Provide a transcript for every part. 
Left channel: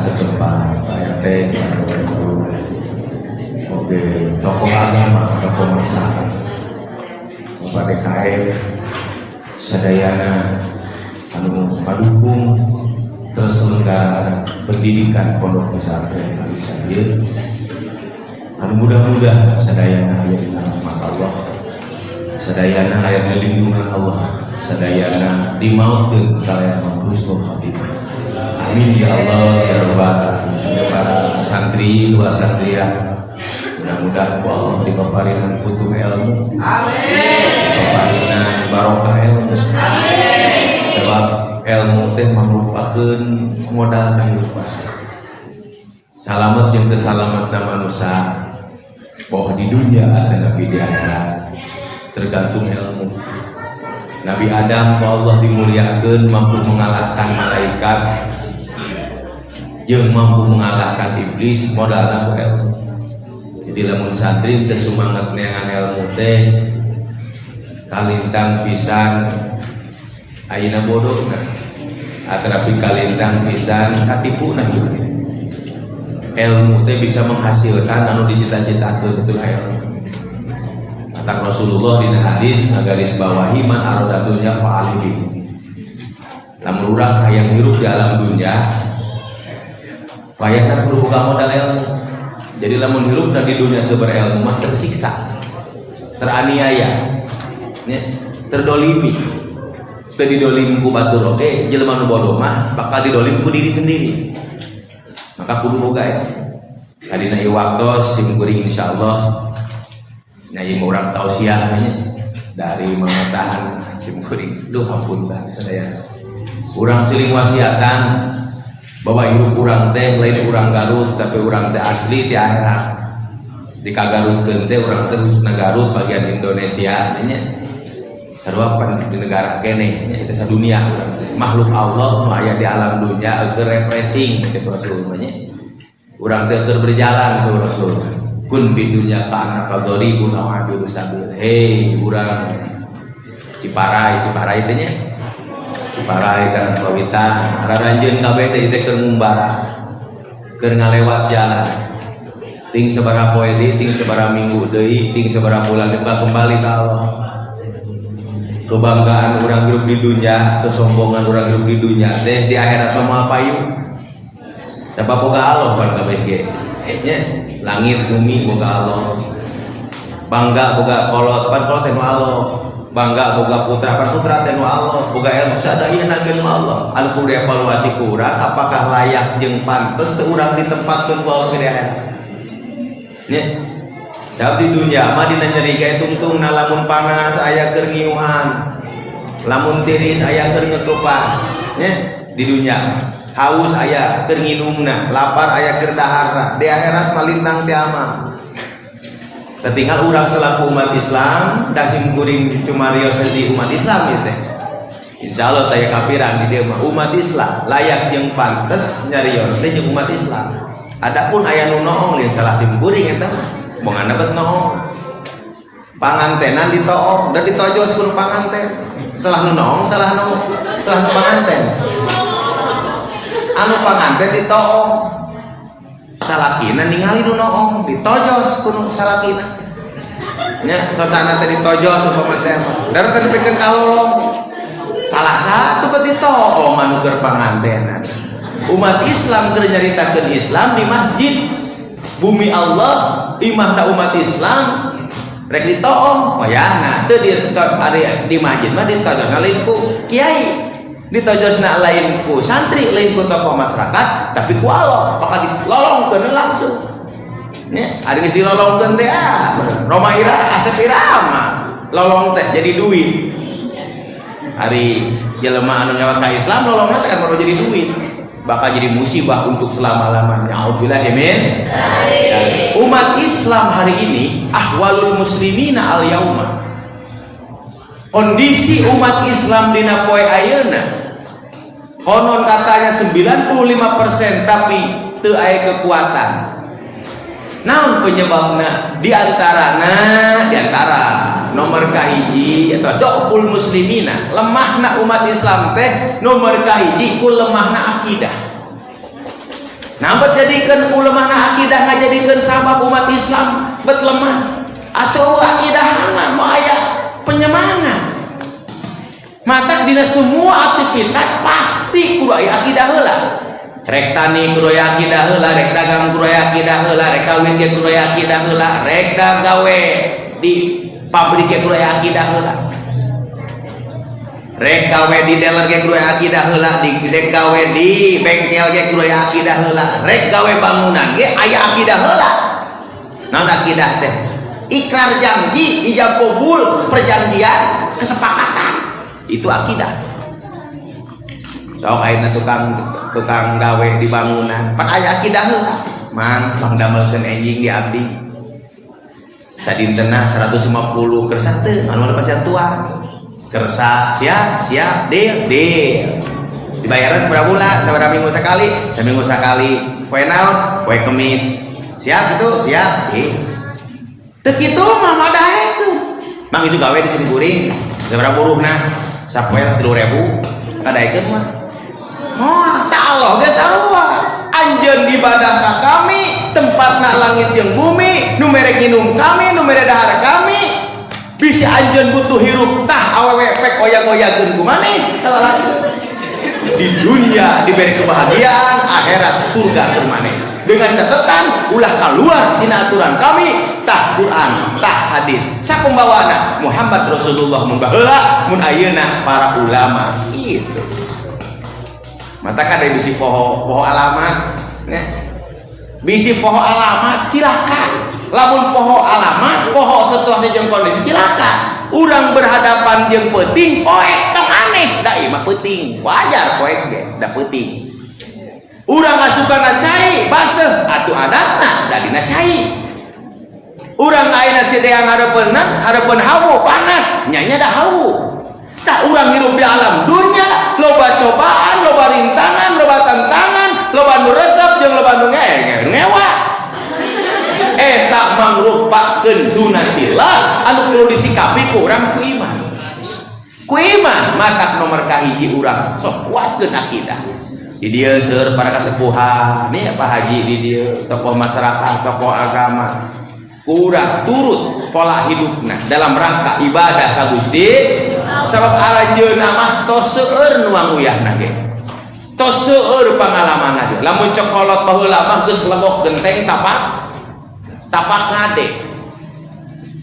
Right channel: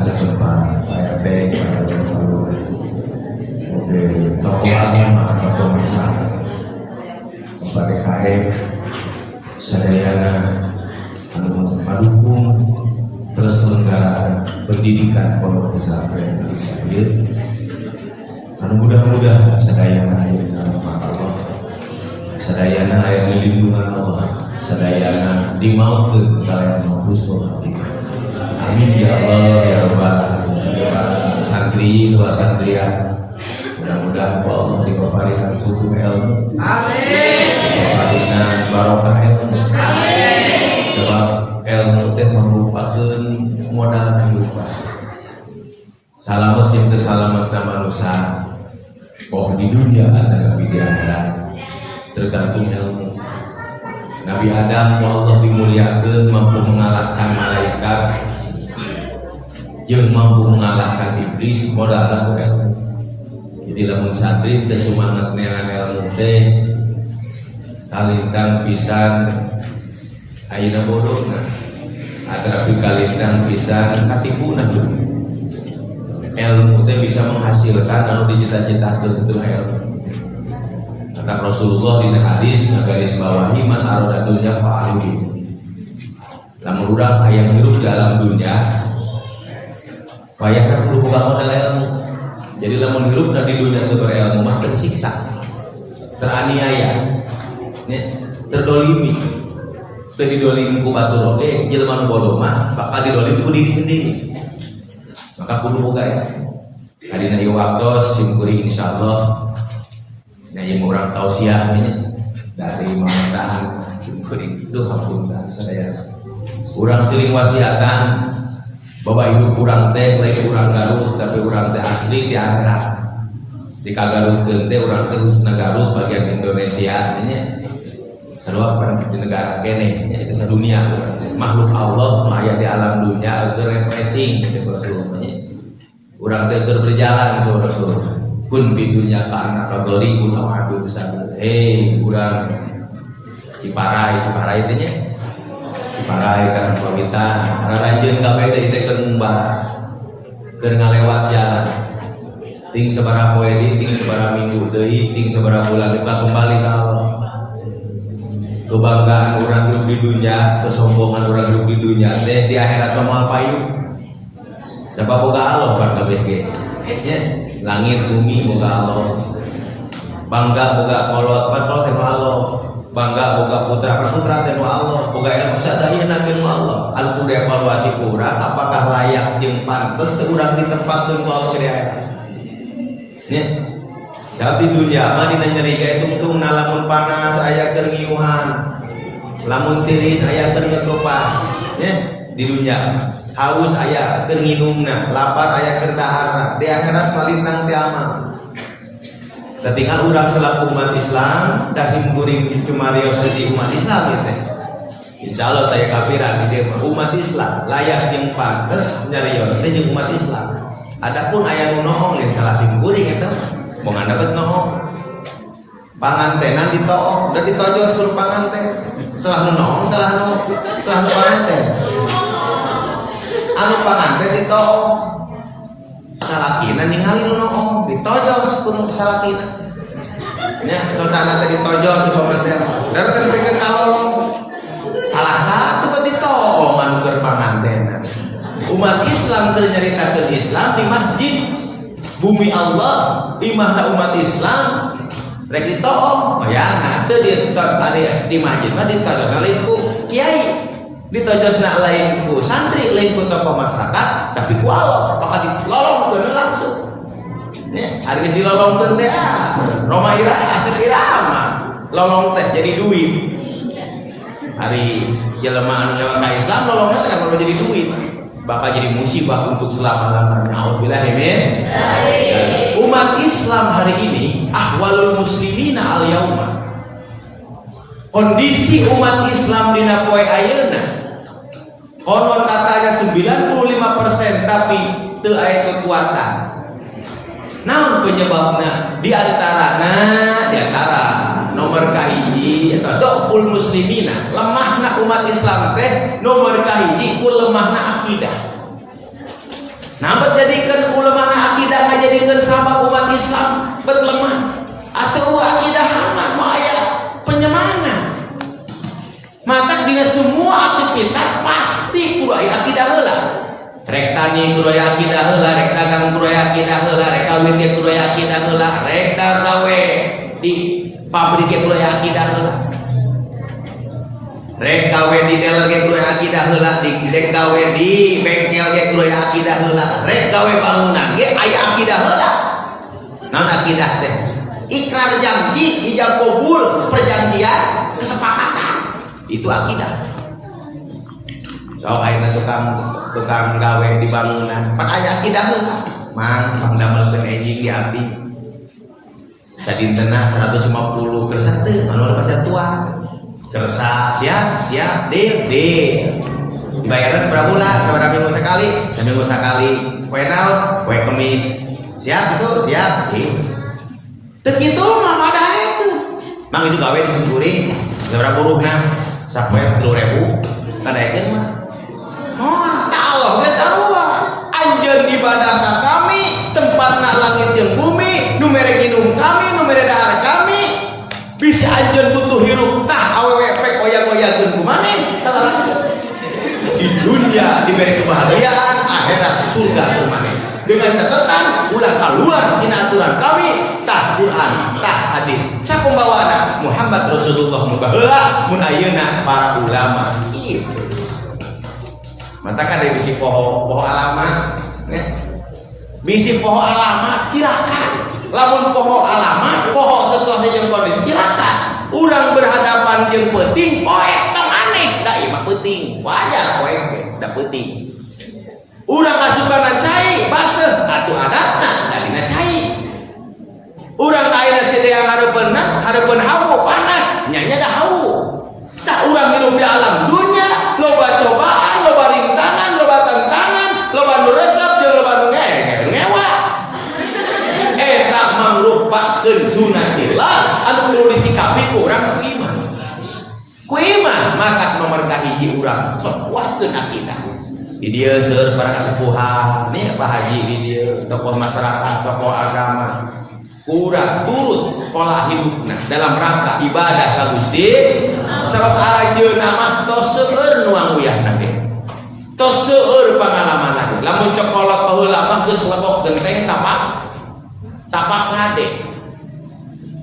sedepan saya teh oke tokohannya mah tokoh masyarakat Bapak DKM sadayana anu padukung terus selenggara pendidikan pondok pesantren Al Sabil anu mudah-mudahan sadayana aya di rahmat Allah sadayana aya di lindungan Allah sadayana dimaafkeun kalian husnul khatimah amin ya Allah ya rabbal alamin para santri dua santrian mudah-mudahan Allah diparingan putu ilmu amin diparingan barokah ilmu amin sebab ilmu teh merupakan modal kehidupan salamet jeung kesalametna manusia bahwa di dunia ada di akhirat tergantung ilmu. Nabi Adam Allah dimuliakan mampu mengalahkan malaikat jeung mampu mengalahkan iblis modalna ilmu. Jadi lamun santri teu sumanget neangan ilmu teh kalintang pisan ayeuna bodohna atrapi kalintang pisan katipuna. Ilmu teh bisa menghasilkan anu dicita-citakeun itu ilmu. Kata Rasulullah di hadis garis bawahi man arada dunya fa'alih. Lamun urang hayang hirup di alam dunya, payahna kudu boga modal ilmu. Jadi lamun hirup di dunya teu berilmu mah tersiksa, teraniaya, terdolimi. Teu didolimi ku batur oge, jelema nu bodoh mah bakal didolimi ku diri sendiri. Maka kudu boga ya. Hadina ieu waktos sim kuring insyaallah. Nah, yang orang tausiah dari Mamataan Simkuring, duh hapunten sadaya. Urang siling wasiatan, bahwa hidup urang teh lain urang Garut, tapi urang teh asli ti Arab. Di Kagarutkeun teh urang teh Garut bagian Indonesia nya. Sarua pernah di negara kene, nya itu sadunia. Makhluk Allah nu aya di alam dunya keur refreshing cek Rasulullah. Urang teh keur berjalan saur Rasul. Kun bidunya kana kadoribun aw abir sabil. Hei urang Ciparai teh nya. Ciparai kan kawitan raranjeun kabeh teh teh keur ngumbara. Keur ngalewat jalan. Ting sabaraha poe deui, ting sabaraha minggu deui, ting sabaraha bulan deui kembali ka Allah. Kebanggaan urang hidup di dunya, kesombongan urang hidup di dunya teh di akhirat mah payu. Sabab boga Allah kan kabeh ge. Langit bumi boga Allah, bangga boga kolot teh Allah, bangga boga putra teh Allah, boga ilmu sadayana teh Allah. Anu kudu evaluasi kurang apakah layak jeung pantes teu urang ditempatkeun ku Allah di akhirat. Nya sabab di dunya mah dina nyeri gae tungtung lamun panas aya keur ngiuhan, lamun tiris aya keur nyekepan. Nya di dunya haus aya keur nginumna, lapar aya keur daharna. Di akhirat malintang teh aman. Ketinggal urang selaku umat Islam dasim kuring cumarios jadi umat Islam ieu teh. Insyaallah taya kafiran di dieu mah umat Islam layak jeung pantes nyarios teh jeung umat Islam. Adapun aya nu noong lain salah sim kuring eta moga dapat noong. Pangantenan ditook dan ditojos ku panganten. Salah nu noong salah nu panganten. Anu panganten ditoong salakina ningali nu noong ditojos ku salakina nya sosana teh ditojos supaya gara teh dipikeun kalong salah satu bet ditoong anu keur panganten umat Islam keur nyaritakeun Islam di masjid bumi Allah imahna umat Islam rek ditoong bayana teu di masjid mah ditojos lain ku kiai ditojosna lain ku santri lain ku tokoh masyarakat tapi ku Allah bakal dilolongkeun langsung nya ari geus dilolongkeun teh Roma Ira asep irama lolong teh jadi duit hari jelema anu nyawa ka Islam lolongna teh kalau jadi duit bakal jadi musibah untuk selama-lamanya. Auzubillahi min umat Islam hari ini ahwalul muslimina al yauma kondisi umat Islam dina poe ayeuna konon katanya 95% tapi teu aya kekuatan. Naon penyebabna? Di antara nomor kahiji atau dokul muslimina lemahna umat Islam teh nomor kahiji ku lemahna akidah. Nambat jadikan ulama akidah ngajadikeun sabab umat Islam bet lemah atau akidahna maya penyemangat. Mata dina semua aktivitas pasti kudu aya akidah heula. Rek tani kudu aya akidah heula, rek dagang kudu aya akidah heula, rek kawin ge kudu aya akidah heula, rek gawe di pabrik ge kudu aya akidah heula. Rek gawe di dealer ge kudu aya akidah heula, rek gawe di bengkel ge kudu aya akidah heula, rek gawe bangunan ge aya akidah heula. Naon akidah teh? Ikrar janji, ijab kabul, perjanjian, kesepakatan. Itu akidah. So ayeuna tukang gawe di bangunan, pan aya akidah heula. Mang damelkeun enjing di abdi. Sadintena 150 kersa teu, anu pasti tua. Kersa siap deal dibayarnya seberapa bulan, seberapa minggu sekali, seminggu sekali. Poe naon, poe Kemis siap itu siap teu kitu mah madahe tuh mang ieu gawe di Simkuring seberapa buruhna sapoe 3.000 kadaekeun mah ta Allah ge sarua anjeun ibadah ka kami tempatna langit jeung bumi nu mere nginum kami nu mere dahar kami bisi anjeun butuh hirup tah awewe pek oyak-oyakeun ku maneh di dunia diberi kebahagiaan akhirat surga ku maneh dengan catatan ulah keluar tina aturan kami tah Quran tah hadis sapembawana Muhammad Rasulullah mun baheula mun ayeuna para ulama kitu mata kan ada bisi poho alamat bisi poho alamat cilaka lamun poho alamat poho setuasna jeung kondisi cilaka urang berhadapan jeung peuting poek tong aneh da ieu mah peuting wajar poek ge da peuting urang asupana cai baseuh atuh adatna dalina cai urang ayeuna sedeang hareupeun hawu panas nya da hawu tah urang hirup di alam dunya loba cobaan loba rintangan loba tantangan loba nu resep jeung loba nu ngewa eta mangrupakeun sunatillah anu perlu disikapi ku urang ku iman mata nomor kahiji urang sok kuatkeun akidah di dieu seueur para kasepuhan nih Pak Haji di dieu tokoh masyarakat tokoh agama urang turut pola hidupna dalam rangka ibadah ka Gusti sabab aranjeunna mah tos seueur nu anguyahna ge tos seueur pangalamanna ge lamun cokolot baheula mah geus lebok genteng tapak ngade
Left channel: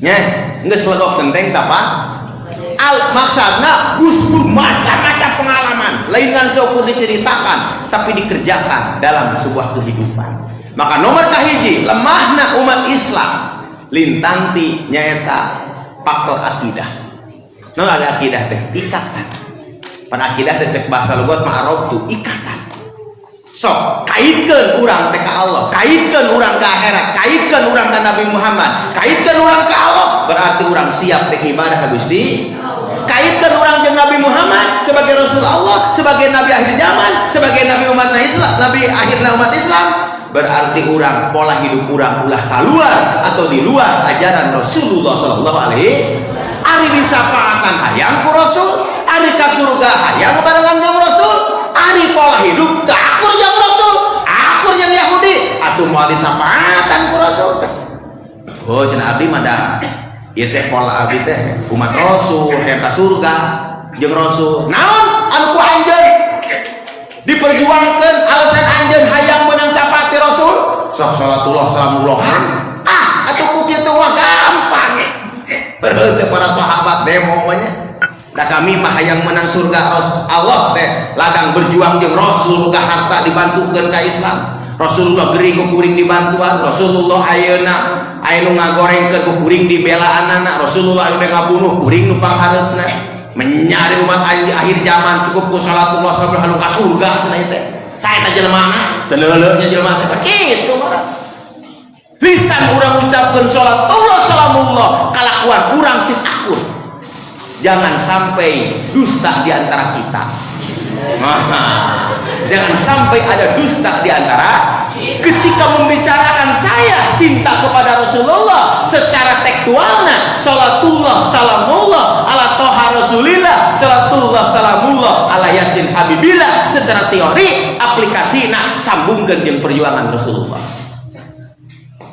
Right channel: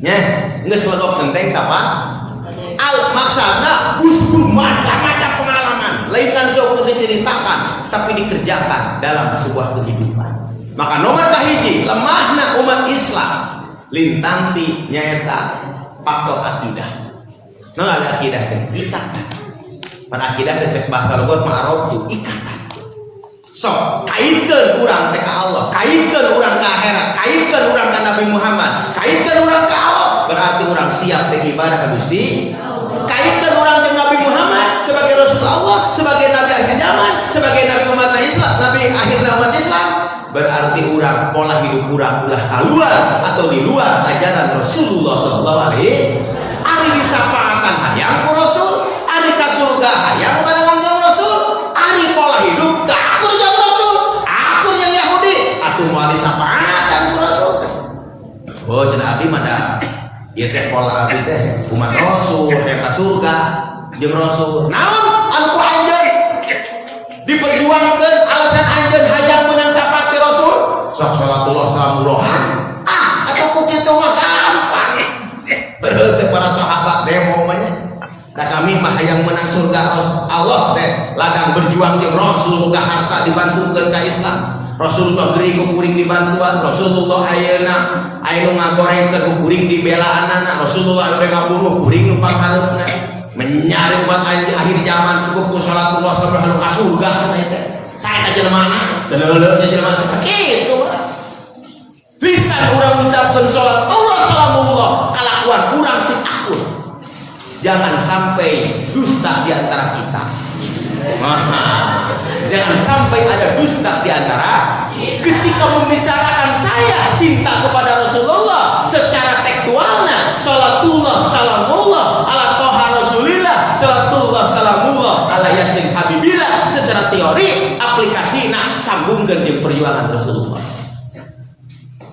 nya geus lebok genteng tapak maksudna Gusti macam-macam pengalaman lain kan sok diceritakan tapi dikerjakan dalam sebuah kehidupan maka nomor kahiji lemahna umat Islam lintanti nyaeta faktor akidah non ada akidah teh ikatan pan akidah teh cek bahasa logot ma'aruf tu ikatan sok kaitkeun urang teh ka Allah kaitkeun urang ka akhirat kaitkeun urang ka Nabi Muhammad kaitkeun urang ka Allah berarti urang siap teh ibadah ka Gusti kaitkeun urang jeung Nabi Muhammad sebagai Rasul Allah sebagai Nabi akhir zaman sebagai Nabi umat Islam Nabi akhir umat Islam berarti urang pola hidup urang ulah keluar atau di luar ajaran Rasulullah sallallahu alaihi ari disapaatan hayang ku Rasul ari ka surga hayang barengan jeung Rasul ari pola hidup akur jeung Rasul akur jeung Yahudi atuh moal disapaatan ku Rasul oh cenah abdi mah da ieu teh pola abdi teh umat Rasul hayang ka surga jeung Rasul naon anu ku anjeun diperjuangkeun alasan anjeun hayang menang sapati Rasul salatullah salamullahan atuh ku kitu mah gampang teu para sahabat demo mah nya da kami mah hayang menang surga Allah teh ladang berjuang jeung Rasul ka harta dibantukeun ka Islam Rasulullah gering ku kuring dibantuan Rasulullah ayeuna aya nu ngagorengkeun ku kuring dibelaanana Rasulullah anu ngabunuh kuring nu panghareupna menyari umat akhir zaman cukup ku salatullah sallallahu alaihi surga cenah teh saya teh jelema teh leuleutnya jelema teh kitu lisan urang ucapkeun salat Allah salamullah kalakuan urang sing akur jangan sampai dusta di antara kita jangan sampai ada dusta di antara ketika membicarakan saya cinta kepada Rasulullah secara tekstualnya salatullah salamullah ala toha rasulillah salatullah salamullah ala yasin habibillah secara teori aplikasi sambung disambungkan jeung perjuangan Rasulullah.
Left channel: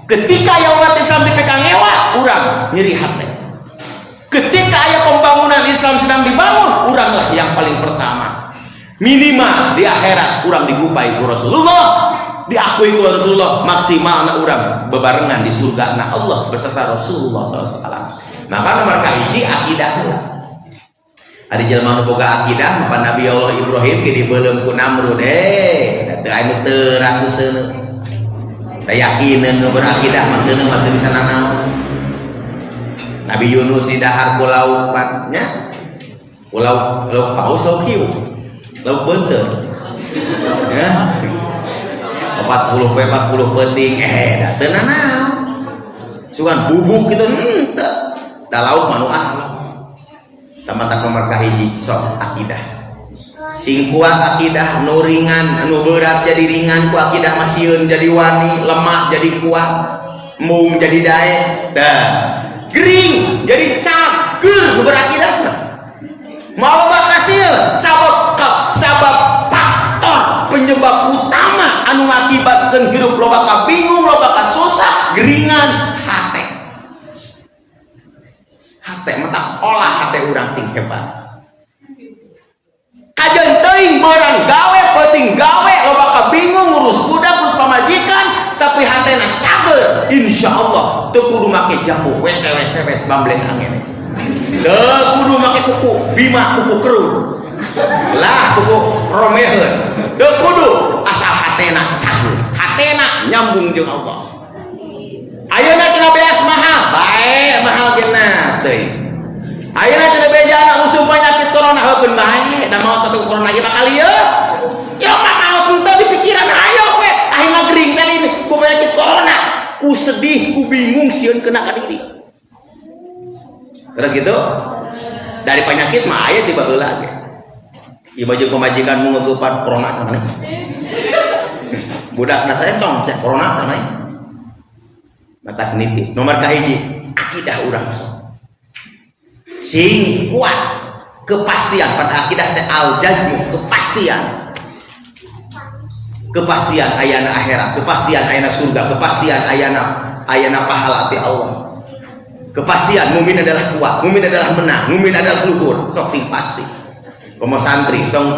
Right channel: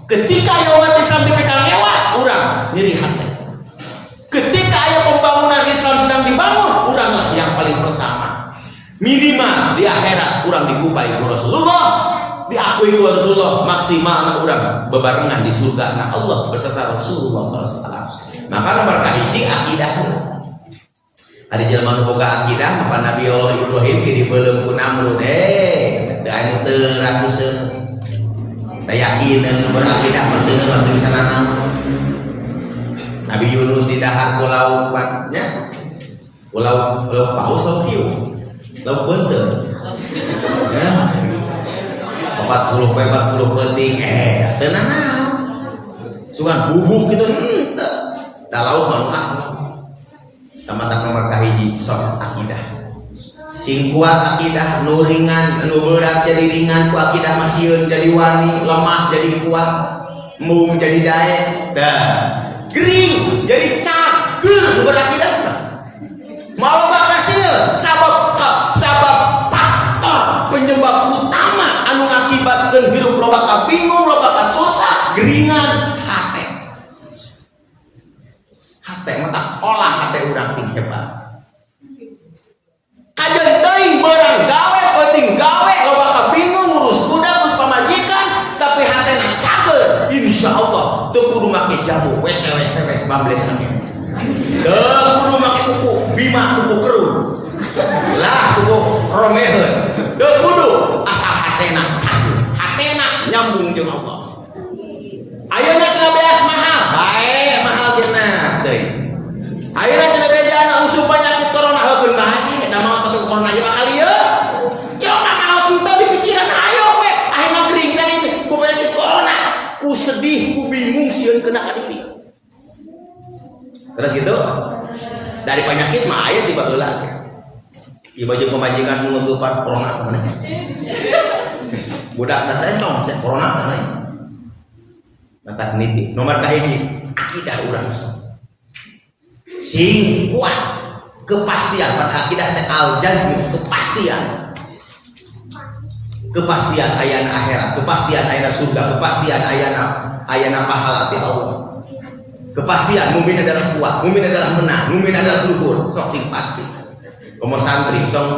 Ketika aya umat Islam dipegang lewat, urang nyeri hati. Ketika aya pembangunan Islam sedang dibangun, uranglah yang paling pertama. Minimal di akhirat urang digupai ku Rasulullah, diakui ku Rasulullah, maksimalna urang bebarengan di surga na Allah beserta Rasulullah SAW. Maka nomor kahiji akidah. Hari jelema nu boga akidah maka Nabi Allah Ibrahim ge dibeuleum ku Namrud teu anu teu rakuseun. Da yakinan nu berakidah mah seuneu mah teu bisa nanaon. Nabi Yunus di dahar pulau nya pulau paus laut hiu laut beunteun ya 40 peting da teu nanaon sugan bubuk gitu henteu da laut mah nu ahli tamatak nomor kahiji sok akidah sing kuat akidah nu ringan nu berat jadi ringan ku akidah masieun jadi wani lemah jadi kuat mung jadi dae gering jadi cager berakidah mau bakasil sabab faktor penyebab utama anu ngakibatkeun hidup loba ka bingung loba ka susah geringan hate mata olah hate urang sing hebat kajen teuing beurang gawe penting gawe loba ka bingung ngurus budak ngurus pamajikan tapi hatena cager insyaallah teu kudu make jamu wes bambles angin teu kudu make kuku bima kuku kerun lah kuku romeheun teu kudu asal hatena cager hatena nyambung jeung Allah ayeuna cenah beas mahal bae mahal cenah teuing ayeuna cenah bejana usum penyakit corona heukeun bae da maot atuh corona ge bakal ieu ya maot teu di pikiran ayo we ayeuna gering teh ku penyakit corona ku sedih ku bingung sieun kena ka diri terus gitu dari penyakit mah aya tiba heula ge ieu baju pemajikan nu ngeupan corona sana budak na teh cong corona sana mata nitip nomor kahiji akidah urang sing kuat kepastian pada akidah teh al jazmu kepastian ayana akhirat kepastian ayana surga kepastian ayana pahala ti Allah kepastian mukmin adalah kuat mukmin adalah menang mukmin adalah luhur sok sing pasti komo santri tong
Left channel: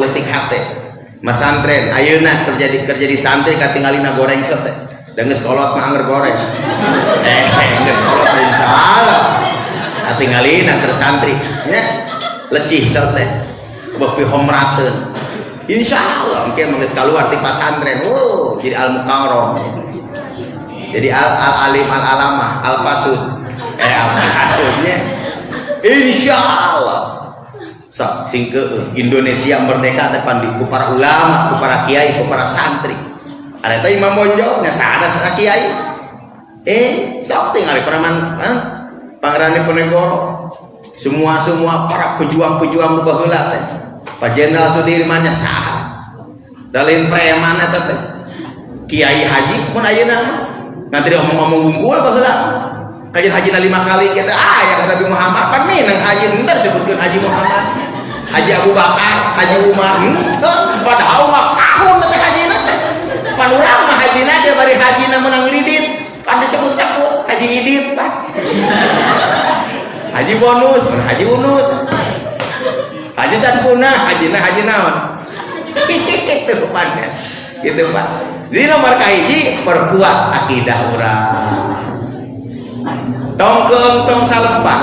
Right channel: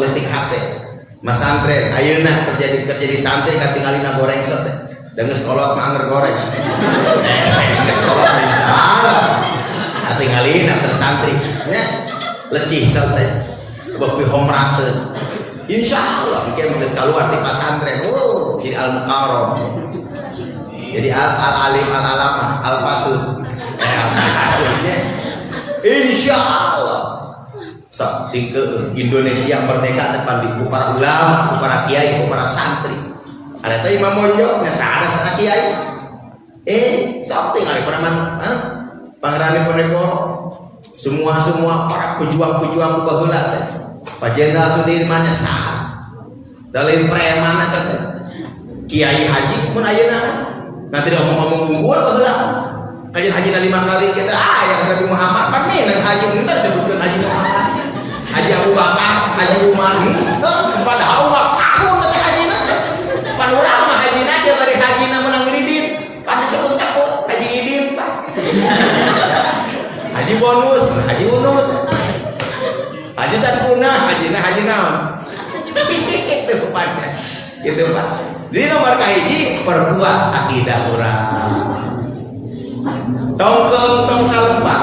leutik hate mas santren ayeuna kerja di santri katinggalina goreng sok teh da geus kolot mah anger goreng geus kolot mah salah katinggalina keur santri nya lecih sok teh beupi homrateun insyaallah engke mah geus kaluar ti pasantren jadi al mukarram jadi al alim al alamah al pasud al-pasudnya insyaallah sok sing Indonesia merdeka teh pandi ku para ulama ku para kiai ku para santri ada teh Imam Bonjol nya sada sa kiai sok teh ngali paraman Pangeran Diponegoro semua para pejuang-pejuang baheula teh Pak Jenderal Sudirman nya saha da lain preman eta teh Kiai Haji mun ayeuna nanti dia ngomong unggul baheula kajian haji 5 kali kita yang Nabi Muhammad pan minang haji bentar sebutkeun Haji Muhammad Haji Abu Bakar Haji Umar padahal mah tahun teh hajina teh pan urang mah hajina teh bari hajina menang ridit pan disebut-sebut Haji Idit Haji bonus Haji unus Haji can punah hajina haji naon itu pan gitu Pak jadi nomor kahiji perkuat akidah urang tong salempat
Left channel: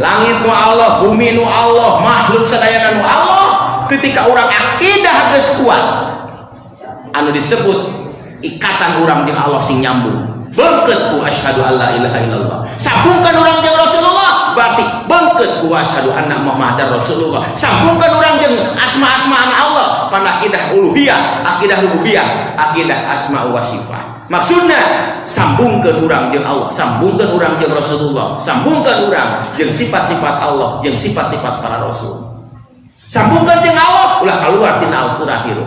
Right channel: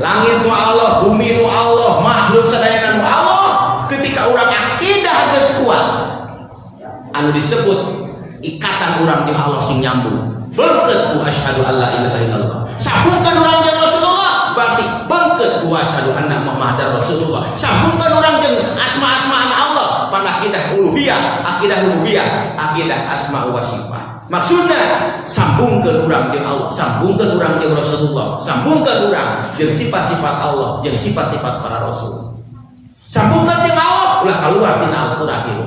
langit nu Allah bumi nu Allah makhluk sadayana nu Allah ketika urang akidah geus kuat anu disebut ikatan urang jeung Allah sing nyambung beunkeut ku asyhadu alla ilaha illallah sambungkan urang jeung Rasulullah berarti beunkeut ku asyhadu anna Muhammadar Rasulullah sambungkan urang jeung asma-asma Allah pada akidah uluhiyah akidah rububiyah akidah asma wa sifat maksudnya sambungkan urang jeung Allah sambungkan urang jeung Rasulullah sambungkan urang jeung sifat-sifat Allah jeung sifat-sifat para rasul sambungkan jeung Allah ulah keluar tina Al-Qur'an itu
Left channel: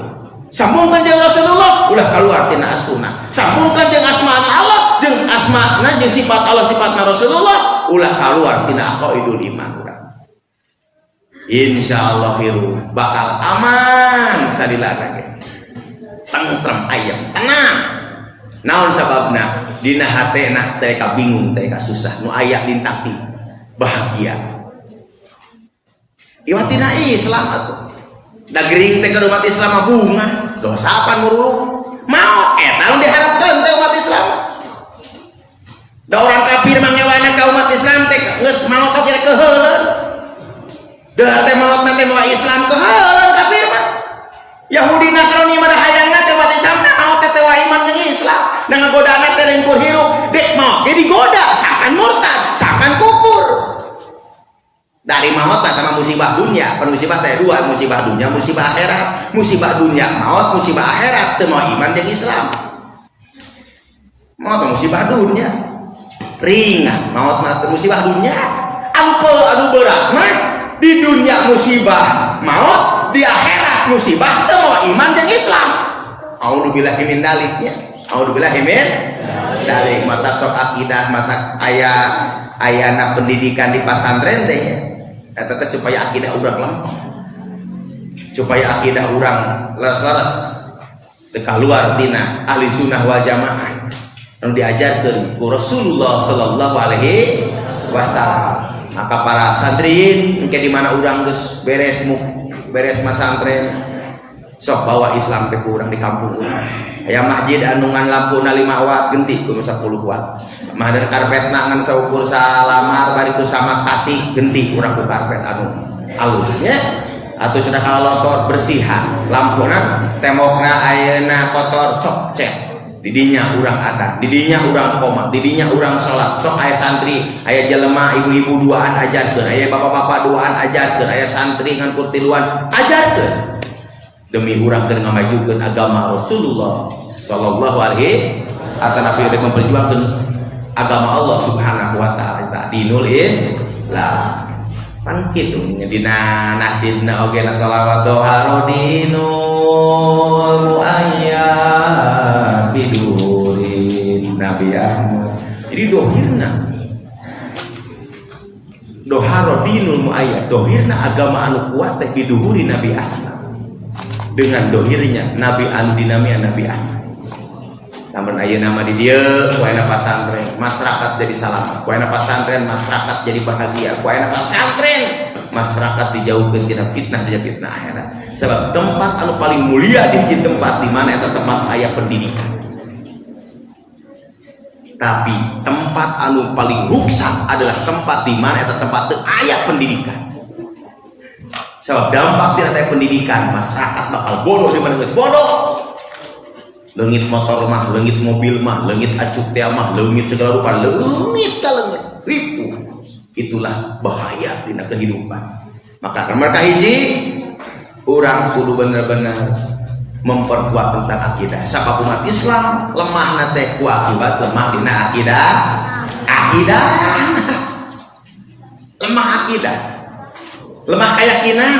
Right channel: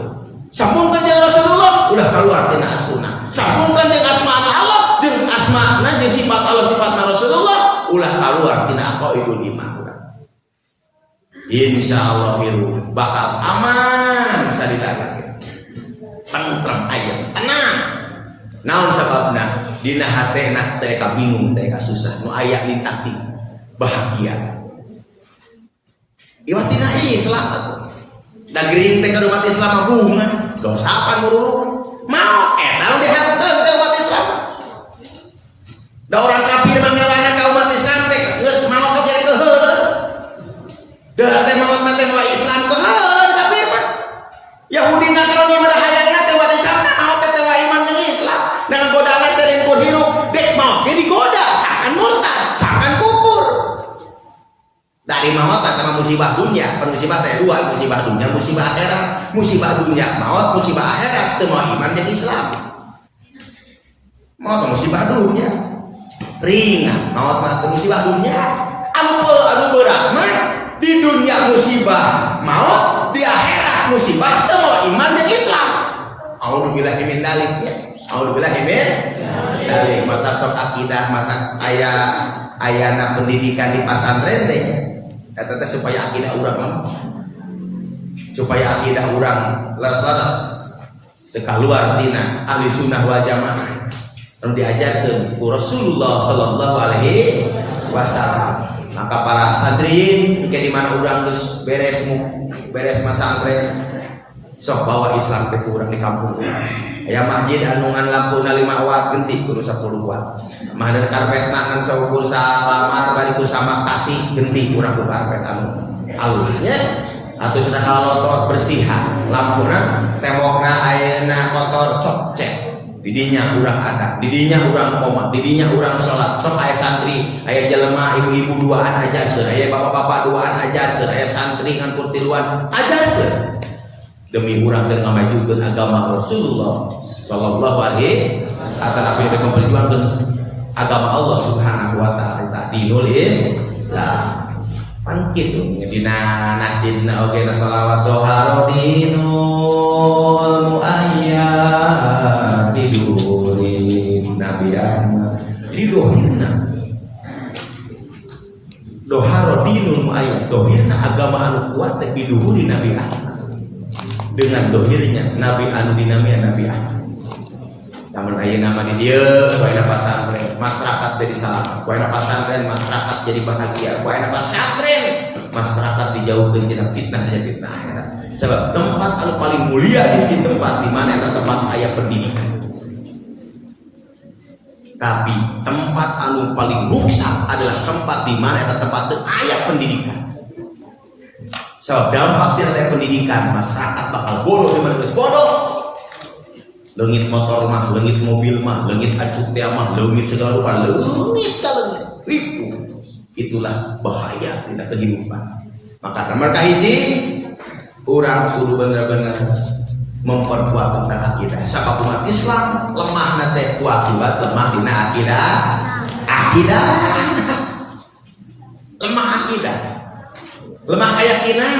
sambungkan jeung Rasulullah ulah keluar tina as-sunnah sambungkan jeung asma Allah jeung asma-na jeung sifat Allah sifatna Rasulullah ulah keluar tina qaidul iman urang insyaallah bakal aman sadilana tengah tentrem ayam tenang. Naon sababna? Dina hatena teh ka bingung teh ka susah nu aya lintang ti bahagia. Iwatina Islam atuh. Da gering teh ka umat Islam bunga. Dosa apa muruluk? Mau eta diharapkeun teh umat Islam. Da orang kafir manggawana ka umat Islam teh geus maot oge ke heula. Da teh maot teh mau Islam ke heula kafir mah. Yahudi Nasrani mah hayangna teh umat Islam maot teh iman jeung Islam. Dan godana teh lain kur hirup dek maot jadi goda sangan murtad, sangan kufur. Dari maut sama musibah dunia, musibah teh dua, musibah dunia, musibah akhirat. Musibah dunia maut, musibah akhirat teu mau iman jeung Islam. Maut musibah dunia ringan, maut mah musibah dunia anu berat mah di dunia musibah maut, di akhirat musibah teu mau iman jeung Islam. A'udzubillahi min dzalik ya. A'udzubillahi min dzalik. Mata sok akidah, mata ayana pendidikan di pesantren teh. Eta teh supaya akidah urang lempeng. Supaya akidah urang leres-leres teu kaluar tina ahli sunnah wal jamaah. Anu diajarkeun ku Rasulullah sallallahu alaihi wasallam. Maka para santri engke di mana urang geus beres masantren sok bawa Islam teh ku urang di kampung. Aya masjid anu ngan lampuna 5 watt genti kudu 10 watt. Mah ada karpetna ngan saukur salamar bari ku sama kasih genti urang ku karpet anu alus nya. Atuh cenah kalotor bersihan lampuna tembokna ayeuna kotor sok cek. Di dinya urang ada, di dinya urang koma, di dinya urang salat. Sok aya santri, aya jelema ibu-ibu duaan ajarkeun, aya bapak-bapak duaan ajarkeun, aya santri ngan kurtiluan ajarkeun. Demi urang keur ngamajukeun agama Rasulullah sallallahu alaihi wasallam atau memperjuangkan agama Allah subhanahu wa ta'ala dinul Islam. Kan kitu dina nasidna oge na shalawat doha dinul muayyad bidurin Nabi Ahmad. Jadi dohirna dinul muayyad, dohirna agama anu kuat teh biduhuri Nabi Ahmad. Dengan dohirnya Nabi anu dinamia Nabi Ahmad. Namun ayeuna nama di dieu kuayna pasantren masyarakat jadi salamat, kuayna pasantren masyarakat jadi bahagia, kuayna pasantren masyarakat dijauhkeun tina fitnah akhirat. Sebab tempat anu paling mulia di tempat di mana eta tempat aya pendidikan. Tapi tempat anu paling rusak adalah tempat di mana eta tempat teu aya pendidikan. Sebab dampak tidak ada pendidikan, masyarakat bakal bodoh dengan bodoh. Leungit motor mah, leungit mobil mah, leungit acuk teh mah, leungit segala rupa, leungit ka leungit, ripu. Itulah bahaya di kehidupan. Maka mereka hiji urang kudu bener-bener memperkuat tentang akidah. Sabab umat Islam lemah teh ku akibat lemah dina akidah. Lemah akidah. Lemah keyakinan.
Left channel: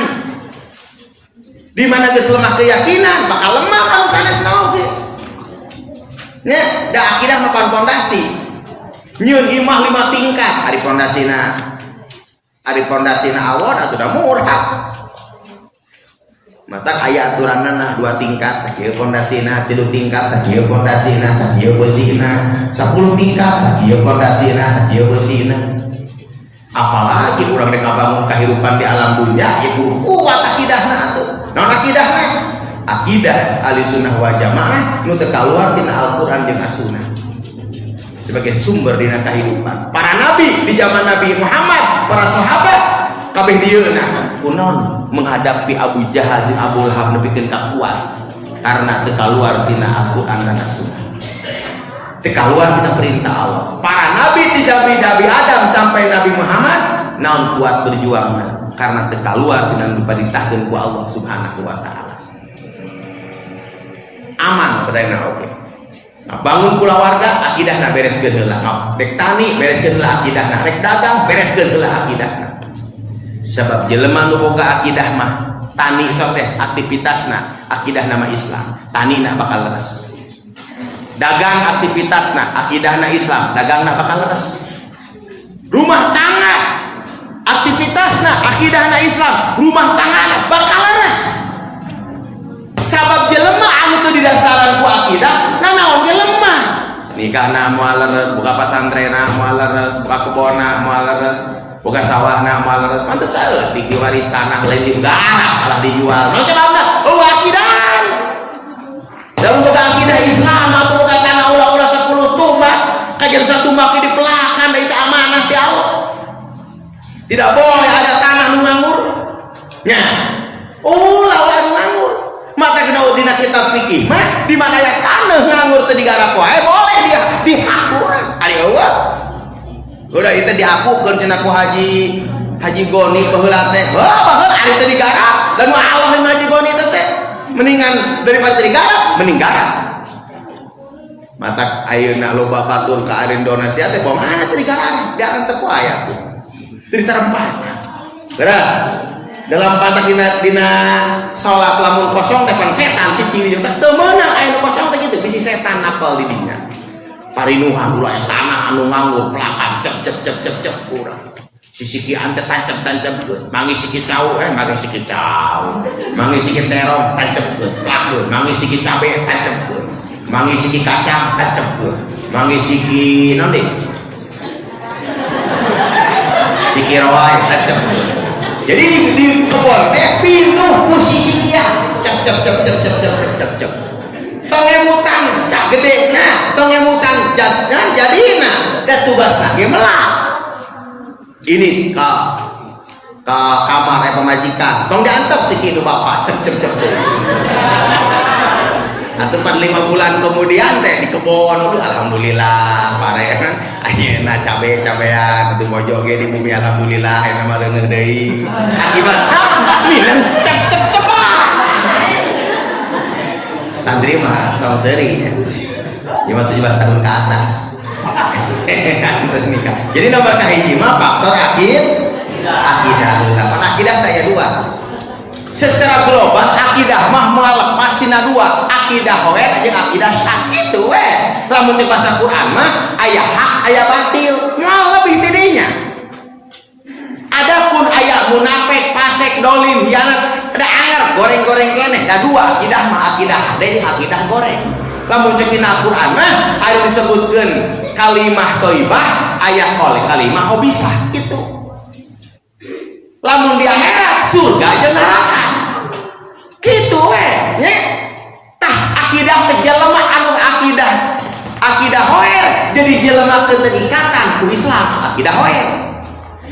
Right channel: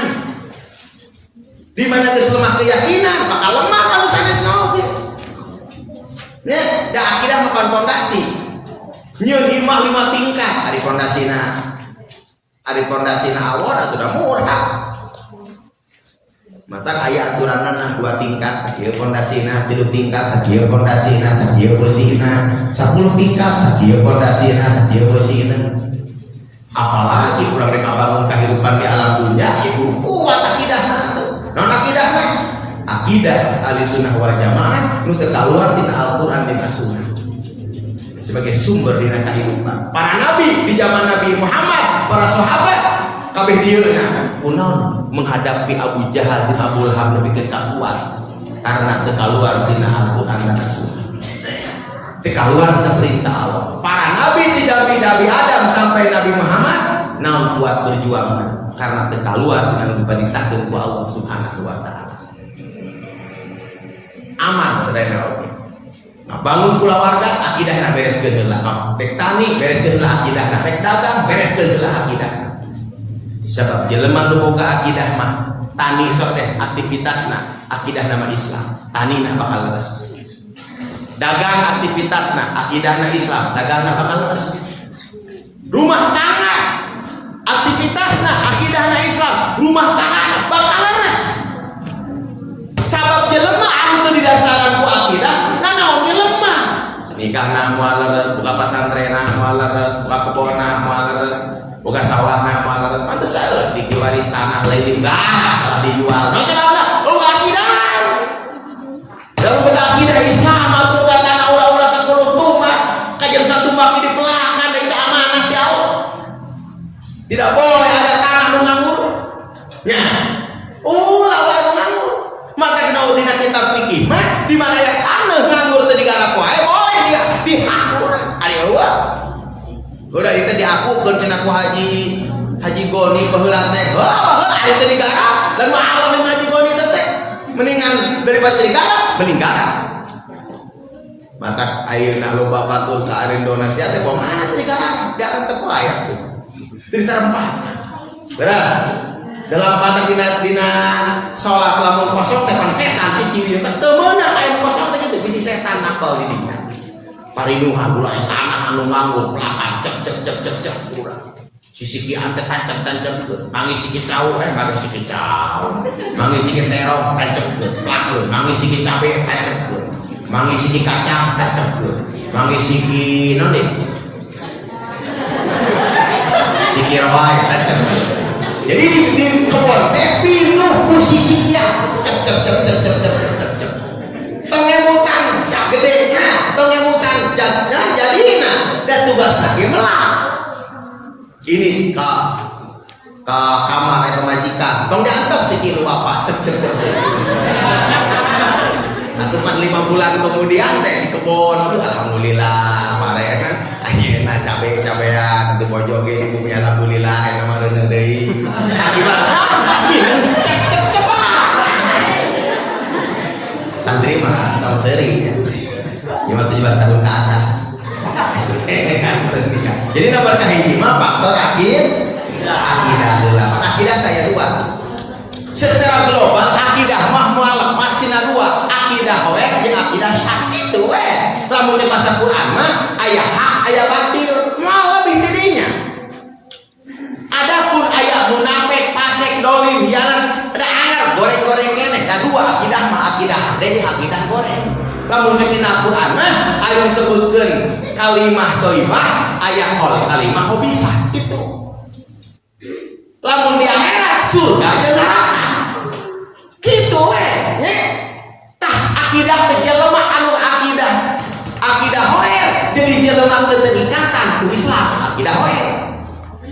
Di mana geus lemah keyakinan, bakal lemah kalau sanes oge. Nya, da akidah mah pondasi. Nyieun imah 5 tingkat, ari pondasina awon atuh da murah. Mata aya aturanna 2 tingkat, sakieu pondasina, 3 tingkat, sakieu pondasina, sakieu beusina, 10 tingkat, sakieu pondasina, sakieu beusina. Apalagi urang rek ngabangun kehidupan di alam dunia ya kuat akidahna atuh. Naon akidahna? Akidah Ahlussunnah wal Jamaah nu teu kaluar tina Al-Qur'an jeung As-Sunnah. Sebagai sumber dina kehidupan. Para nabi di zaman Nabi Muhammad, para sahabat kabeh dieuna kunaon menghadapi Abu Jahal jeung Abu Lahab nepikeun kuat karena teu kaluar tina Al-Qur'an dan As-Sunnah. Teu kaluar tina perintah Allah. Para nabi tidak Nabi Adam sampai Nabi Muhammad naon kuat berjuangna karena teu kaluar dengan diperintahkeun ku Allah Subhanahu wa taala. Aman sadayana oge. Nah, bangun kulawarga akidahna bereskeun heula. Rek tani bereskeun heula akidahna, rek dagang bereskeun heula akidahna. Sebab jelema nu boga akidah mah tani sok teh aktivitasna akidahna mah Islam, tanina bakal leres. Dagang aktivitasna akidahna Islam, dagangna bakal leres. Rumah tangga aktivitasna akidahna Islam, rumah tangga bakal leres. Sabab jelema anu teu didasarkan nikahna moal leres, boga pasantrena moal leres, boga kebona moal leres, boga sawahna moal leres. Pantes saeutik diwaris tanah lain garap malah dijual. Naon sebabna? Oh akidah. Dalam boga akidah Islam atau boga tanah ulah-ulah 10 tumbak, kajian satu maki dipelakan dari amanah ti Allah. Tidak boleh ada tanah nu nganggur. Nya. Ulah nu nganggur. Mata kita dina kitab fikih mah di mana ya tanah nganggur teu digarap wae boleh dia dihakul. Ari eueuh. Udah itu diakukeun cenah ku Haji Goni baheula teh. Wah, baheula ari teu digarap. Dan Allah Haji Goni teh mendingan daripada teu digarap, mending garap. Mata ayeuna loba batur ka areun donasi teh pomana teu digarap, diarep teu ku aya. Teu ditarempatna. Beres. Dalam pantat dina salat lamun kosong depan setan ti ciri teu meunang aya kosong teh kitu bisi setan apal di dinya. Parinuhan ulah tanah anu nganggur plakan cep urang. Sisiki ante tancep mangi siki cau manggi siki cau. Mangi siki terong tancep plakeun, mangi siki cabe tancep. Mangi siki kacang tancep. Mangi siki naon deui? Siki rawai tancep. Jadi di kebon teh pinuh ku sisinya cep. Tong emutan cak gedena, tong emutan jadna jadina da tugasna ge melak. Ini ka kamar pemajikan. Tong diantep si kitu bapak cep. Atuh 5 bulan kemudian teh di kebon alhamdulillah pare ayeuna cabe-cabean atuh bojo ge di bumi alhamdulillah aya mah leuneuh deui. Akibat minum cep. Santri mah tahun seri. 17 tahun ke atas. Jadi nomor kahiji mah faktor akidah. Akidah aya 2. Secara global akidah mah moal pasti na 2. Akidah we jeung akidah sakit we. Lamun di bahasa Quran mah aya hak aya batil, moal lebih tidinya. Adapun aya munafik, fasik, dolim, hianat, ada anggar goreng-goreng keneh. Da 2 akidah mah akidah deui akidah goreng. Lamun cek dina Quran mah aya disebutkeun kalimah thayyibah aya oleh kalimah khabisah kitu. Lamun di akhirat surga jeung neraka. Kitu we nya. Tah akidah teh jelema anu akidah hoer jadi jelema teu terikatan ku Islam akidah hoer.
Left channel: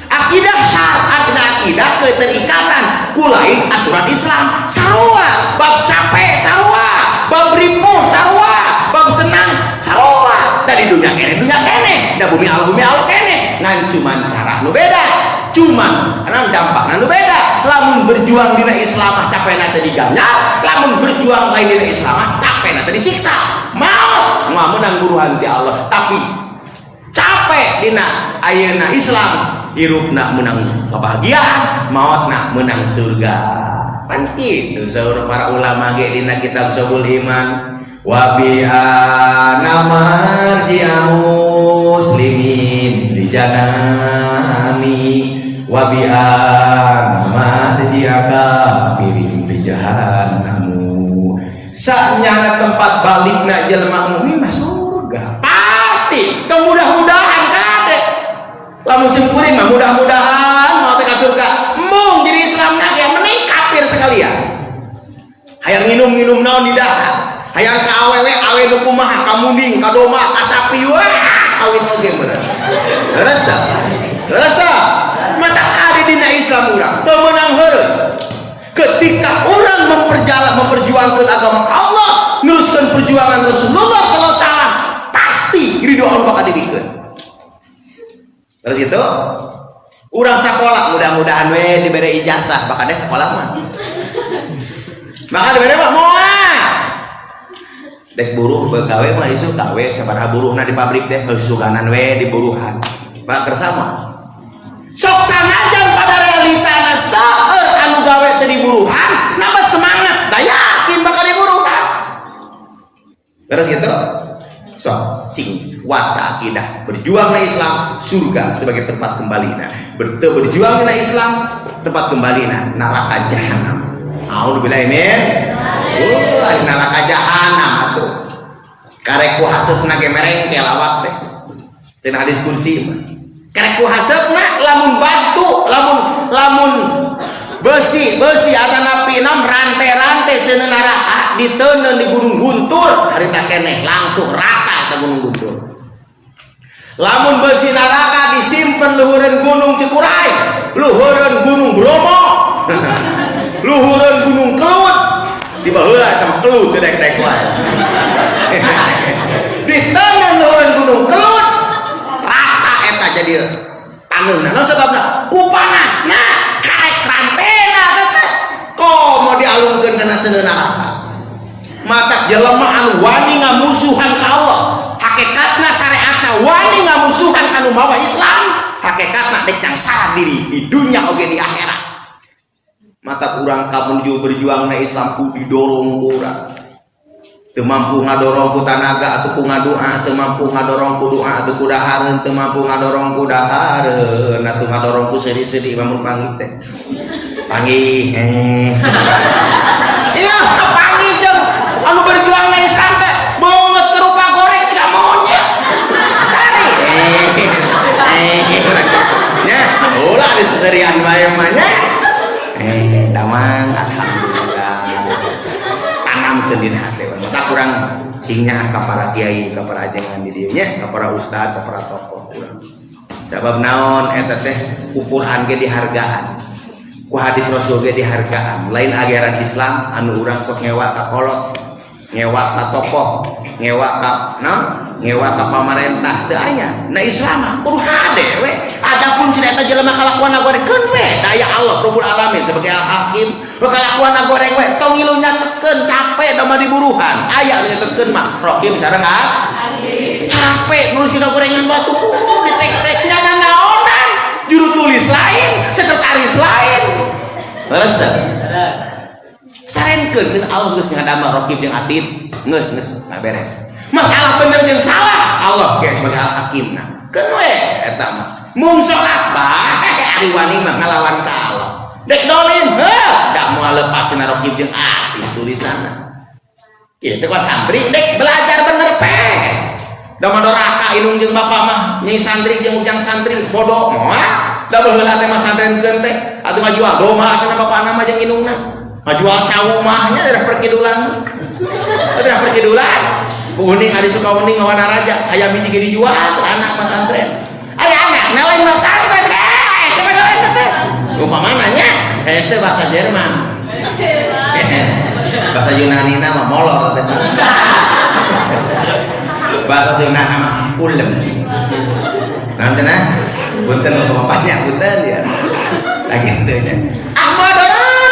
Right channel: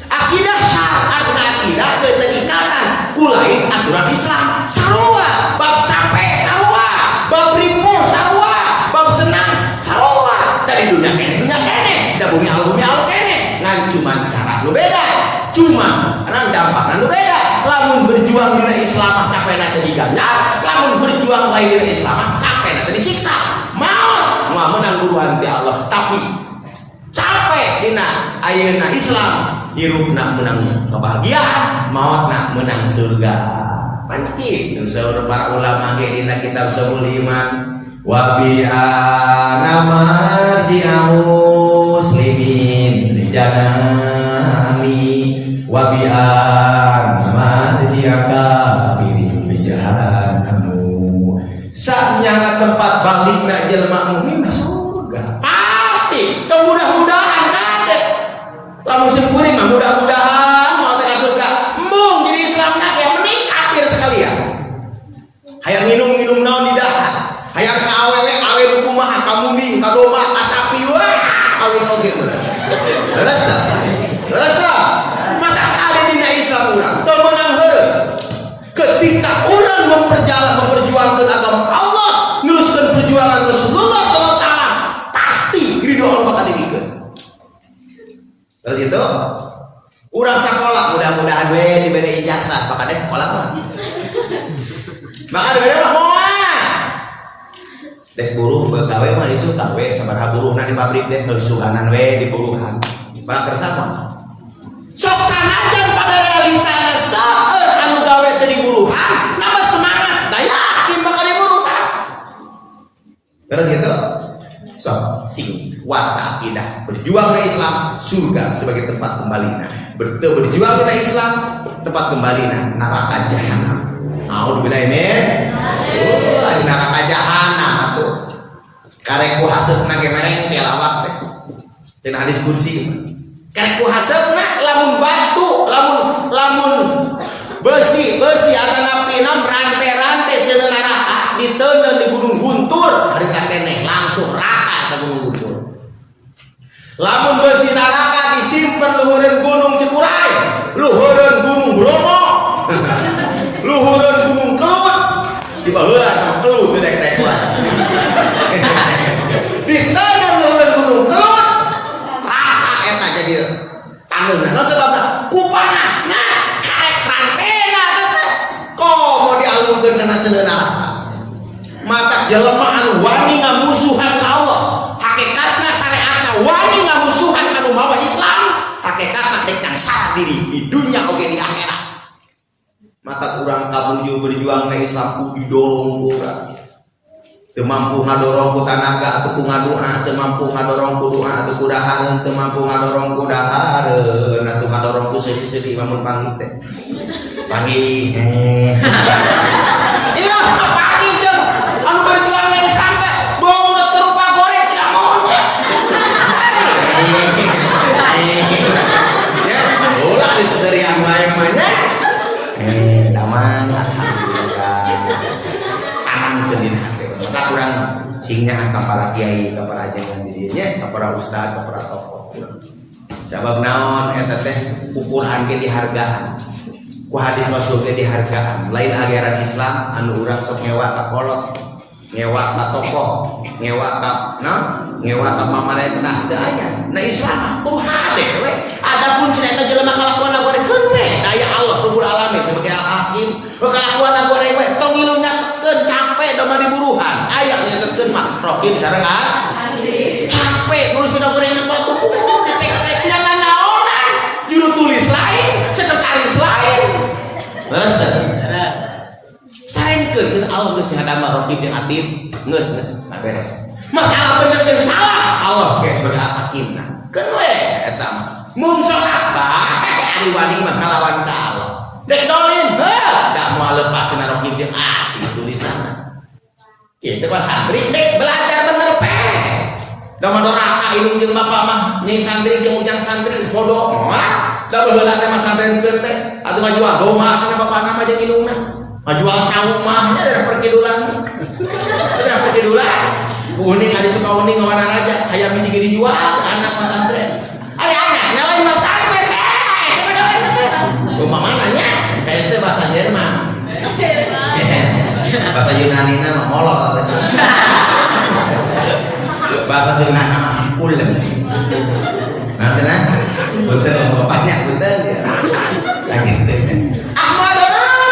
Akidah syar artinya akidah teu terikatan ku lain aturan Islam. Sarua bab capek sarua, bab ripun sarua, bab senang sarua. Dari dunia kene, da bumi Allah kene. Ngan cuman cara nu beda. Cuman karena dampakna nu beda. Lamun berjuang dina Islam capekna teh diganjar, lamun berjuang lain dina Islam capekna teh disiksa. Maut menang buruhan ti Allah, tapi capek dina ayeuna Islam, hirupna menang kebahagiaan, mautna menang surga. Kan kitu saur para ulama ge dina kitab Syarhul Iman. Wa bi anamarji'u muslimin di janami wa bi anamarji'aka birin di jahannamu. Sanyana tempat balikna jelema mukmin mah surga. Pasti kemudah-mudahan kade. Lamun simpuri mah mudah-mudahan mau teh ka surga. Mung jadi Islam nak yang mending kafir sekalian. Hayang minum naon di darat. Hayang ka awe nu kumaha ka munding ka domba ka sapi we kawin oge bener. Leres tah? Mata kade dina Islam urang teu meunang heureuh. Ketika orang memperjuangkan agama Allah, meneruskan perjuangan Rasulullah SAW, pasti ridho Allah bakal dibikeun. Terus itu, orang sekolah mudah-mudahan we diberi ijazah, bakal deh sekolah mah. Bakal diberi mah moal. Dek buruh begawe mah isu gawe sabaraha buruhna di pabrik deh besuganan we di buruhan. Pak bersama. Sok sanajan pada realitana saeur anu gawe teh di buruhan, nambah semangat, da yakin bakal di buruhan. Terus gitu. Sok sing wata akidah berjuang na Islam surga sebagai tempat kembalinya. Berjuang na Islam tempat kembalinya neraka jahanam. A'udzubillahi min neraka jahanam atuh. Karek ku haseupna ge merengkel awak teh. Cenah hadis kursi. Karek ku haseupna lamun batu, lamun besi adana pinan rante-rante seuneung neraka diteuneun di Gunung Guntur harita keneh langsung rata ka Gunung Guntur. Lamun besi neraka disimpen luhureun Gunung Cikuray, luhureun Gunung Bromo, luhureun Gunung Kelut, di baheula teh Kelut dedek-dek wae. Diteuneun luhureun Gunung Kelut, rata eta jadi tanggeuna. Naon sababna? Ku panasna karek rantena teh. Komo dialungkeun kana seuneun neraka. Mata jelema anu wani ngamusuhan ka Allah, hakikatna syariatna wani ngamusuhan anu mawa Islam, hakikatna teh cangsara diri di dunia oge di akhirat. Mata urang kamuju berjuang na Islam ku didorong urang. Teu mampu ngadorong ku tanaga atuh ku ngadoa, teu mampu ngadorong ku doa atuh ku dahareun, teu mampu ngadorong ku dahareun atuh ngadorong ku sedih-sedih lamun panggih teh. Panggih. Iya, panggih jeung anu berjuang na Islam teh beungeut ke rupa goreng siga monyet. Sari. Ya, ulah diserian bae mah nya. Daman alhamdulillah. Tanangkeun dina hate. Maka kurang singnya ka para kiai, ka para ajengan di dieu nya, ka para ustad, ka para tokoh urang. Sabab naon eta teh ukuran ge dihargaan. Ku hadis Rasul ge dihargaan. Lain ajaran Islam anu urang sok nyewa ka kolot, nyewa ka tokoh, nyewa ka pamarentah teu aya. Na Islam mah kudu hade we. Adapun cenah jelema kalakuan gorengkeun we, daya Allah Rabbul Alamin sebagai Al-Hakim. Kalakuan goreng we tong ngilu nyatetkeun capek da mah diburuhan. Aya nyatetkeun mah Rahim sareng Hakim. Capek nulis kita gorengan batu ditek-teknya naonan. Juru tulis lain, sekretaris lain. Beres teh? Sarenkeun geus Allah geus ngadamel Rahim jeung Atif, geus beres. Masalah bener jeung salah Allah ge sebagai Al-Hakimna. Keun we eta mah. Mun salat bae ari wani mah ngalawan ka Allah. Dek dolim, da moal lepas cenah Rahim jeung Atif tulisanna. Kieu teh santri dek belajar bener pe. Da mah doraka indung jeung bapa mah nyai santri jeung ujang santri bodoh moal. Da baheula teh mah santrenkeun teh atuh ngajual domba kana bapana mah jeung indungna. Ngajual cawu mah nya da perkidulan. Da perkidulan. Uning ada suka uning ngawana raja aya miji ge dijual anak mah santren. Ada anak lain mah santren. Siapa kalian teh? Umpamana nya teh bahasa Jerman. Bahasa Yunani mah molor teh. Bahasa Yunani mah ulem. Nanti punten bapaknya punten ya. Lagi teh nya. Ahmad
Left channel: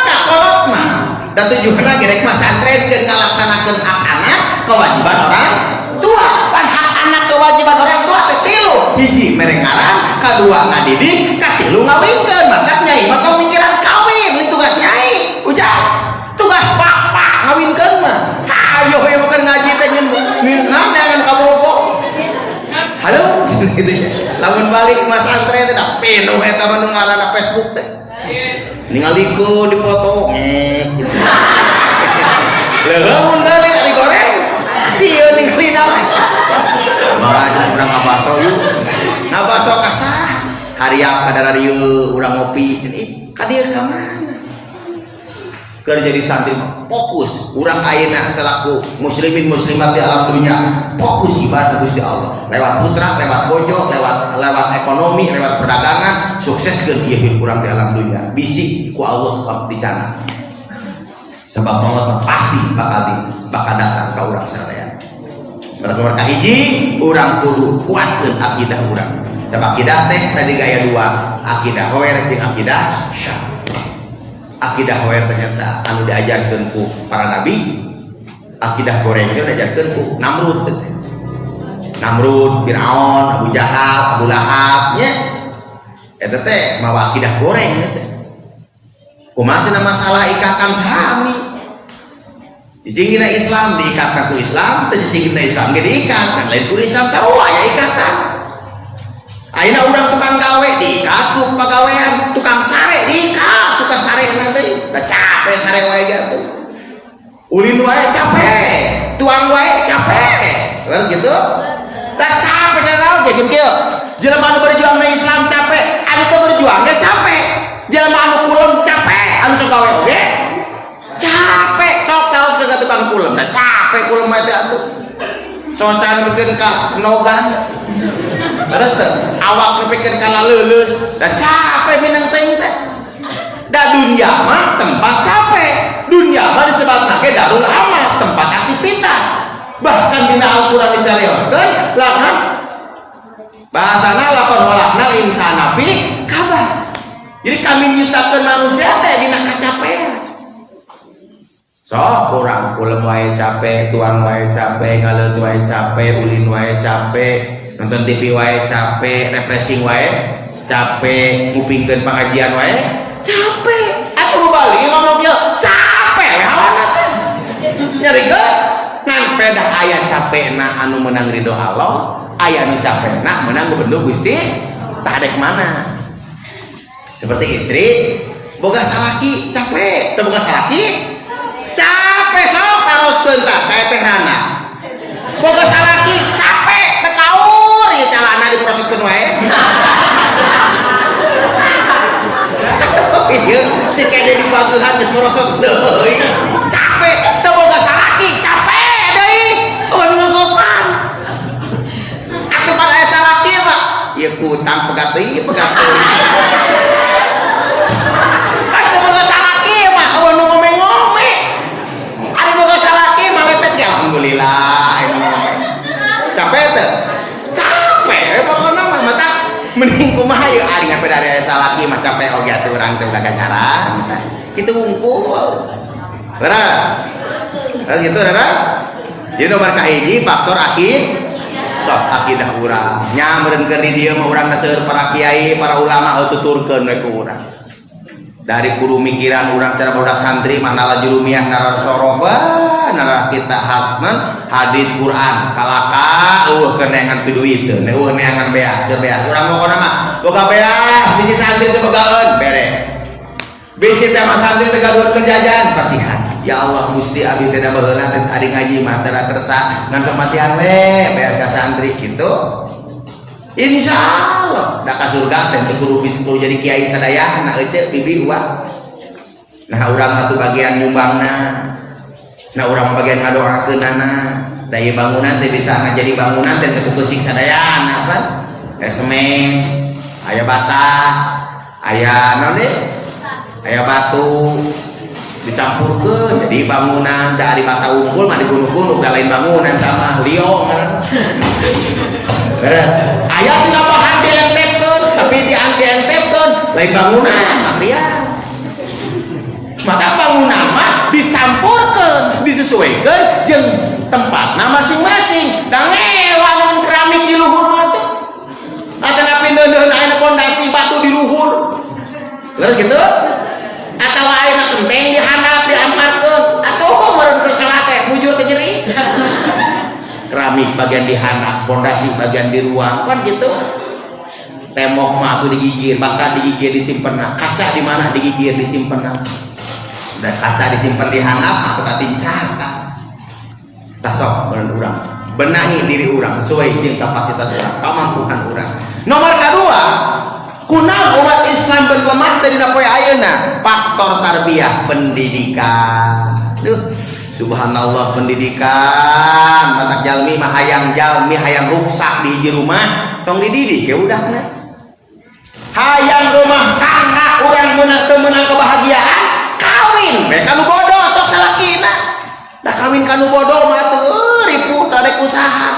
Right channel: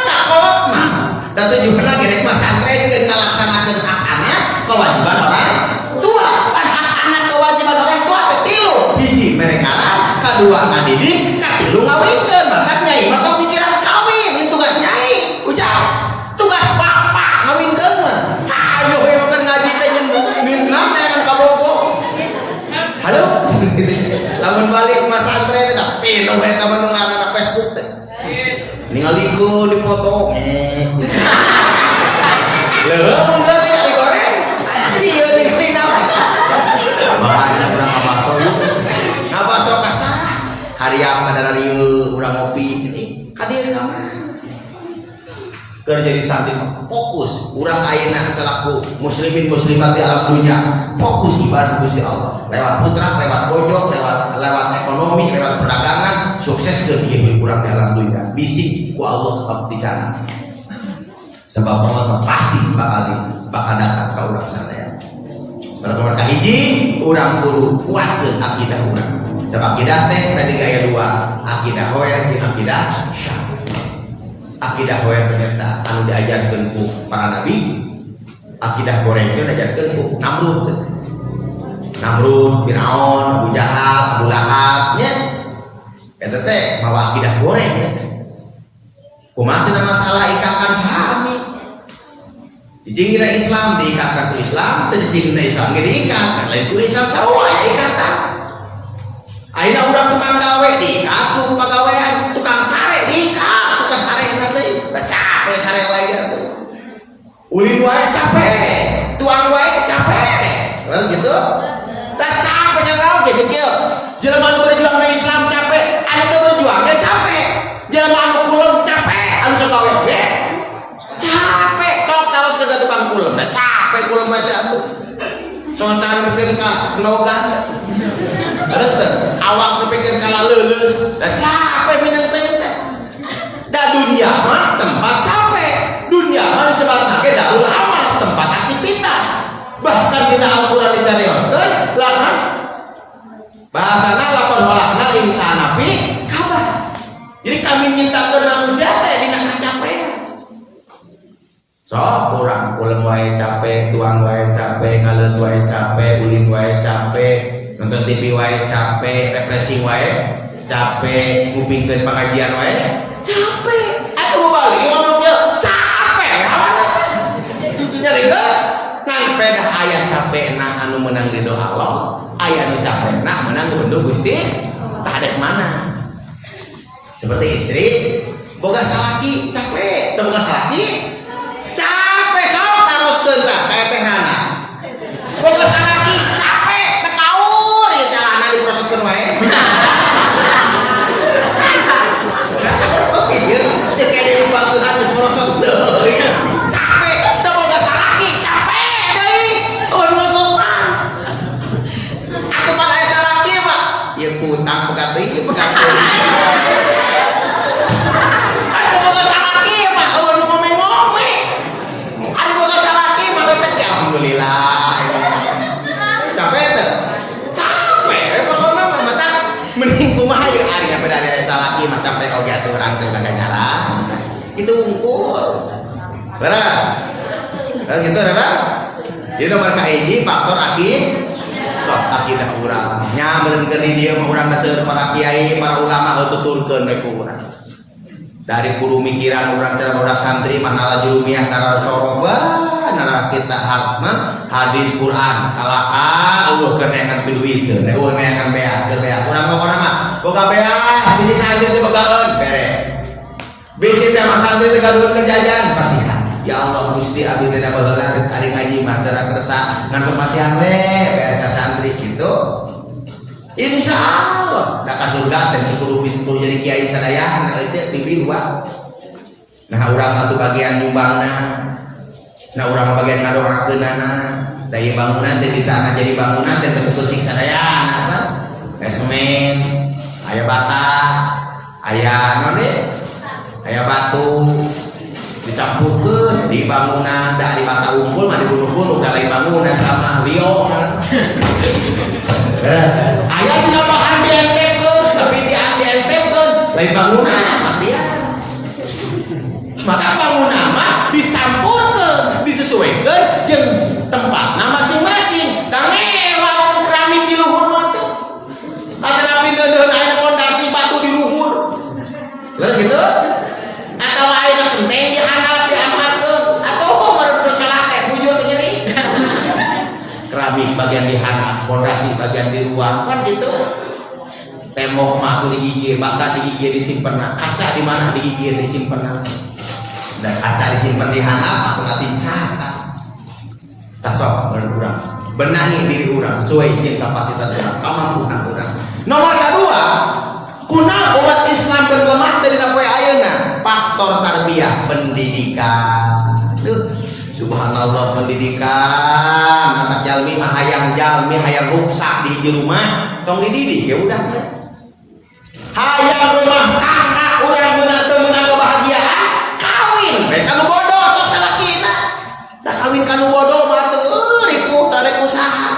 tak kolot mah. Da tujuanna ge rek mah santrenkeun ngalaksanakeun hakannya kewajiban orang tua. Kan hak anak kewajiban orang tua teh tilu. Hiji merengaran, kadua ngadidik, katilu ngawinkeun. Mantap nyai mah pamikiran kawin, ini tugas nyai. Ujang. Tugas bapak ngawinkeun mah. Hayo we makan ngaji teh nyeunam neangan ka Bogor. Halo, gitu. Lamun balik mas santren teh da pinuh eta nu ngaranna Facebook teh. Ningalikeun dipoto. Lamun balik ari goreng. Sieun ningali naon. Makanya urang ngabaso yuk. Ngabaso ka sah. Hariap kada radio urang ngopi ini ka dieu ka mana? Keur jadi santri fokus urang ayeuna selaku muslimin muslimat di alam dunia fokus ibadah Gusti Allah lewat putra lewat bojo lewat ekonomi lewat perdagangan sukses keur ieu urang di alam dunia bisik ku Allah dicana sebab Allah pasti bakal datang ka urang sadaya. Nomor kahiji urang kudu kuatkeun akidah urang. Sebab akidah teh tadi gaya dua, akidah hoer jeung akidah syar'i. Akidah hoer ternyata anu diajarkeun ku para nabi, akidah goreng teh diajarkeun ku Namrud, Firaun, Abu Jahal, Abu Lahab nya. Eta teh mawa akidah goreng teh. Kumaha cenah masalah ikatan sahami. Jijing kita Islam diikatkan ku Islam, jijing kita Islam ge diikatkan lain ku Islam sarua ya ikatan. Ayeuna urang tukang gawe diikat ku pagawean, tukang sare diikat, tukang sare nanti da capek sare wae gitu. Ulin wae capek, tuang wae capek. gitu. Tak capek saya oke gitu. Jelema anu berjuang di Islam capek, anu teu berjuang ge capek. Jelema anu kulon capek, anu sok gawe oge. Capek sok taros ke tukang kulon. Capek kulon mah teh atuh. Socan bikin ka logan. Terus teh awak bikin ka leuleus. Da capek minang teh teh. Da dunia mah tempat capek. Dunia mah disebutna ge darul amal, tempat aktivitas. Bahkan dina Al-Qur'an dicarioskeun lamun bahasana lapor walakna insana bi kabar. Jadi kami nyiptakeun manusia teh dina kacapean. Sok urang kulem wae capek, tuang wae capek, ngaleut wae capek, ulin wae capek, nonton TV wae capek, refreshing wae capek, ngupingkeun pengajian wae capek. Atuh balik ngomong dia capek hawana teh. Nyari geus ngan pedah aya capekna anu menang ridho Allah, aya anu capekna menang gubernur Gusti tadek mana. Seperti istri boga salaki capek, teu boga salaki capek sok taroskeun tah kae teh nana. Boga salaki capek teu kaur ieu calana diproseskeun wae. Ieu cek kade dipangsuhan geus merosot deui. Capek teu boga salaki capek deui. Anu ngopan. Atuh pan aya salaki mah ieu kutang pegat deui pegat deui. Atuh boga salaki mah anu ngome-ngome. Ari boga salaki mah lepet ge alhamdulillah. Capek teu? Capek pokona mah mata mending kumaha ieu ari kan beda aya salaki mah capek oge atuh urang teh dagang nyaran. Kitu wungkul. Terus gitu terus. Jadi nomor kahiji faktor sok akidah urang. Nya meureun keur di dieu mah urang seueur para kiai, para ulama tuturkeun we ku urang. Dari guru mikiran urang cara budak santri manala julumiah nara soroba nara kita hatman hadis Quran kalaka kenengan duit teu neangan bea teu bea urang mah urang mah boga bea bisi santri teh begaeun bere bisi teh mah santri teh gaduh kerjaan pasihan ya Allah Gusti abdi teh da baheula teh ari ngaji mah teu kersa ngan samasihan we bea ka santri kitu. Insyaallah da ka surga teh kudu bisa jadi kiai sadayana euceuk bibi uang. Nah urang atuh bagian nyumbangna. Nah urang bagian ngadoakeunana. Da ieu bangunan teh bisa jadi bangunan teh teu keusik sadayana kan. Aya semen, aya bata, aya naon deui? Aya batu dicampurkeun di bangunan da di bata unggul mah digunung-gunung da lain bangunan tah liong. Aya tina bahan dientepkeun, tapi dientepkeun lain bangunan material. Maka bangunan mah dicampurkeun, disesuaikeun jeung tempatna masing-masing. Da ngewan keramik di luhur mah teh. Atawa pineudeun aya pondasi batu di luhur. Geus kitu? Atawa aya genteng di handap diamarkeun, atawa meureun keur salat teh bujur teh nyeri. Keramik bagian di handap, pondasi bagian di ruang, kan gitu. Tembok mah tuh digigir, bata digigir disimpen, kaca di mana digigir disimpen. Dan kaca disimpen di handap atau katincak. Tasok urang. Benahi diri urang sesuai jeung kapasitas urang, kemampuan urang. Nomor kedua, kunaon umat Islam berlemah dari poe ayeuna? Faktor tarbiyah, pendidikan. Subhanallah pendidikan matak jalmi mah hayang jalmi hayang ruksak di rumah tong dididik ya udahnya hayang rumah tangga urang meunang teu meunang kebahagiaan kawin kayak kanu bodoh sok salakina da kawin kanu bodoh mah teu ripuh tarek usaha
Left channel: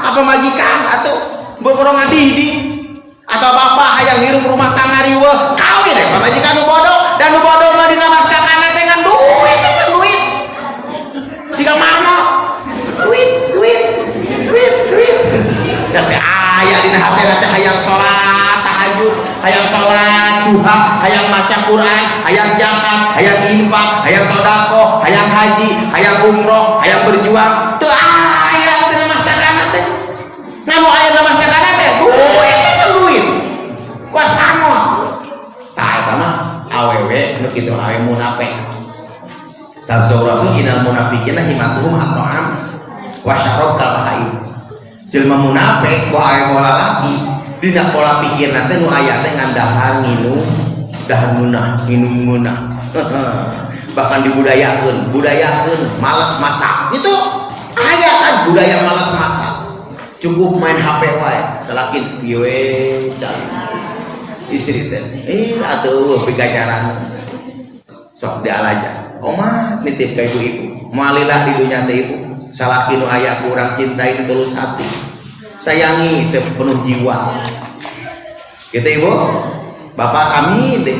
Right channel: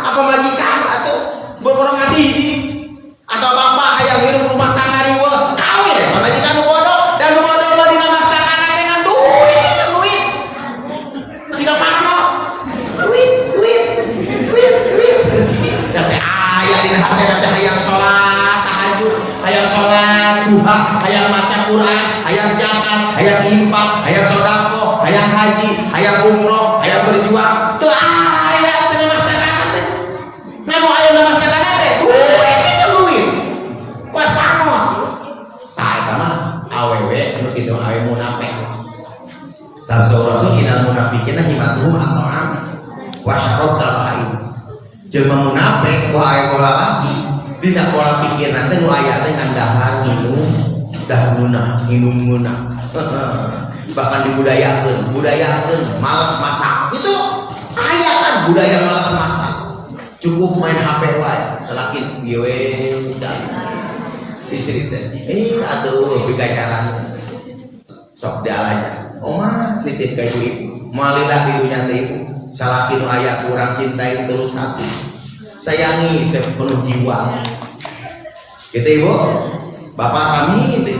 apa majikan atau beberapa ngadidik atau bapak hayang hirup rumah tangga riweuh kawin majikan nu bodoh dan nu bodoh mah dina masakan duit siga marmo duit teh aya dina hati teh hayang salat tahajud hayang salat duha hayang maca Quran hayang zakat hayang infak hayang sedekah hayang haji hayang umroh hayang berjuang teu aya dina masakan teh namun aya dina masakan teh duit kuas pamot tah eta mah awewe nu kitu awewe munafik. Sabda Rasul inal munafiqina himatuhum at-ta'am wasyarokal haid. Jelma munafik ku aya pola lagi dina pola pikir nanti nu aya teh ngandahan minum minum munah. Bahkan dibudayakeun malas masak gitu. Aya kan budaya malas masak. Cukup main HP wae, salakin pieu istri teh. Atuh piganyaran. Sok dialaja. Oma nitip ka ibu. Moalila di dunya teh ibu. Salakin nu aya kurang cintai terus hati. Sayangi sepenuh jiwa. Gitu ibu. Bapak sami deh.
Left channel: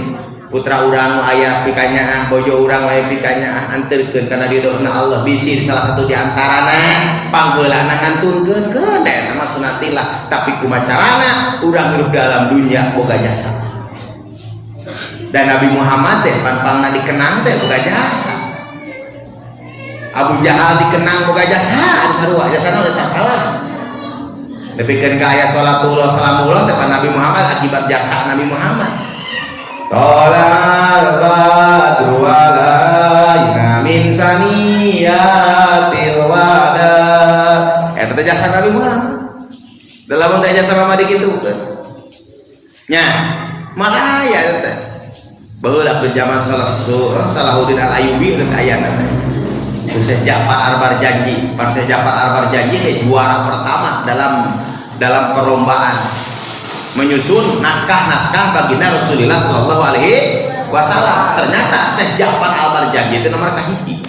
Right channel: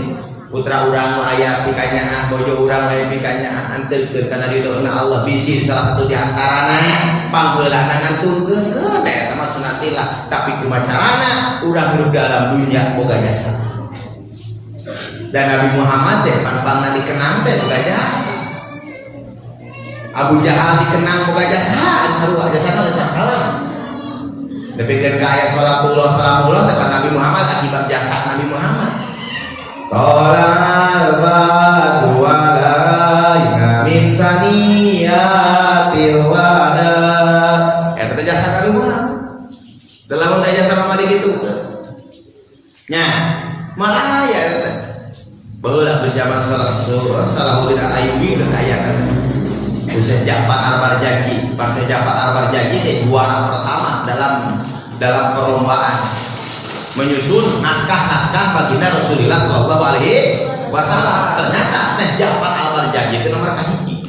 Putra urang aya pikanya, bojo urang aya pikanya, anterkeun kana ridona Allah bisi salah satu di antarana panggeulana ngantunkeun keun eta mah sunatillah, tapi kumaha carana urang hidup dalam dunia boga jasa. Dan Nabi Muhammad teh pangpangna dikenang teh boga jasa. Abu Jahal dikenang boga jasa, sarua jasana salah. Nepikeun ka aya salatullah salamullah teh Nabi Muhammad akibat jasa Nabi Muhammad. Qala al-badu wa ghaina min saniyatil wada. Eta teh jasa Nabi Muhammad. Dalam jasa kamari kitu teh. Nya, malah aya teh. Baheula ke zaman Salahuddin Al-Ayyubi teh aya teh. Syekh Ja'far Al-Barjanji, Syekh Ja'far Al-Barjanji dia juara pertama dalam perlombaan menyusun naskah baginda Rasulullah Shallallahu Alaihi Wasallam. Ternyata Syekh Ja'far Al-Barjanji itu nomor kahiji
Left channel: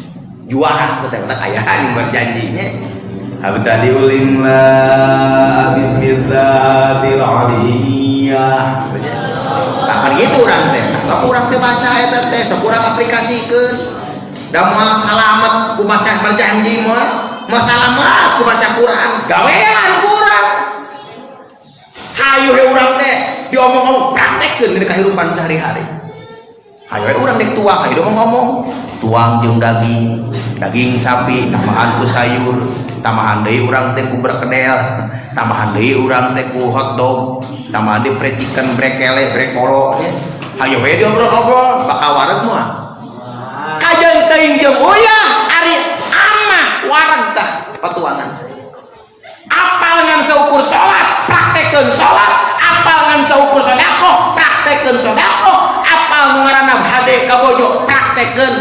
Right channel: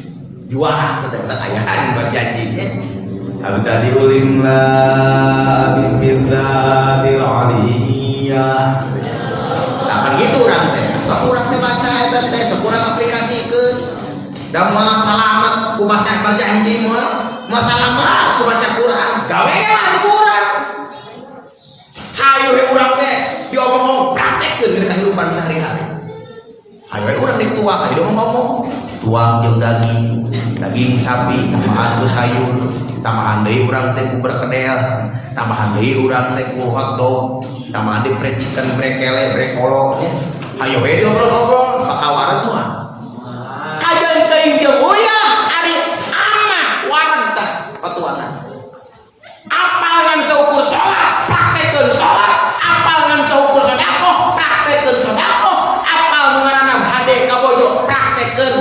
juara tetap ayaan berjanjinya. Abtadiul imla bismillahirrahmanirrahim. Tak begitu orang teh baca eta teh sekurang aplikasikeun. Da moal salamet ku maca berjanji mah salamet ku maca Quran gawean Quran. Hayu urang teh diomong-omong praktekkeun di kehidupan sehari-hari. Hayu urang nek tuang hayu ngomong tuang jeung daging sapi tambahan ku sayur, tambahan deui urang teh ku berkedel, tambahan deui urang teh ku hotdog, tambahan deui fried chicken, brekele, brekolo nya. Hayu we diobrol-obrol bakal wareg moal. Kajeng teuing jeung uyah ari amah wareg teh patuangan. Apal ngan saukur salat, praktekkeun salat. Apal ngan saukur sedekah, praktekkeun sedekah. Apal nu ngaranna hade ka bojo, praktekkeun.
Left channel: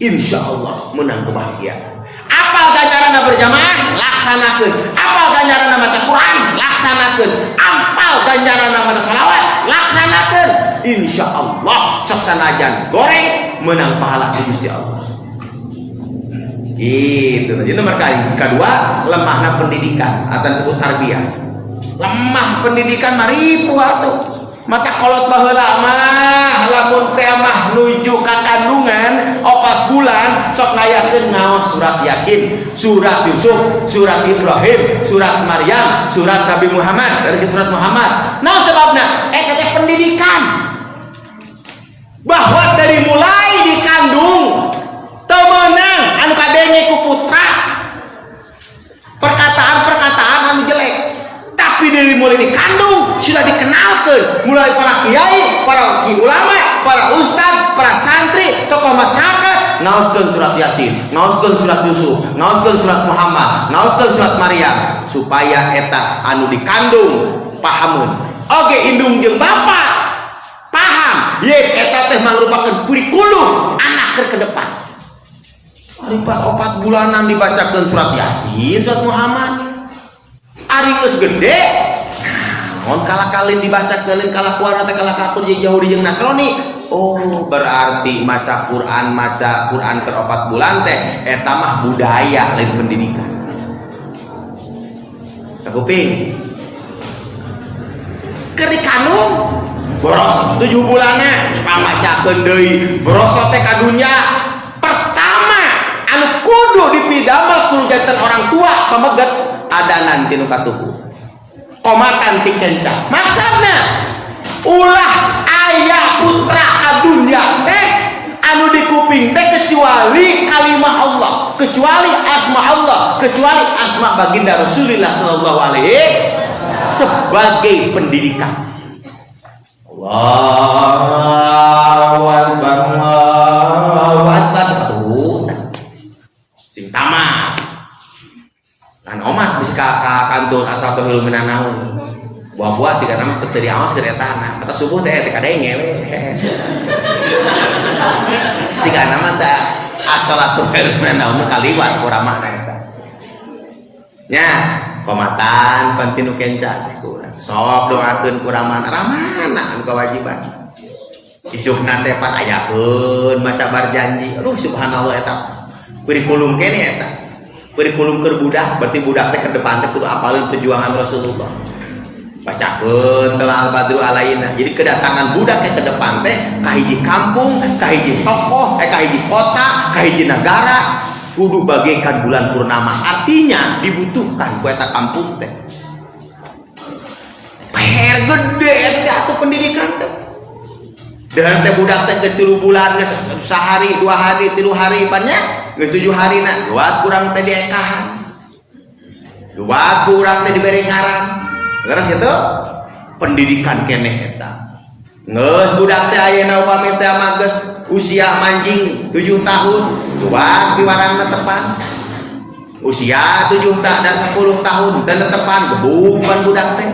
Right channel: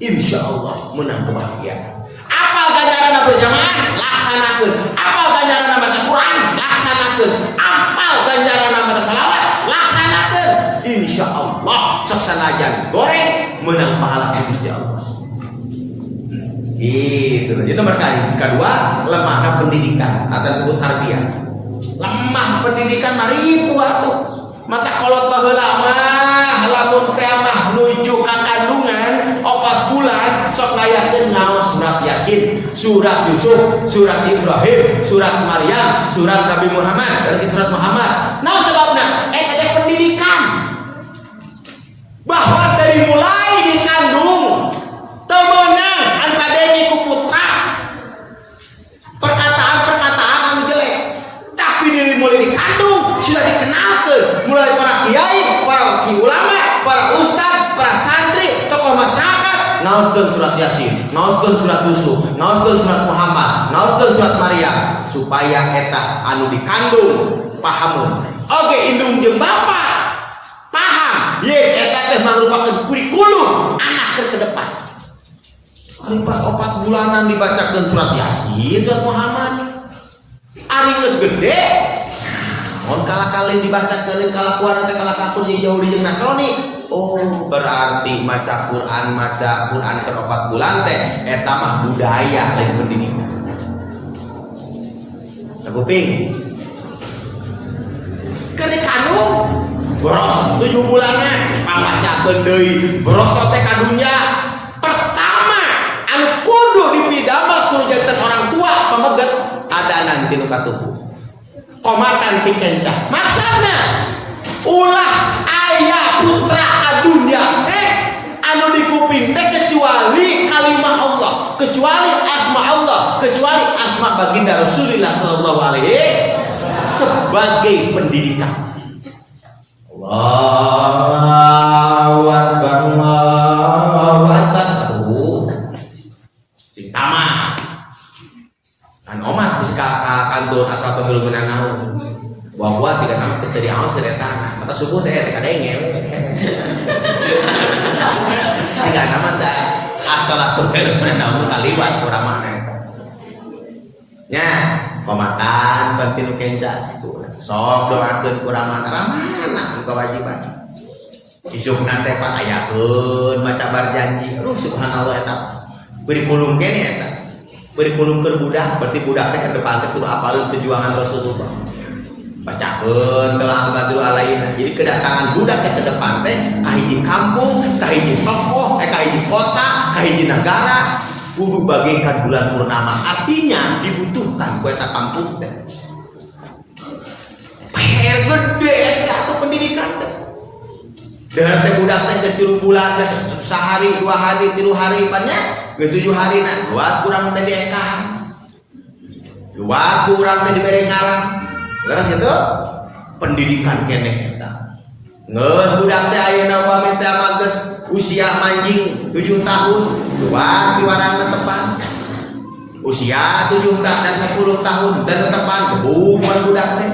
Insyaallah menang kebahagiaan. Apal ganjaranna berjamaah, laksanakeun. Apal ganjaranna maca Quran, laksanakeun. Apal ganjaranna maca shalawat, laksanakeun. Insyaallah sok sanajan goreng menang pahala di Gusti Allah. Itu. Jadi nomor kedua, lemahnya pendidikan atau disebut tarbiyah. Lemah pendidikan maripu atuh. Mata kolot baheula mah lamun teh mah nuju ka kandungan 4 bulan sok ngayakeun ngaos surat Yasin, surat Yusuf, surat Ibrahim, surat Maryam, surat Nabi Muhammad, dari surat Muhammad. Nah sebabna eta teh pendidikan. Bahwa dari mulai dikandung temenang anu kadenge ku putra perkataan anu jelek, tapi dari mulai dikandung sudah dikenalkan mulai para kiai, para ulama, para ustaz, para santri, tokoh masyarakat ngaoskeun surat Yasin, ngaoskeun surat Yusuf, ngaoskeun surat Muhammad, ngaoskeun surat Maryam supaya eta anu dikandung pahamun. Oge indung jeung bapa paham, ye eta teh mangrupakeun kurikulum anak ke depan. Ari pas 4 bulanan dibacakeun surat Yasin, surat Muhammad. Ari geus gede, mun kala-kalin dibacakeun kalakuan teh kalakapun jeung Yahudi jeung Nasrani. Oh, berarti maca Quran ke 4 bulan teh eta mah budaya lain pendidikan. Kuping. Keur dikandung boros 7 bulanan pamacakeun deui boros teh ka dunya. Pertama anu kudu dipidamel kudu janten orang tua pameget adanan tinu katuku komatan ti kencang maksudna ulah aya putra ka dunya teh anu di kuping teh kecuali kalimah Allah, kecuali asma Allah, kecuali asma baginda Rasulullah sallallahu alaihi sebagai pendidikan. Allahu Akbar, Allahu Akbar. Sing tamat teu diaos teu eta na. Mata subuh teh kadenge we. Sigana mah teh as-salatu khairun naum kaliwat urang mah eta. Nya, pamatan pantinu kenca sok doakeun ku ramana ramana kewajiban. Isukna teh pan ayakeun maca berjanji. Aduh subhanallah eta. Kurikulum kene eta. Kurikulum keur budak, berarti budak teh ke depan teh kudu apalin perjuangan Rasulullah. Bacakeun telah al-badru alaina. Jadi kedatangan budak ke depan teh ka hiji kampung, ka hiji tokoh, ka hiji kota, ka hiji negara kudu bagaikan bulan purnama. Artinya dibutuhkan ku eta kampung teh. PR gede eta atuh pendidikan teh. Dan teh budak teh geus 3 bulan, geus sehari, 2 hari, 3 hari banyak, geus 7 hari na. Buat kurang teh diekahan. Buat kurang teh dibere ngaran. Terus gitu pendidikan keneh eta. Geus budak teh ayeuna upami teh mah geus usia anjing 7 tahun, buat piwarangna tepan. Usia 7 tahun dan 10 tahun dan tepan bukan budak teh.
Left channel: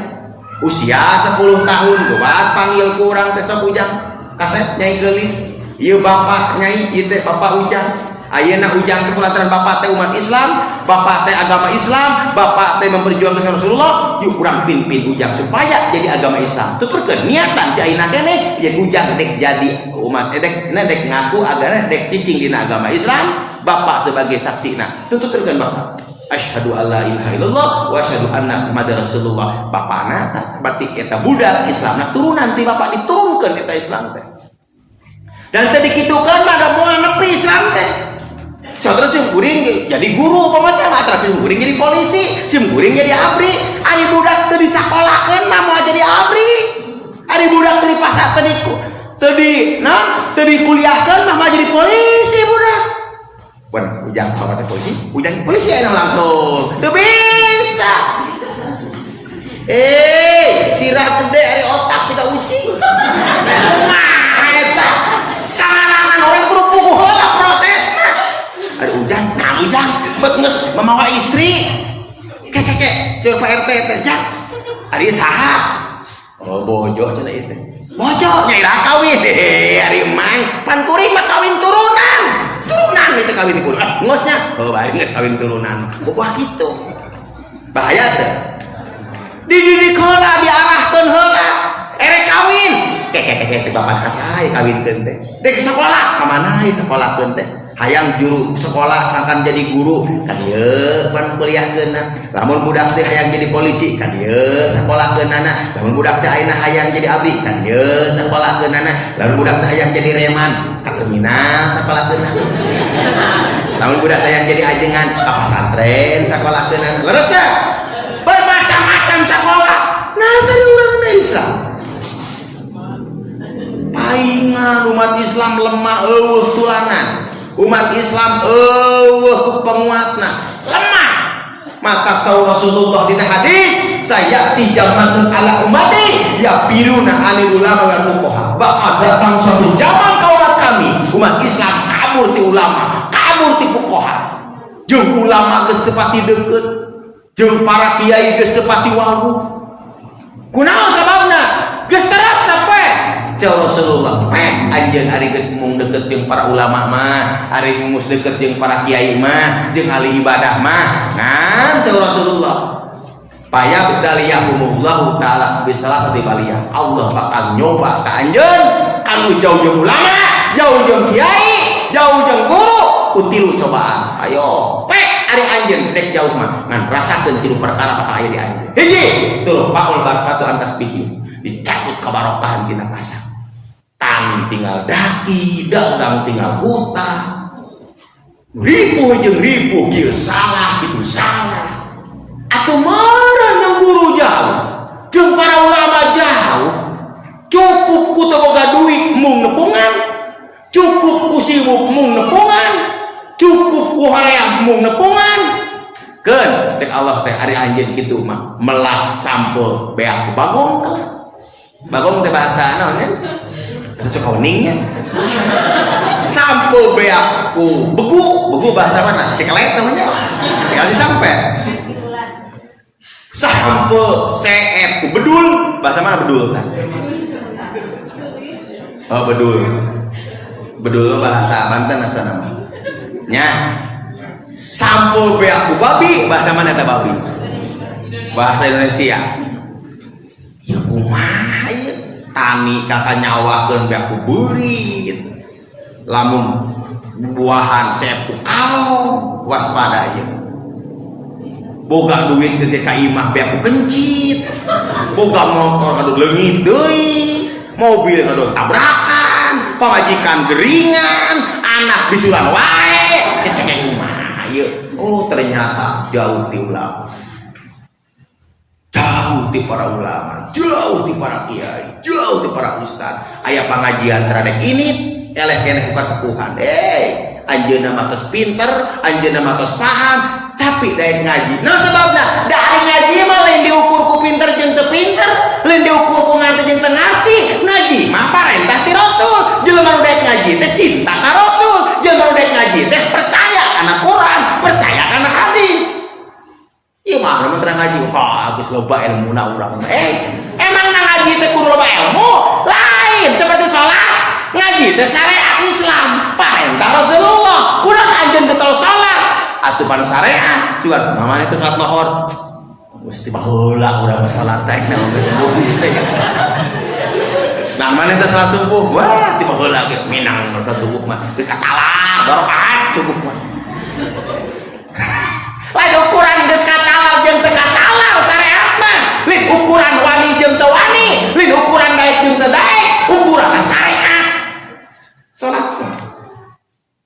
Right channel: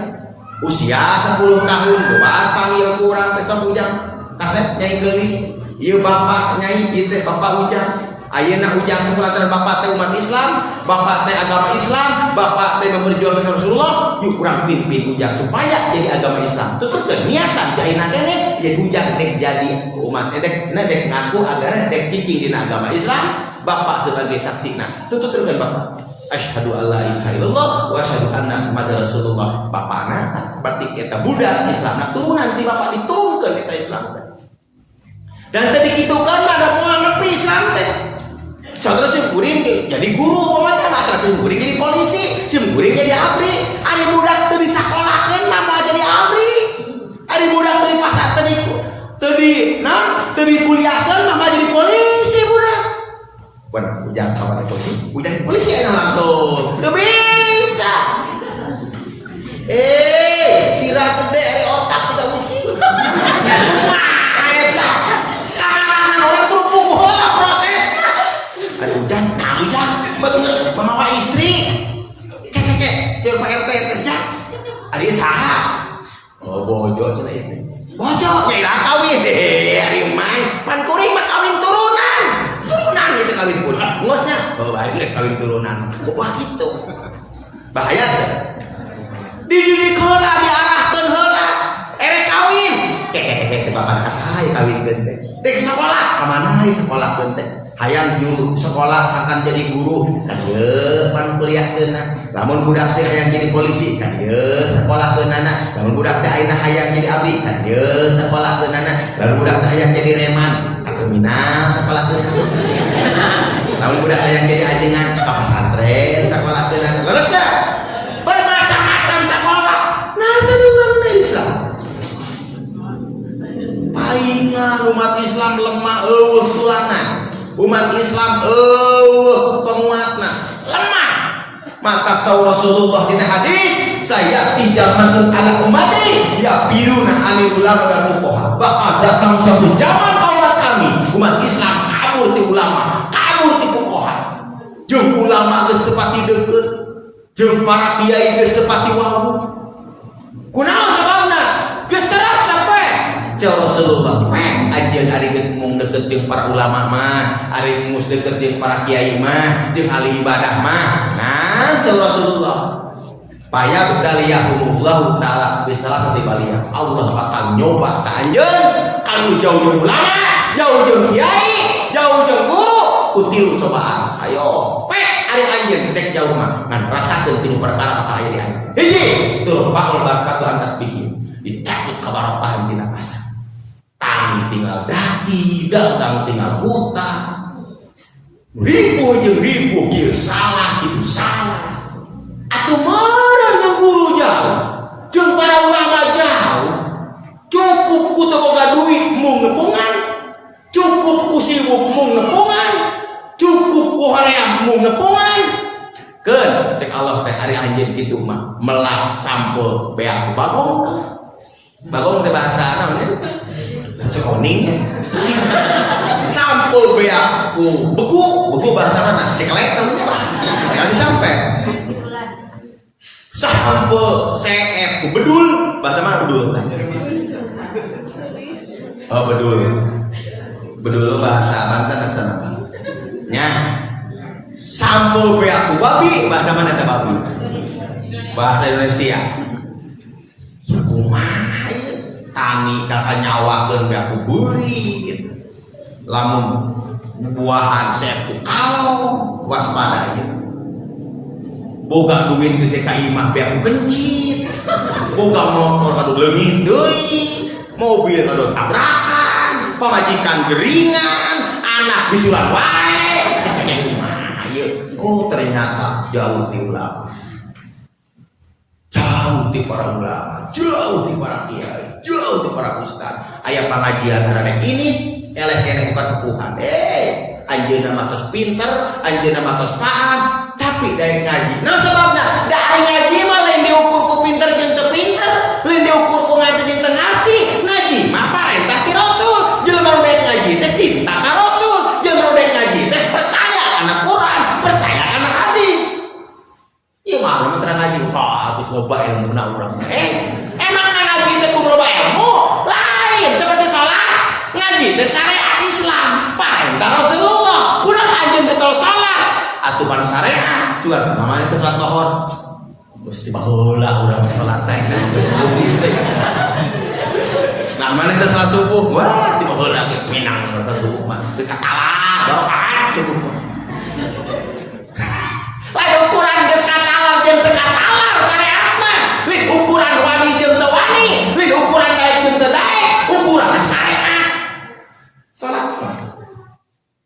Usia 10 tahun buat panggil kurang teh sok ujang. Kaset nyai geulis. Ieu bapak nyai ieu teh bapak ujang. Ayeuna ujang teh kulantaran bapak teh umat Islam, bapak teh agama Islam, bapak teh memperjuangkan Rasulullah, yuk kurang pimpin ujang supaya jadi agama Islam. Tuturkeun niatan ti ayeuna keneh jadi ujang dek jadi umat dek ngaku agama dek cicing dina agama Islam, bapak sebagai saksina. Tuturkeun bapak. Asyhadu alla ilaha illallah wa asyhadu anna muhammadar rasulullah. Bapana berarti eta budak Islamna turunan ti bapak diturunkeun eta Islam teh. Dan tadi kitukan mah ada moal nepi Islam teh. Saudara sim kuring jadi guru pamatnya mah tapi kuring jadi polisi, sim kuring jadi abri. Ari budak teu disakolahkeun mah mau jadi abri. Ari budak teu dipasar teu dikuliahkeun mah mau jadi polisi budak. Bukan ujang apa kata polisi? Ujang polisi enak langsung. Teu bisa. Sirah gede ari otak siga ucing. Nah eta karangan orang kerupuk heula prosesna. Ada ujang, nah ujang, betus memawa istri, kek, coba RT kerja, hari saha, oh bojo cina itu, bojo nyai kawin deh, hari main, pan kuring mah kawin turunan itu kawin turunan, ngosnya, oh baik nggak kawin turunan, wah gitu, bahaya tuh, dididik heula, diarahkeun heula, kawin, kek, coba pan kasih kawin teh, dek sekolah, kemana sekolah teh. Hayang juru sekolah akan jadi guru kan ieu pan kuliahkeunna. Lamun budak teh hayang jadi polisi kan ieu sakolahkeunana. Lamun budak teh ayeuna hayang jadi abdi kan ieu sakolahkeunana. Lamun budak teh hayang jadi reman ka terminal sakolahkeunana. Lamun budak teh hayang jadi ajengan ka pesantren sakolahkeunana. Leres teh bermacam-macam sekolah. Nah tadi urang Islam. Aing umat Islam lemah eueuh tulangan. Umat Islam penguatna lemah. Maka Rasulullah di hadis saya di zaman ala umati ya biruna anil ulama wal fuqaha. Bakal datang suatu zaman kaumat kami umat Islam kabur ti ulama, kabur ti fuqaha. Jeung ulama geus teu pati deukeut, jeung para kiai geus teu pati wau. Kunaon sababna? Geus terasa poe. Jauh Rasulullah, anjeun ari geus mung deket jeung para ulama mah, ari mus deket jeung para kiai mah, jeung ahli ibadah mah. Nah, jauh Rasulullah. Paya bekaliyahumullahu taala bisalah sati baliyah. Allah bakal nyoba ka anjeun, kamu jauh jeung ulama, jauh jeung kiai, jauh jeung guru, utilu cobaan. Ayo, ari anjeun dek jauh mah, ngan rasakeun tilu perkara apa aya di anjeun. Hiji, tur paul barakatuh tasbih. Dicabut kabarokahan tina kasar. Tani tinggal daki, dagang tinggal hutang. Ribu jeung ribu kieu salah kitu salah. Atuh meureun jeung guru jauh, jeung para ulama jauh. Cukup ku teu boga duit mung nepungan, cukup ku sibuk mung nepungan, cukup ku hoream mung nepungan. Keun cek Allah teh ari anjeun kitu mah melak sampul beak bagong. Bagong teh bahasa naon nya? Bahasa kuning ya. Sampul beakku begu bahasa mana? Cekelek namanya. Cekelek sampai. Sampul seet ku bedul. bahasa mana bedul? Oh bedul. Bedul bahasa Banten asal nya. Sampul be aku babi, bahasa mana eta babi? Bahasa Indonesia. Ya kumaha ieu? Tani kata nyawakeun be aku beurit. Lamun buahan sepu kau waspada ieu. Boga duit geus ka imah be aku kencit. Boga motor adu leungit deui. Mobil adu tabrakan, pamajikan geringan, anak bisuran wae. Oh ternyata jauh ti ulama, jauh ti para ulama, jauh ti para kiai, jauh ti para ustad. Aya pengajian terhadap ini, eleh kene ku kasepuhan. Anjeunna mah tos pinter, anjeunna mah tos paham, tapi daek ngaji. Nah sebabna dari ngaji mah lain diukur ku pinter jeung teu pinter, lain diukur ku ngarti jeung teu ngarti. Ngaji mah parentah ti Rasul. Jelema nu daek ngaji teh cinta ka Rasul, jelema nu daek ngaji teh percaya kana Quran, percaya kana hadis. Ieu mah mun terang ngaji, wah geus loba ilmuna urang. Emang ngaji teh kudu loba ilmu? Lain seperti salat. Ngaji teh syariat Islam, perintah Rasulullah. Kurang anjeun teh salat. Atuh pan syariat, cuman namanya teh salat nohor. Gusti baheula urang salat teh. Namanya teh salat subuh. Wah, tiba heula ge minang salat subuh mah. Teu katalah, barokat subuh mah. Lain ukuran geus katalar jeung teu katalar syariat mah. Lain ukuran wani jeung teu wani, lain ukuran daek jeung teu daek, ukuran syariat. Salat mah.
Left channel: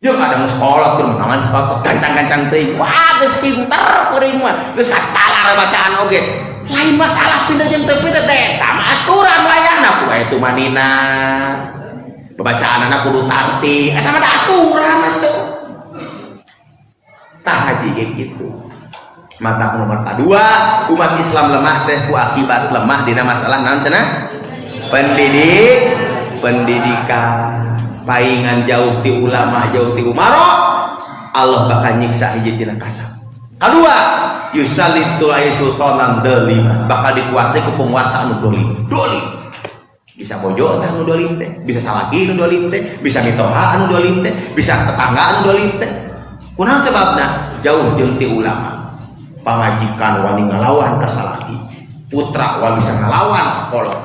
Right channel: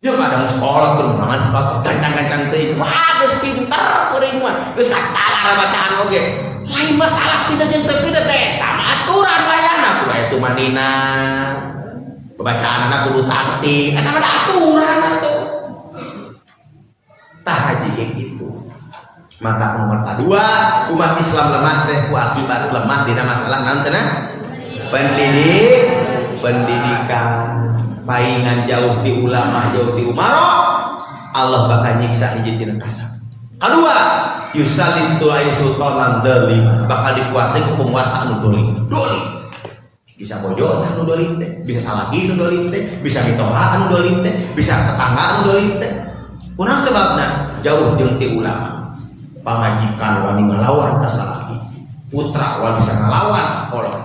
Jeung ada sekolah keur meunangan sepatu gancang-gancang teuing. Wah, geus pinter kuring mah. Geus katalar bacaan oge. Lain masalah pinter jeung teu pinter teh, tama aturan wayahna kudu aya tumanina. Bacaanana kudu tartib, eta mah aturan atuh. Tah haji ge kitu. Mata nomor kedua, umat Islam lemah teh ku akibat lemah dina masalah naon cenah? Pendidikan. Paingan jauh ti ulama, jauh ti umaro, Allah bakal nyiksa hiji tina kasab. Kedua, yusalitu ay sultanan zalim, bakal dikuasai ku penguasa anu dolim. Bisa bojo anu dolim teh, bisa salaki anu dolim teh, bisa mitoha anu dolim teh, bisa tetangga anu dolim teh. Kunaon sebabna? Jauh jeung ti ulama. Pamajikan wani ngalawan ka salaki, putra wani bisa ngalawan ka kolot.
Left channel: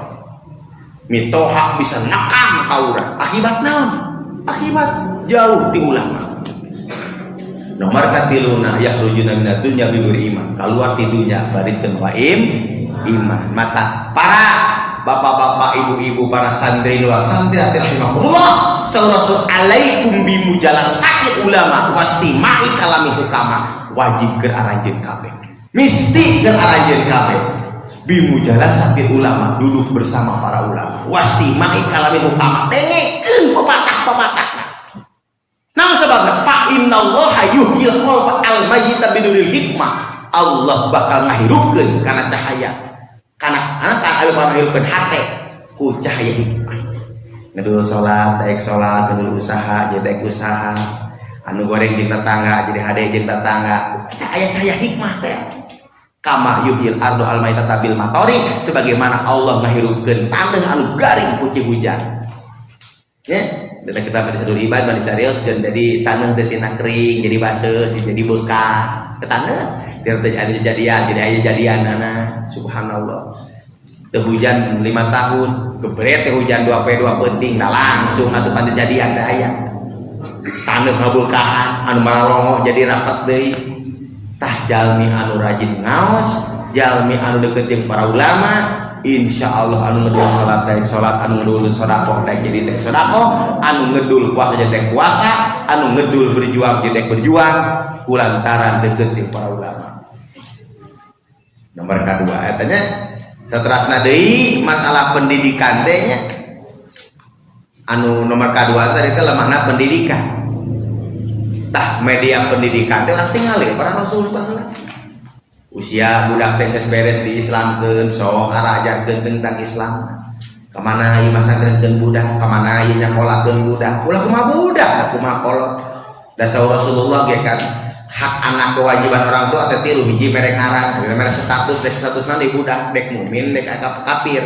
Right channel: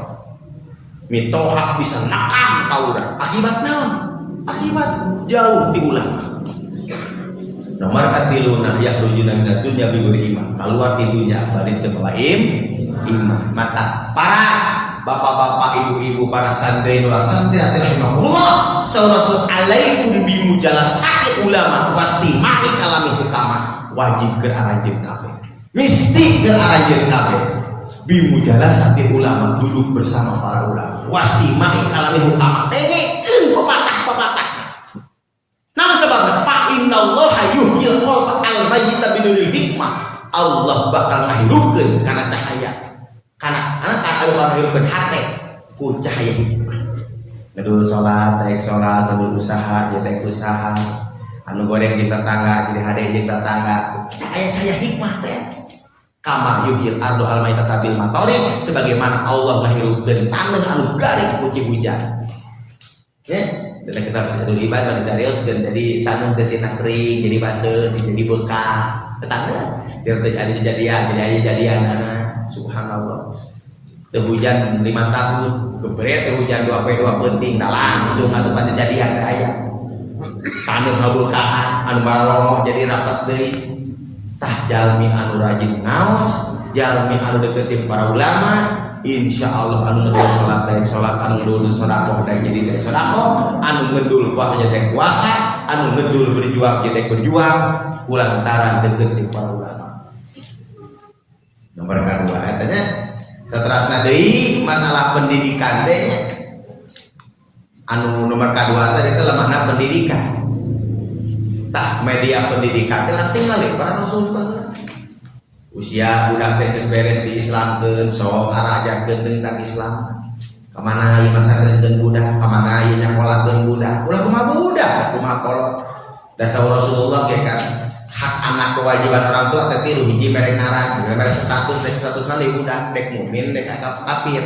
Mitoha bisa nakam ka urang. Akibat naon? Akibat jauh ti ulama. Nomor katiluna yakhrujuna minad dunya bighairi iman. Kaluar ti dunya bari teu bawa iman. Mata para bapak-bapak, ibu-ibu, para santri wa santriati rahimahumullah, saurasul alaikum bimujalasati ulama wastima'i kalami hukama. Wajib keur aranjeun kabeh. Misti keur aranjeun kabeh. Bimujalasati ulama, duduk bersama para ulama. Wastima'i kalami hukama, dengekeun pepatah-pepatah. Nah sebabna fa innallaha yuhyil qalba al-mayyita biduril hikmah. Allah bakal ngahirupkeun kana cahaya. Kana bakal ngahirupkeun hate ku cahaya hikmah. Ngedul salat, daek salat, ngedul usaha, jadi daek usaha. Anu goreng jeung tetangga, jadi hade jeung tetangga. Kita aya cahaya hikmah teh. Kama yuhyil ardu al-mayyita bil matori, sebagaimana Allah ngahirupkeun taneuh anu garing ku hujan. Ya, dalam kitab Sadul Ibad dan carios dan jadi taneuh teh tina kering, jadi baseuh, jadi bekah. Ke taneuh, ada kejadian, jadi aya jadianana. Subhanallah. Teu hujan 5 tahun, gebret teh hujan 2 penting, da langsung atuh pan kejadian teh aya. Taneuh ngabeukaan, anu malongo jadi rapat deui. Tah jalmi anu rajin ngaos, jalmi anu deukeut jeung para ulama, insyaallah anu ngedul salat dari salat, anu ngedul sedekah dari jadi dari sedekah, anu ngedul puasa jadi puasa, anu ngedul berjuang jadi berjuang, kulantaran deukeut jeung para ulama. Nomor kedua etanya saterasna deui masalah pendidikan teh nya. Anu nomor kedua tadi teh lemahna pendidikan. Tah media pendidikan teh urang tingali para rasul baheula. Usia budak teh geus beres diislamkeun, sok ngarajarkeun tentang Islam. Kamana ieu masantrenkeun budak, kamana ieu nyakolakeun budak. Ulah kumaha budak, da kumaha kolot. Da Rasulullah ge kan hak anak kewajiban orang tua teh tilu hiji mere ngaran mere status dek statusna di budak dek mukmin dek kafir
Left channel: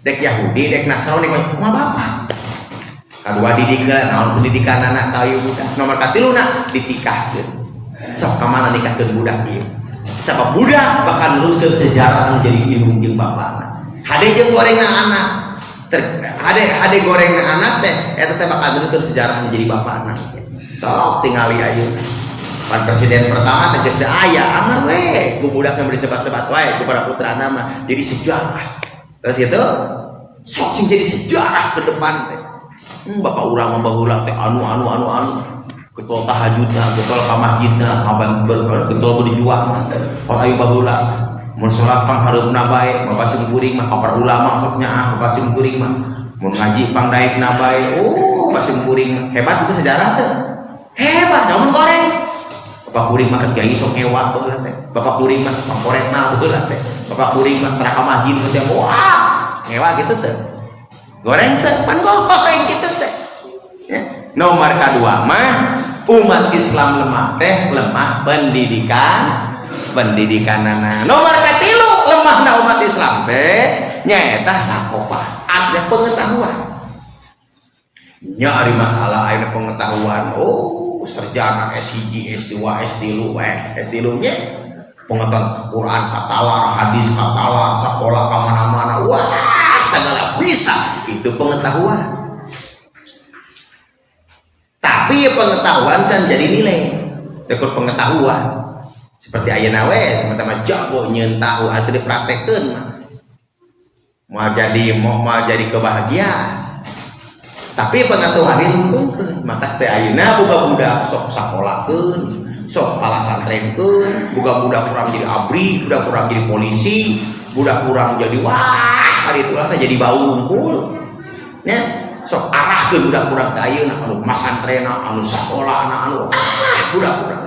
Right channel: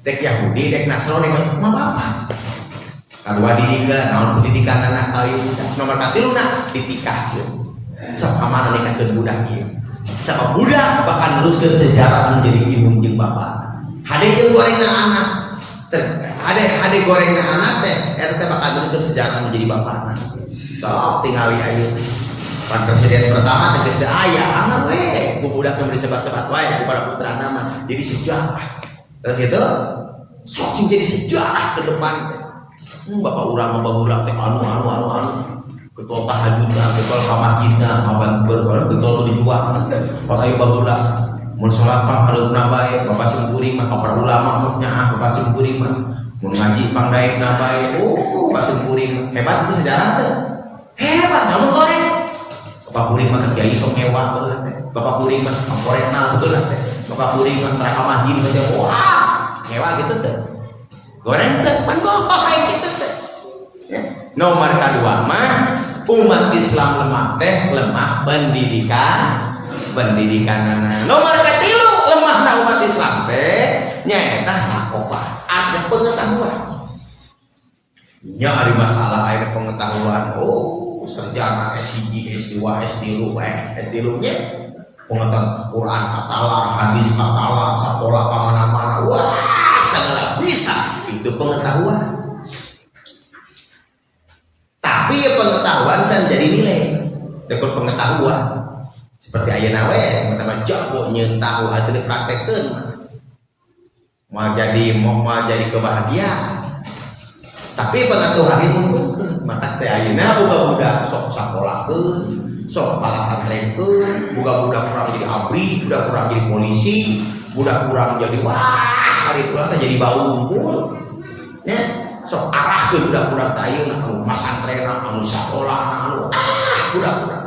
dek Yahudi dek Nasrani mah bapak kadua didikeun naon pendidikan anak ka ieu budak nomor katiluna ditikahkeun sok ka mana nikahkeun budak ieu sabab budak bakal neruskeun sejarah menjadi ilmu jeung bapana hade jeung gorengna anak hade gorengna anak teh eta teh bakal neruskeun sejarah menjadi bapana sok tingali ayeuna kan presiden pertama tegas teh aya angan we ku budak yang disebat-sebat wae ku para putra nama jadi sejarah terus itu sok sing jadi sejarah ke depan teh bapak urang baheula teh anu ketua tahajudna ketua ka masjidna ketua ku dijual kalau ayo baheula mun salat panghareupna bae bapak sing kuring mah ka para ulama sok nyaah bapak sing kuring mah mun ngaji pangdaekna bae bapak sing kuring hebat itu sejarah teh hebat namun goreng bapak kuring mah kiai sok ngewa betul teh bapak kuring mah pangkoretna betul teh bapak kuring mah para ka masjid teh wah ngewa gitu teh goreng teh pan goreng gitu teh ya. Nomor kedua mah umat Islam lemah teh lemah pendidikanana nomor katilu lemahna umat Islam teh nyaeta sakopa ada pengetahuan nyari masalah ada pengetahuan sarjana S1, S2, S3 nya pengetahuan Quran katalar, hadis katalar, sekolah kemana-mana, wah segala bisa itu pengetahuan. Tapi ya pengetahuan kan jadi nilai, dekor pengetahuan. Seperti ayeuna we, teman-teman jago nyeun tahu atuh dipraktekkeun. Mau jadi kebahagiaan. Tapi pengetahuan itu ngumpulkeun maka teh ayeuna boga budak sok sakolahkeun sok pala santrenkeun boga budak urang jadi abri budak urang jadi polisi budak urang jadi wah ari itulah teh jadi bau unggul nya sok arahkeun budak-budak teh ayeuna anu masantrenna anu sakolahna anu budak-budak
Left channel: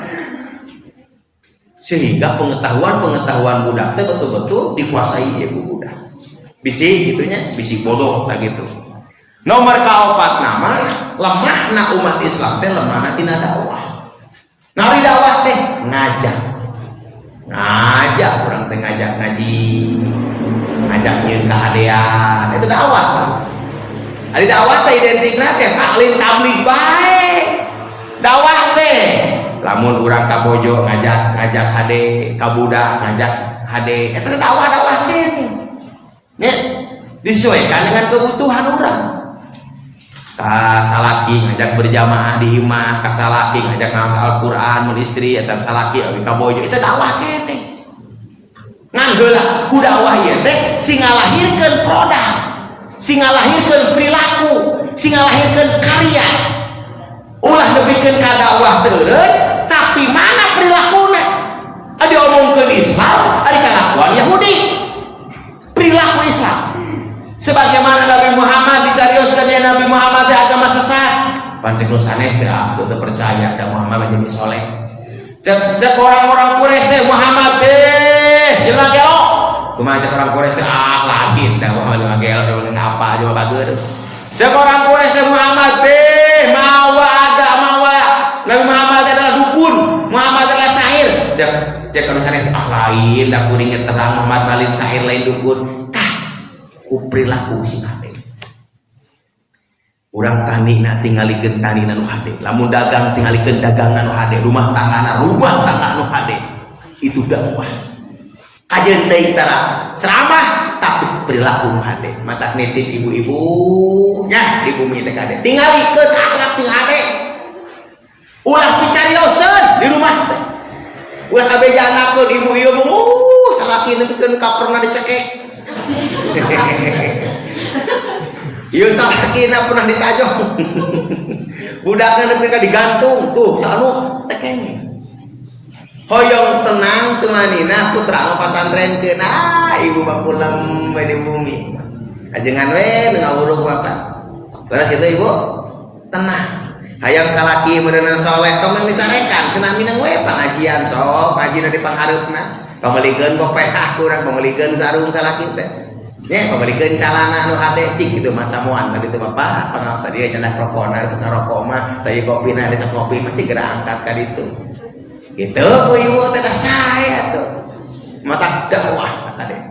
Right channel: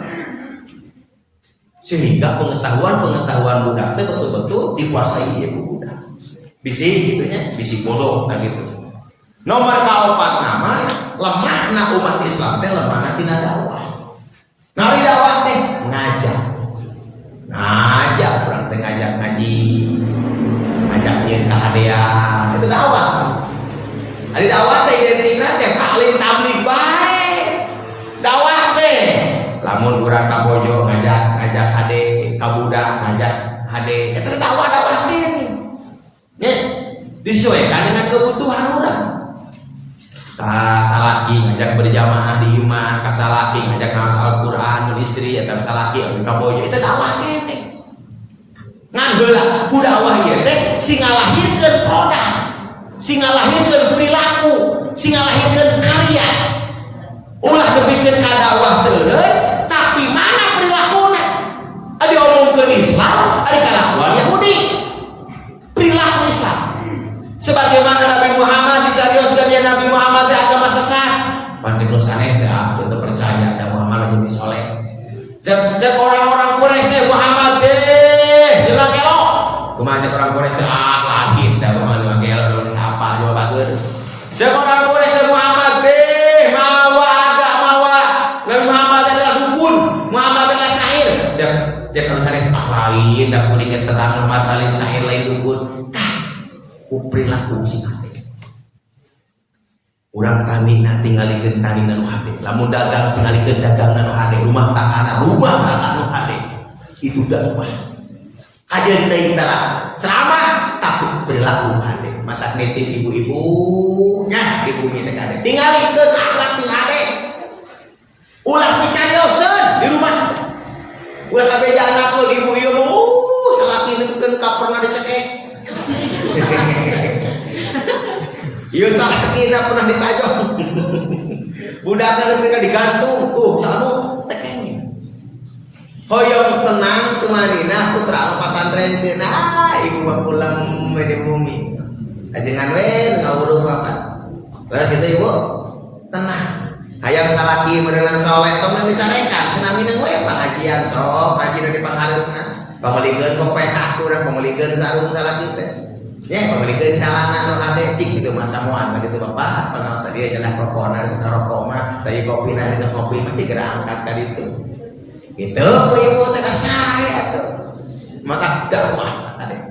sehingga pengetahuan budak teh betul-betul dikuasai ieu budak bisi gitunya bisi bodoh kayak gitu. Nomor kaopat nama lemahna umat Islam teh lemahna tina dakwah. Nari dakwah teh ngajak urang teh ngajak ngaji, ngajak nyeun kahadean, itu dakwah. Ari dakwah teh identikna teh alim tabligh bae. Dakwah teh lamun urang ka bojo ngajak hade ka budak ngajak hade eta dakwah teh. Nya disesuaikan dengan kebutuhan urang. Kasalaki ngajak berjamaah di imah, kasalaki ngajak ngafal Al-Qur'an mun istri atau salaki abi ka bojo itu dakwah keneh. Ngan heula ku dakwah ieu teh sing ngalahirkeun produk, sing ngalahirkeun perilaku, sing ngalahirkeun karya. Ulah nepikeun ka dakwah teureun, tapi mana perilakuna? Adi omongkeun Islam, adi kalakuan Yahudi. Perilaku Islam. Sebagaimana Nabi Muhammad dicarioskeun deui Nabi Muhammad agama sesat. Pancen nu sanes teh teu percaya da Muhammad jadi soleh. Cek orang-orang Quraisy teh Muhammad teh jelema gelo. Kumaha cek orang Quraisy teh lain da Muhammad gelo ngapa coba bageun. Cek orang Quraisy teh Muhammad teh mawa Nabi Muhammad adalah dukun, Muhammad adalah syair. Cek orang sanes lain da kuring terang Muhammad lain syair lain dukun. Perilaku si hade urang tani na tingalikeun tani nu hade lamun dagang tingalikeun dagang nu hade rumah tangga nu hade itu dakwah kajen teh tara ceramah tapi perilaku nu hade mata nitip ibu-ibu nya di bumi teh hade tingalikeun akhlak sing hade ulah picarioseun di rumah teh ulah kabeja anakkeun ibu ieu salaki nepikeun ka pernah dicekek. Iya salakina pernah ditajong. Budakna nepika digantung tuh sanu tekenge. Hoyong tenang temanina putra pasantrenkeun ibu bapulam di bumi. Ajengan we ngawurug wakat. Terus kitu ibu tenang. Hayang salaki meunang saleh tong ditarekan senamina we pangajian sok ngajina di panghareupna. Pamelikeun kopeh urang pamelikeun sarung salaki teh. Nya pamelikeun calana anu hade cik kitu mah samuan ka ditu Bapak. Pangapsa dia cenah rokona sok rokok mah teh kopina ada kopi pasti geura angkat ka ditu. Gitu ku ibu teh saya tuh. Mata dakwah kata deh.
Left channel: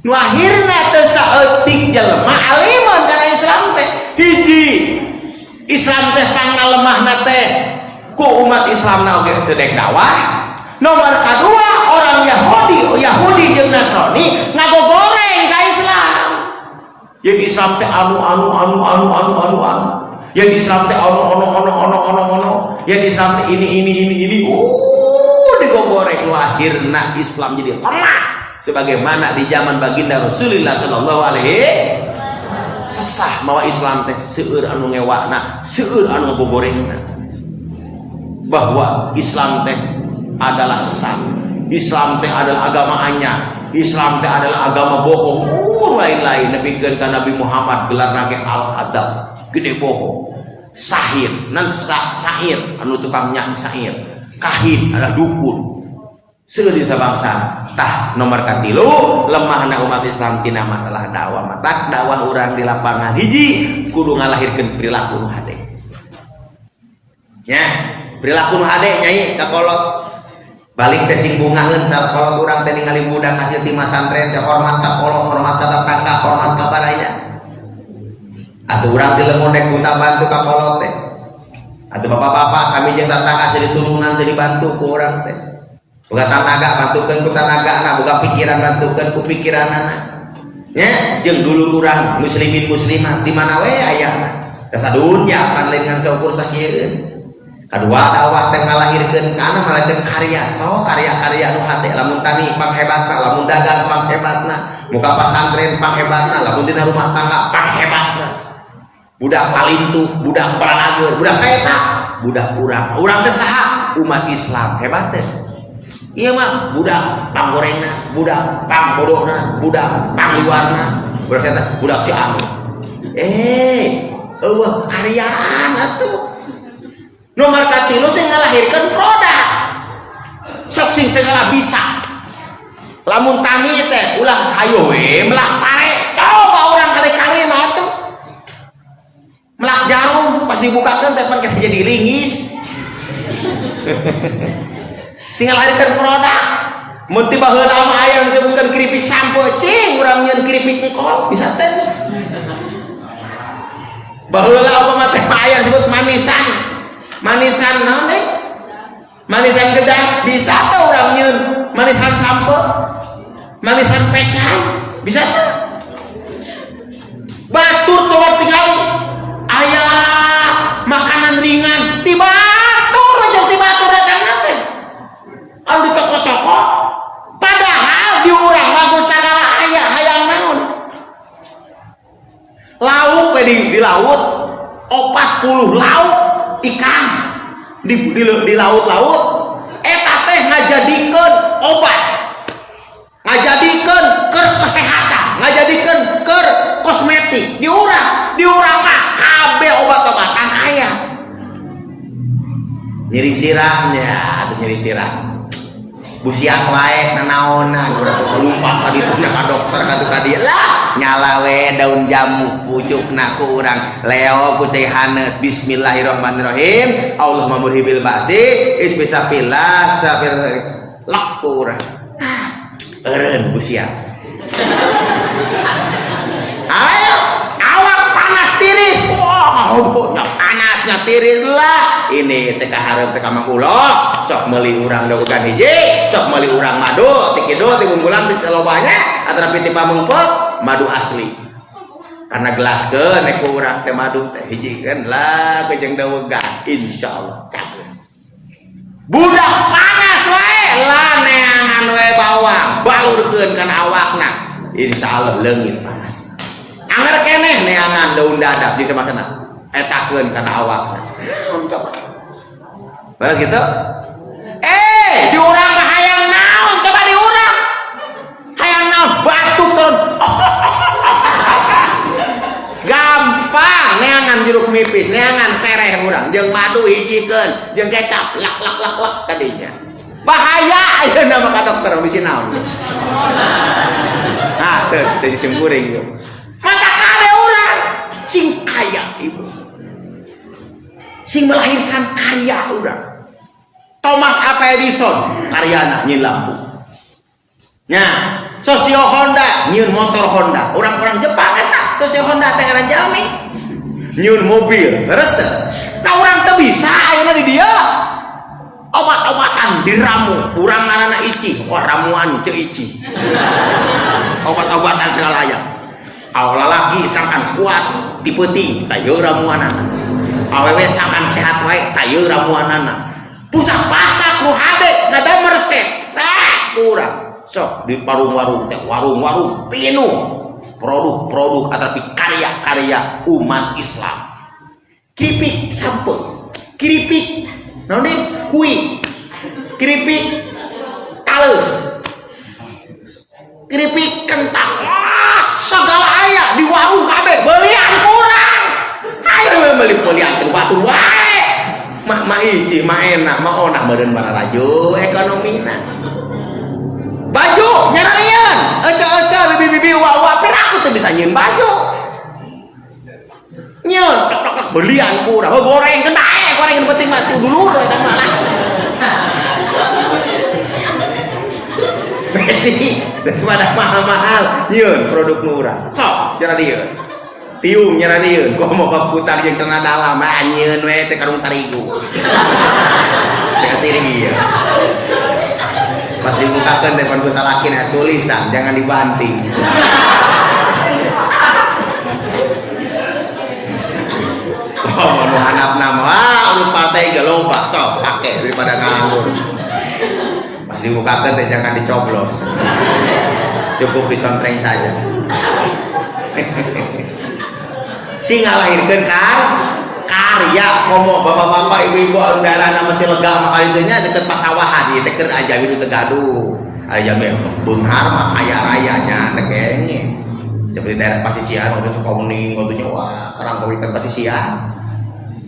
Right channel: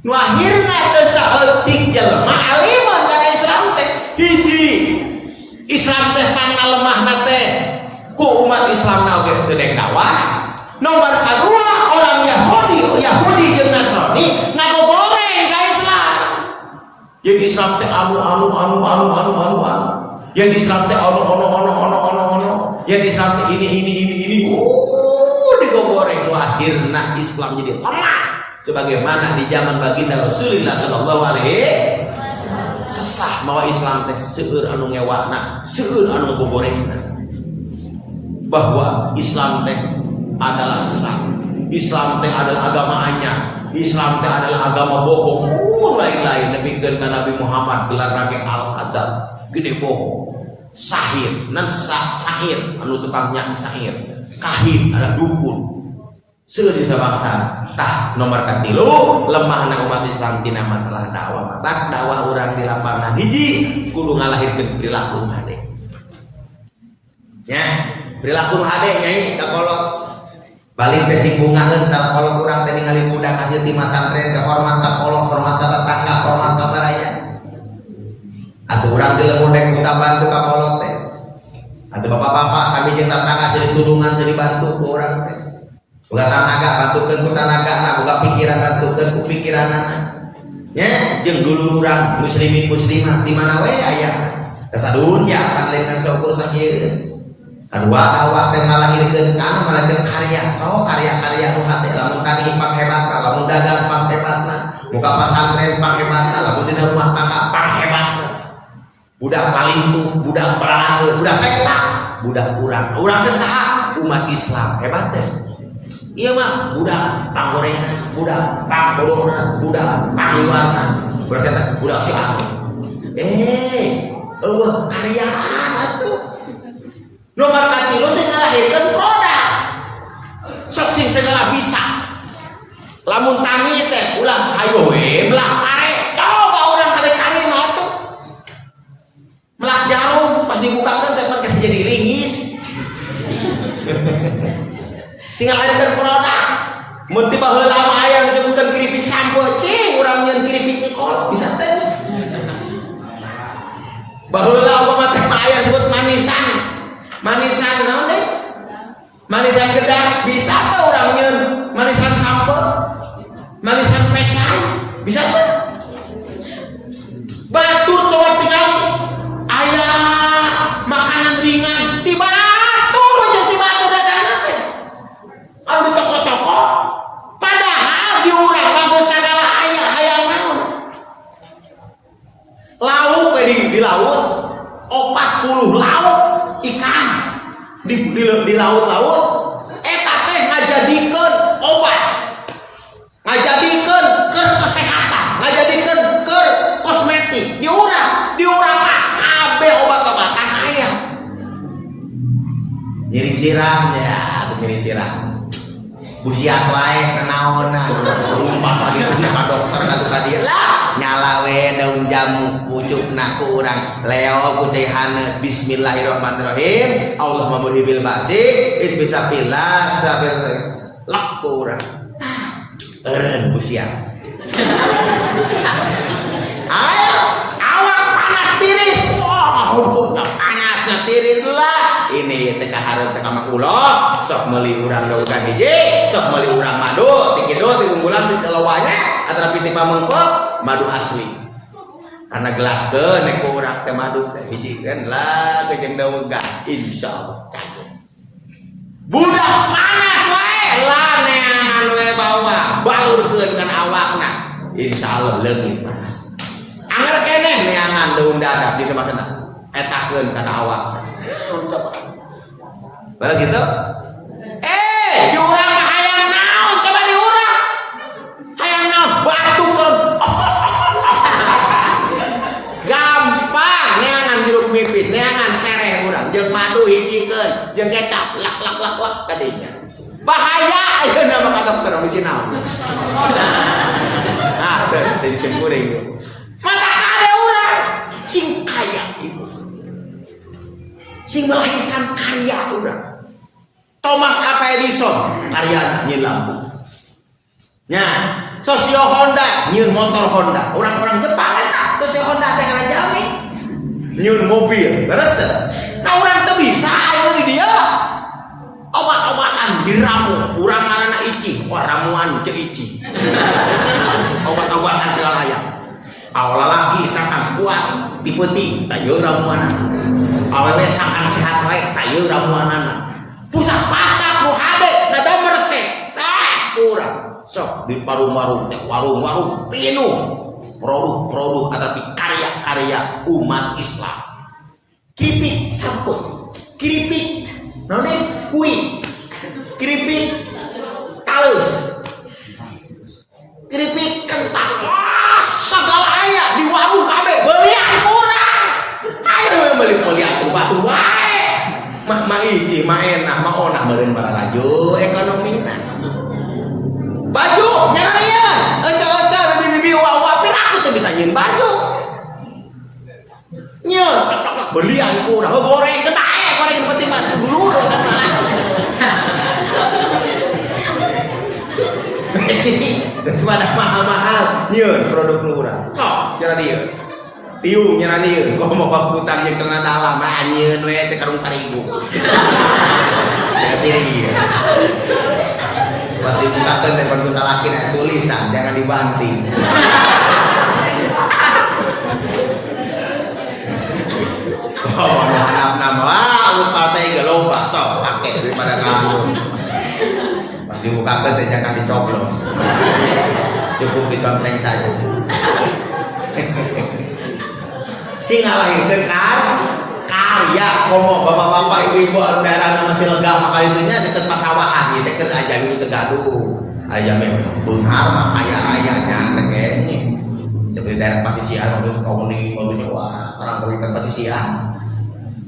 Nu akhirna teh saeutik jelema alimun kana Islam teh hiji. Islam teh tangna lemahna teh ku umat Islamna oge teu dek dakwah. Nomor kedua, orang Yahudi jeung Nasrani ngagogoreng ka Islam. Yang di Islam teh anu. Yang di Islam teh ono. Yang di Islam teh ini. Digogoreng lu akhirna Islam jadi lemah. Sebagaimana di zaman baginda Rasulullah sallallahu alaihi sesah mawa Islam teh seueur anu ngewakna, seueur anu gogorengna. Bahwa Islam teh adalah sesat. Islam teh adalah agama anyar. Islam teh adalah agama bohong. Lain-lain nepikeun ka Nabi Muhammad gelar nage al-kadzab, gede bohong. Sahir, nan sahir anu tukang nyanyi sahir. Kahin adalah dukun. Seueur di sabangsa. Tah nomor katilu lemahna umat Islam tina masalah dakwah. Mata dakwah urang di lapangan hiji kudu ngalahirkeun perilaku hade. Ya, perilaku hade nyai ka kolot. Balik teh singgungaheun sakolot urang teh ningali budak hasil di masantren teh hormat ka kolot, hormat ka tetangga, hormat ka baraya. Atuh urang di lemodek minta bantu ka kolot teh. Atuh bapak-bapak sami jeung tetangga seueur ditulungan seueur dibantu ku urang teh. Boga tanaga bantukeun ku tanagana, boga pikiran bantukeun ku pikiranna. Nya jeung dulur urang muslimin muslimat di mana we aya. Kasadunya pan lain ngan saukur sakieu. Kedua dakwah teh ngalahirkeun kana malahkeun karya. So karya-karya nu hade lamun tani panghebatna, lamun dagang panghebatna, muka pasantren panghebatna, lamun dina rumah tangga panghebatna. Budak palintu, budak balageun, budak saeta, budak urang teh saha? Umat Islam hebat teh. Iya mah budak panggorengna, budak pangbodohna, budak pangliwarna, berarti budak si anu. Eueuh karyaan atuh. Nomor katilu sing ngalahirkeun produk. Sok sing segala bisa. Lamun tani teh ulah hayo we melak are. Coba orang kare-kare mah atuh. Melak jarum pas dibukakeun teh pan jadi lingis. Sing ngalahirkeun produk. Mun tiba heula mah aya disebutkeun keripik sampo, cing urang nyeun keripik mikol bisa teh. Baheula apa mah teh aya disebut manisan. Manisan naon deh? Manisan gedang bisa tuh orang nyeun. Manisan sampo, manisan pecan bisa tuh. Batur coba tinggali. Ayah makanan ringan tiba batur aja tiba batur datang nanti. Kalau di toko-toko, padahal di urang bagus segala ayah hayang naon. Lauk di laut 40 lauk ikan di laut-laut eta teh ngajadikeun obat, ngajadikeun keur kesehatan, ngajadikeun keur kosmetik di urang mah kabeh obat-obatan aya. Nyeri sirahnya atau nyeri sirah busiat wae nanaonan lupa kali itu ka dokter ka dieu lah nyala we daun jamu pucukna ku urang leo ku teh haneut bismillahirrahmanirrahim Allahumma murhibil ba'si isbisapillah sabir lak ku urang eureun busiat ayo awak panas tiris panasnya tiris lah ini teh kahareup teh ka mangkulo sok meuli urang dagugan hiji sok meuli urang madu ti kidu ti gunggulang ti lobanya atrapi ti pamengpot madu asli karena gelaskeun nek urang teh madu teh hiji keun lah jeung dagugan insyaallah cabut budak panas we lah neangan we bawang balurkeun kana awakna insyaallah leungit panas anger keneh neangan daun dadap di samakeuna etakeun kana awakna bae gitu di urang mah hayang naon coba di urang hayang naon batu ton gampang neangan jeruk nipis neangan sereh urang jeung madu hijikeun jeung kecap lak kadinya bahaya ayeuna mah ka dokter bisi naon nah teh disembeuring mata kade urang sing kaya ibu sing melahirkan karya urang Thomas Alva Edison karyana nyeun lampu. Nah, Sosio Honda nyeun motor Honda. Orang-orang Jepang eta Sosio Honda teh ngaran jalmi. Nyeun mobil, beres teh. Nah urang teu bisa ayeuna di dieu. Obat-obatan diramu, urang ngaranna ici, ramuan ceu ici. Obat-obatan segala aya. Awewe lagi sangkan kuat dipeuting, tah yeuh ramuanna. Awewe sangkan sehat wae, tah yeuh ramuanna. Pusat pasar nu hade ngadamer resep. Urang sok di warung-warung teh, warung-warung pinuh produk-produk atapi karya-karya umat Islam. Keripik sampo, keripik naon kui, keripik alus, keripik kentang, segala aya di warung kabeh belian kurang. Ayo beli-belian teu batur wae. Mah hiji mah enak mah onah meureun mana laju ekonomina. Baju nyaranian, aca-aca bibi-bibi wawa pir aku teu bisa nyeun baju. Nyeun belian kurang, goreng kena goreng penting mati dulu eta mah. Beci daripada mahal-mahal nyeun produk murah. Sok jana dieu. Tiung nyana dieu, kok mau bab butang jeung tengah dalam nyeun we teh karung tarigu. Beci dieu. Pas dibukakeun teh pun salakin ya tulisan jangan dibanting. Oh, nu handapna mah urut partai ge loba sok pake daripada ngalamun. Pas dibukakeun teh jangan dicoblos. Cukup dicontreng saja. Sing ngalahirkeun karya komo bapak-bapak ibu-ibu andarana mesti lega makali teh nya deket pasawahan ieu teh keur ajabi nu teu gaduh. Aya mah beunghar mah kaya raya nya teh kenge. Seperti daerah pasisian waktu suka kuning waktu nyawa karang kawitan pasisian.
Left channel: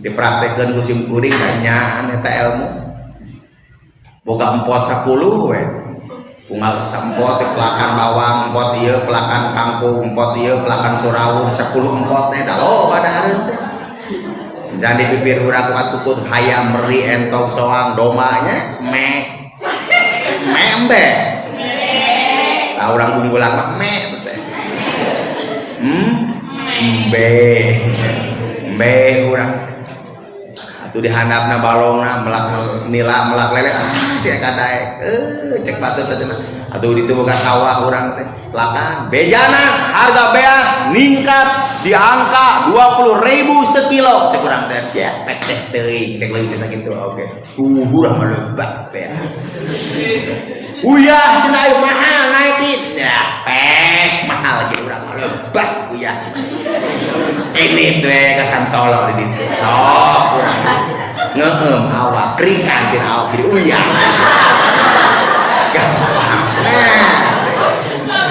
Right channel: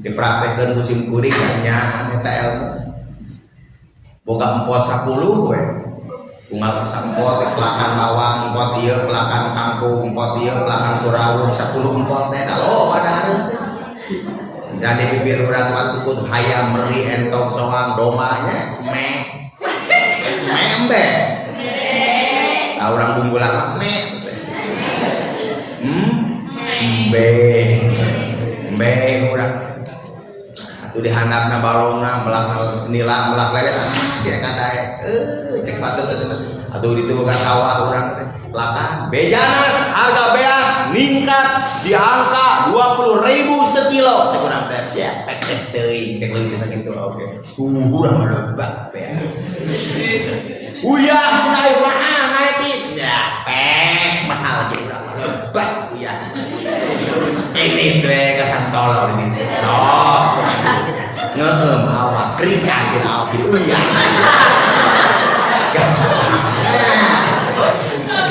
Dipraktekkeun ku sim kuring nya eta ilmu. Boga empot 10 we. Unggal sampot pelakan bawang, empot ieu pelakan kangkung, empot ieu pelakan surawung 10 empot teh da loba dahareun teh. Dan di bibir urang atukeun hayam meri entong soang domanya membe. Ah urang bunggulang me teh. Be urang. Atuh dihandapna balongna melak nila melak lele sia kadae. Cek batu teh. Atuh ditu boga sawah urang teh. Lakan bejana harga beas ningkat di angka 20.000 sekilo cek urang teh. Ya pek teh teuing teh leuwih sakitu oge. Urang mah beas. Uyah cenah mahal naik dit. Ya pek mahal lagi urang lebat uyah. Ini teh kasantolo di ditu. Sok ngeueum awak rikan tina awak di uyah.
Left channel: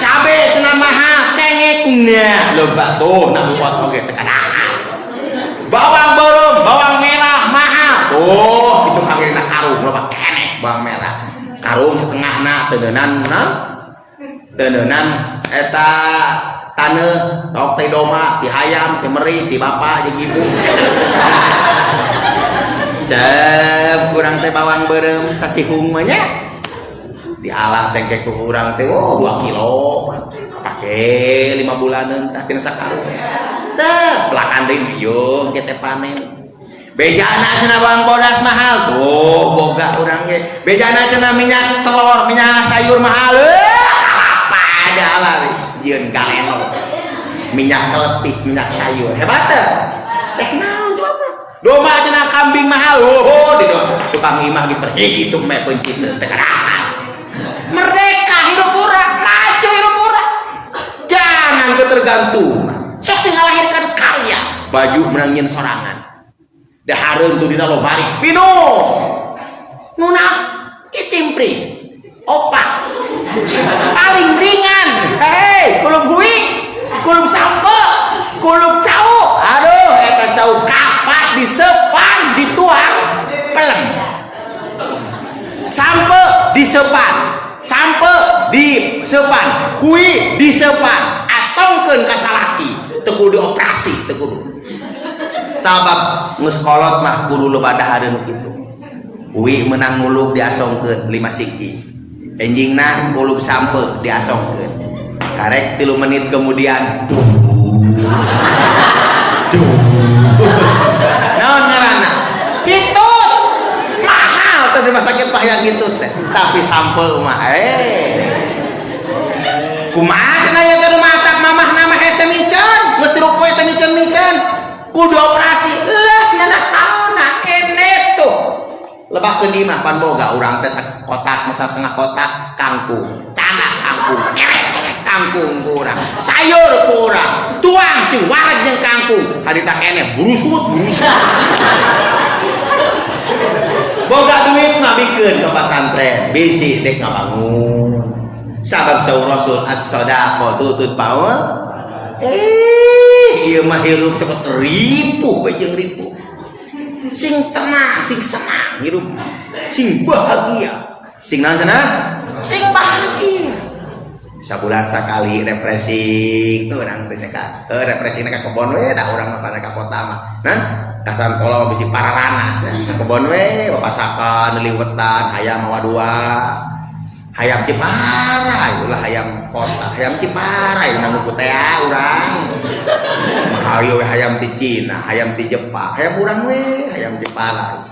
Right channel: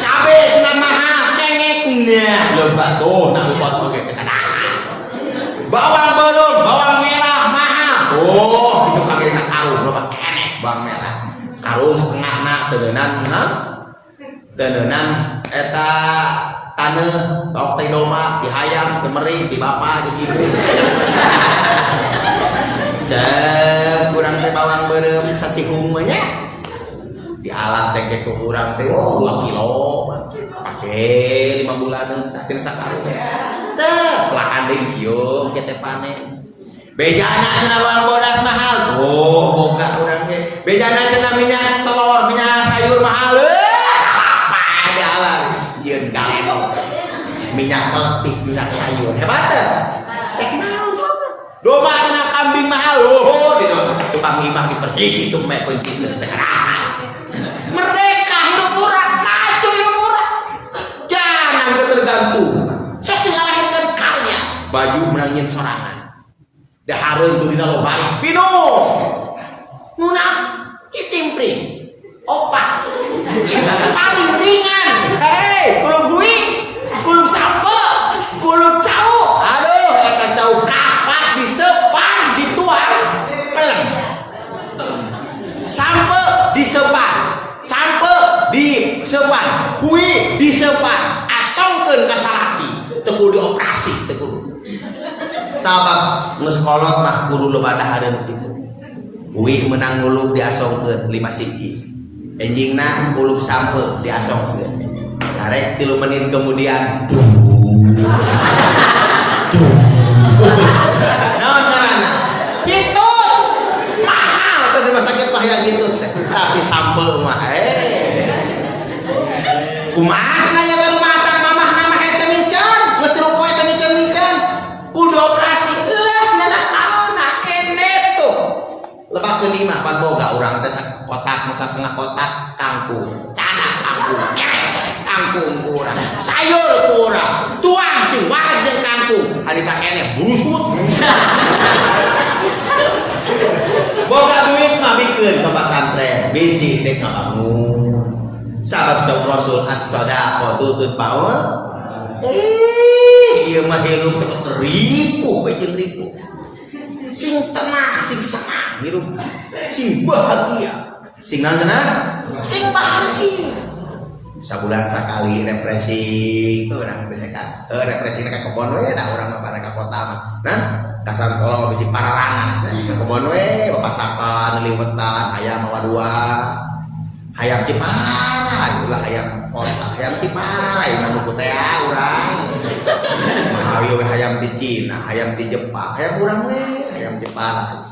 Cabe cenah mahal cengeknya loba tuh nah support oge tekanan. Bawang borom, bawang merah mahal. Tuh itu pakirna karung loba keneh bawang merah. Karung setengahna teuneunnan eta taneuh tok teh doma ti hayam ti meri ti bapa jeung ibu. Cek kurang teh bawang beureum sasihung mah nya. Dialah teh ke urang teh 2 kilo. Pake 5 bulanan tah tina sakarung. Teh pelakan deui yo kita panen. Bejana cenah bawang bodas mahal. Tuh boga urang ge. Bejana cenah minyak telur, minyak sayur mahal. Apa ada lah yeun galeno. Minyak keltik, minyak sayur. Hebat teh. Teh naon coba? Domba cenah kambing mahal. Oh, di domba tukang imah geus perhiji itu meh pencit teh karakan. Merdeka hidup urang, maju hidup urang. Jangan ketergantung. Sok sing ngalahirkeun karya. Baju menangin sorangan. Dahareun tuh dina lobari. Pino. Nuna kicimpring. Opak. Paling ringan. Hei, kulub hui, kulub sampo, kulub cau. Aduh, eta cau kapas disepan, dituang, pelem. Sampo disepan, sampo disepan, hui disepan, asongkeun ka salaki, teu kudu operasi, teu kudu. Sabab geus kolot mah kudu loba dahareun kitu. Uwi menang ngulup diasongkeun 5 siki. Enjingna ngulup sampe diasongkeun. Karek 3 menit kemudian naon ngaranna? Pitut. Mahal tadi rumah sakit pahaya gitu. Tapi sampe mah kumaha cenah ya teh rumah tak mamah nama hese miceun. Geus 3 poe teh miceun. Kudu operasi. Lah nana taonna enet tuh. Lebak teu mah pan boga urang teh kotak satengah kotak kangkung. Canak kangkung, kecek kangkung kurang. Sayur kurang. Tuang sing wareg jeung kangkung. Harita kene brusut. Boga duit mah bikeun ka pesantren. Bisi teh ngabangun. Sabab saur Rasul as-shadaqah tutut paul. Ieu mah hirup teh ribu we jeung ribu. Sing tenang, sing senang hirup. Sing bahagia. Sing naon cenah? Sing bahagia. Sabulan sakali refreshing tuh urang teh ka. Refreshing ka kebon we da urang mah ka kota mah. Nah, kasan kolong bisi pararanas. Kebon we papasakan liwetan hayam wadua. Hayam Cipara, ulah hayam kota, hayam Cipara, yang mau teh urang. Hayo hayam di Cina, hayam di Jepang, hayam urang we, hayam Jepara.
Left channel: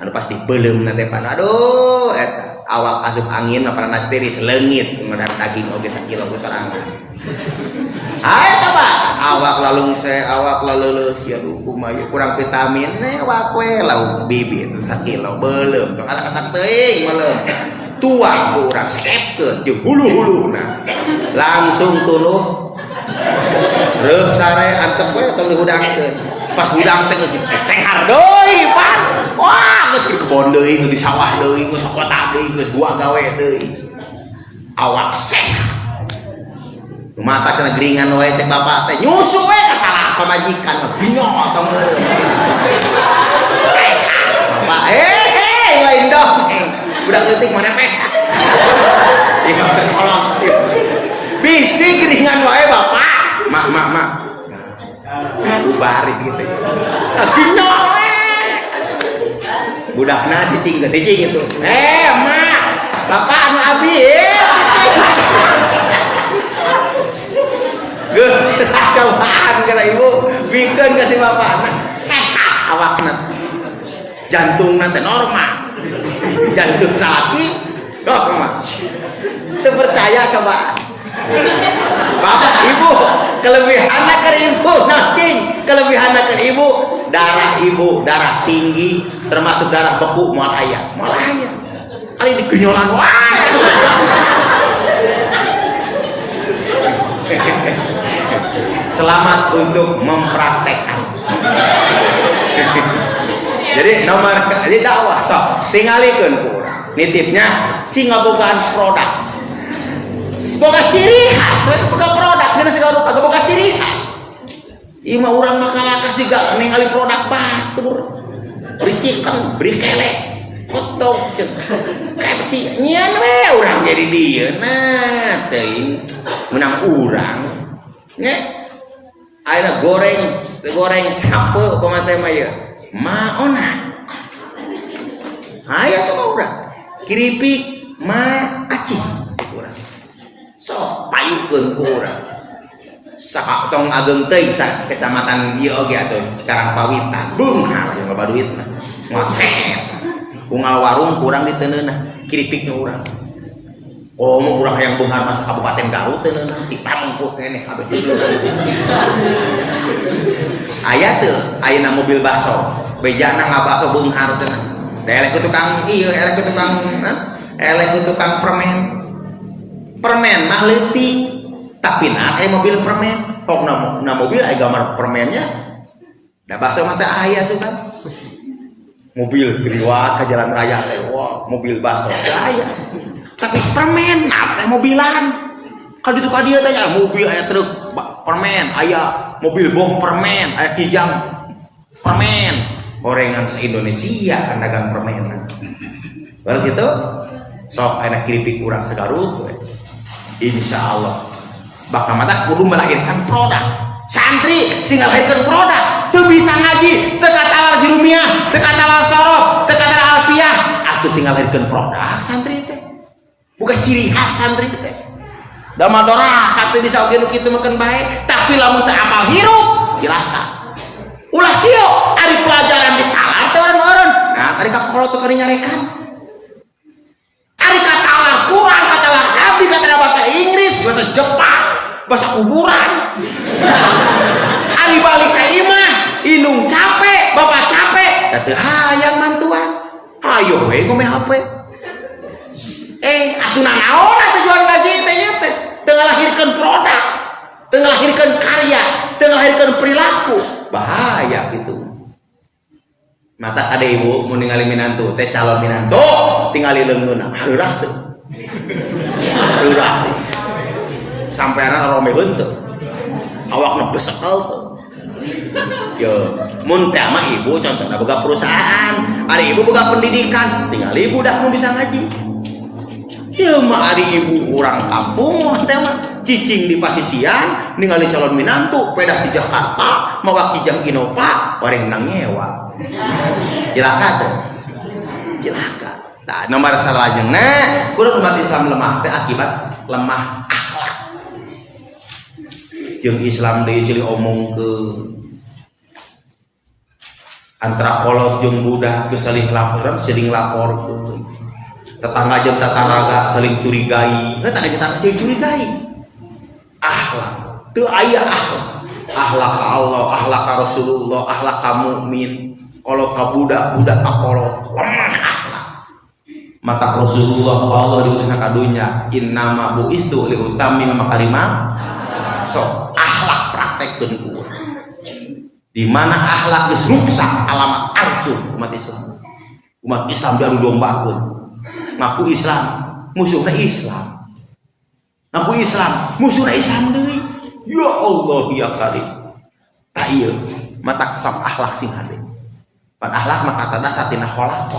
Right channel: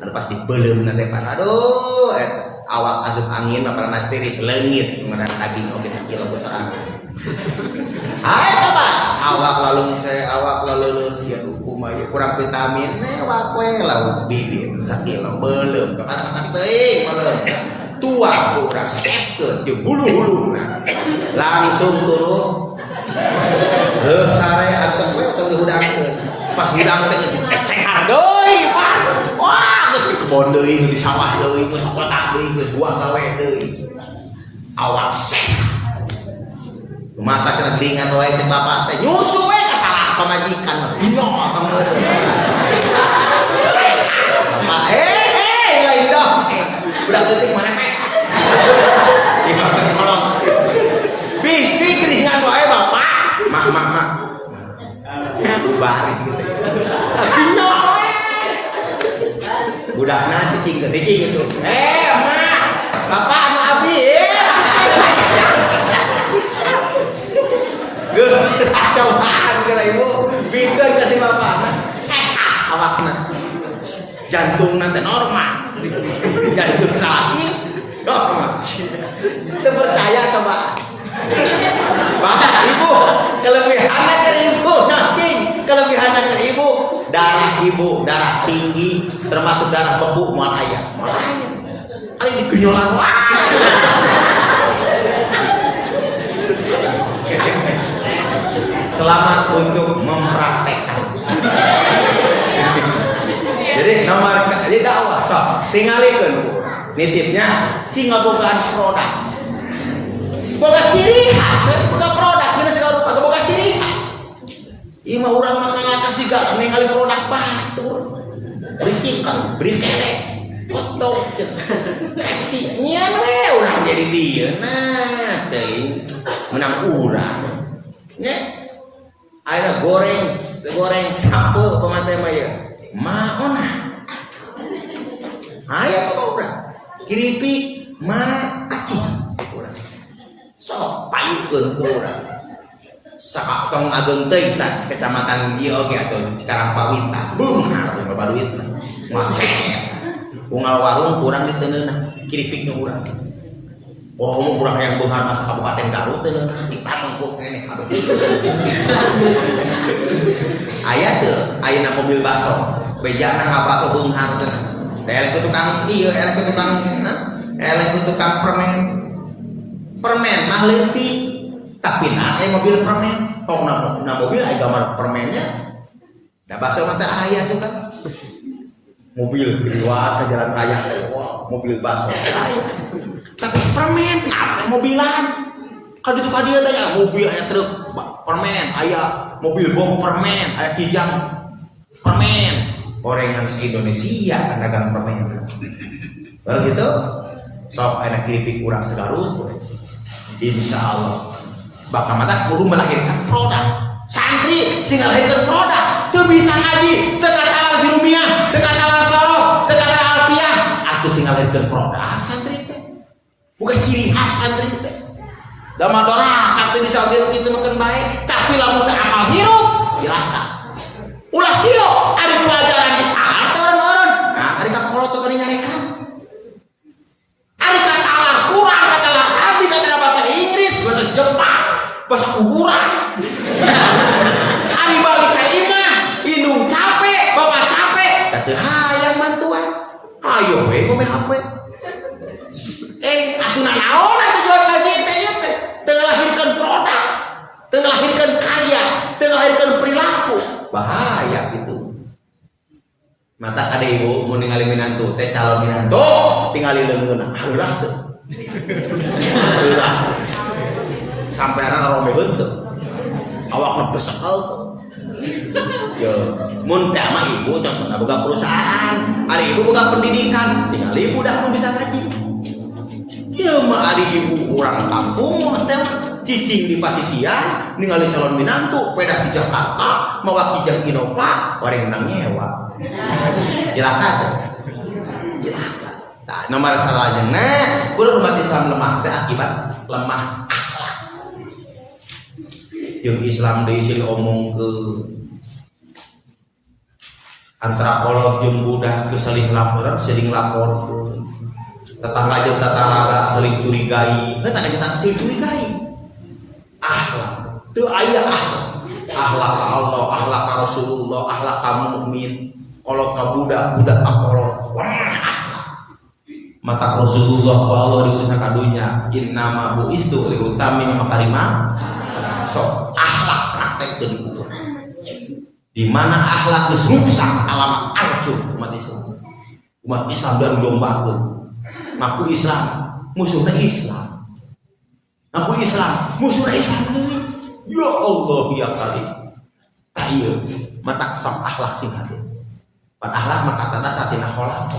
Anu pasti beuleum na teh pan. Aduh, awak asup angin apa panas tiris leungit, ngeunan daging oge sakilo ku sorangan. Ayo coba, awak laleuleus kieu kumaha kurang vitamin, awak we lauk bibit sakilo beuleum, kasak teuing beuleum. Tuang urang sepkeun jeung hulu-huluna langsung turun reup sare antep we tong dihudangkeun pas hudang teh geus cengar deui pan wah geus di kebon deui di sawah deui geus kota deui geus buah gawe deui awak sehat mata kena geringan wae cek bapak teh nyusu we ka salah pamajikan mah dinol tong sehat bapak lain dong udah detik mana pek ibu tolong bisi geringan wae bapak mak ubari gitu akhirnya budakna cicing itu mak bapak anu abi cobaan kena ibu bikin kasih bapak sehat awakna jantungna teh normal jantung sakit itu percaya coba bapak ibu kelebihannya ke ibu nacing kelebihannya ke ibu darah tinggi termasuk darah beku moal aya kali digenyolan wah selamat untuk mempraktekkan jadi nomor jadi dakwah so tingalikeun nitipnya si ngabogaan produk boga ciri khas boga produk dina segala rupa boga ciri khas ieu mah urang mah kalaka siga ningali produk batur ricikan brikele hotdog Pepsi nyeun we urang jadi dieu nah teuing menang urang nya ayeuna goreng sampeu pamate mah ieu maona aya coba urang kiripik ma acih sok payukeun ku urang sakak tong ageung teuing sa kecamatan ieu oge atuh Cikarang Pawitan beunghar jeung loba duitna ngoset unggal warung kurang diteuneunna kiripikna urang oh urang hayang beunghar masa Kabupaten Garut teuneunna dipangku keneh kabeh aya teu ayeuna mobil bakso bejana ngabaso beunghar teh elek tukang ieu elek tukang permen mah leutik tapi mobil permen pokna mobil aya gambar permennya da bakso mah teh aya suka mobil liwat ka jalan raya teh wah mobil bakso aya tapi permen apa mobilan ka ditu ka dieu teh mobil aya truk permen aya mobil box permen aya kijang permen gorengan se-Indonesia dagang permen. Terus itu sok enak kiripik urang segarut we. Insyaallah bakal mata kudu melahirkan produk. Santri sing ngalahirkeun produk teu bisa ngaji, teu katalar jurumiyah, teu katalar sorof, teu katalar alfiyah, ngalirkeun produk santri teh. Bukan ciri khas santri teh. Da madora kata bisa oge nu kitu makan bae, tapi lamun teu apal hirup silakan. Ulah kieu ari pelajaran di talar teh orang-orang. Nah, ari ka kolot teu kali nyarekan. Ari ka talar Quran, ka talar abdi, ka talar bahasa Inggris, bahasa Jepang, bahasa kuburan. Ari balik ka imah, indung capek, bapak capek, da teu hayang mantuan. Ayo we ngomeh HP. Atuh nanaon atuh jual gaji teh ieu teh. Teu ngalahirkeun produk, teu ngalahirkeun karya, teu ngalahirkeun perilaku. Bahaya gitu. Mata kada ibu mun ningali minantu teh calon minantu tingali leungeun heuras teu. Heuras. Sampeana romebeun teu. Awakna besekel teu. Yo, mun teh mah ibu contohna boga perusahaan, ari ibu boga pendidikan, tinggal ibu dah mun bisa ngaji. Ya mah ari ibu orang kampung teh mah cicing di pasisian ningali calon minantu peda di Jakarta mawa kijang Innova bareng nang nyewa. Cilaka tuh. Cilaka. Tah nomor salahnya kudu umat Islam lemah teh akibat lemah akhlak. Jeung Islam deui silih omongkeun antara kolot jeung budak geus salih laporan sering laporkeun. Tetangga jeung tetangga saling curigai. Tadi kita saling curigai. Akhlak. Teu aya akhlak. Akhlak ka Allah, akhlak ka Rasulullah, akhlak ka mukmin. Kalau ka budak, budak ka kolot. Lemah akhlak. Maka Rasulullah Allah diutus ka dunya, innama buistu li utammim makariman. Sok akhlak praktekkeun ku. Di mana akhlak geus rusak, alamat hancur umat Islam. Umat Islam dari dombakeun. Ngaku Islam, musuhna Islam. Ngaku Islam, musuhna Islam deui. Ya Allah ya Karim. Tah ieu mata sok akhlak sing hade. Pan akhlak maka tanda satina kholaq.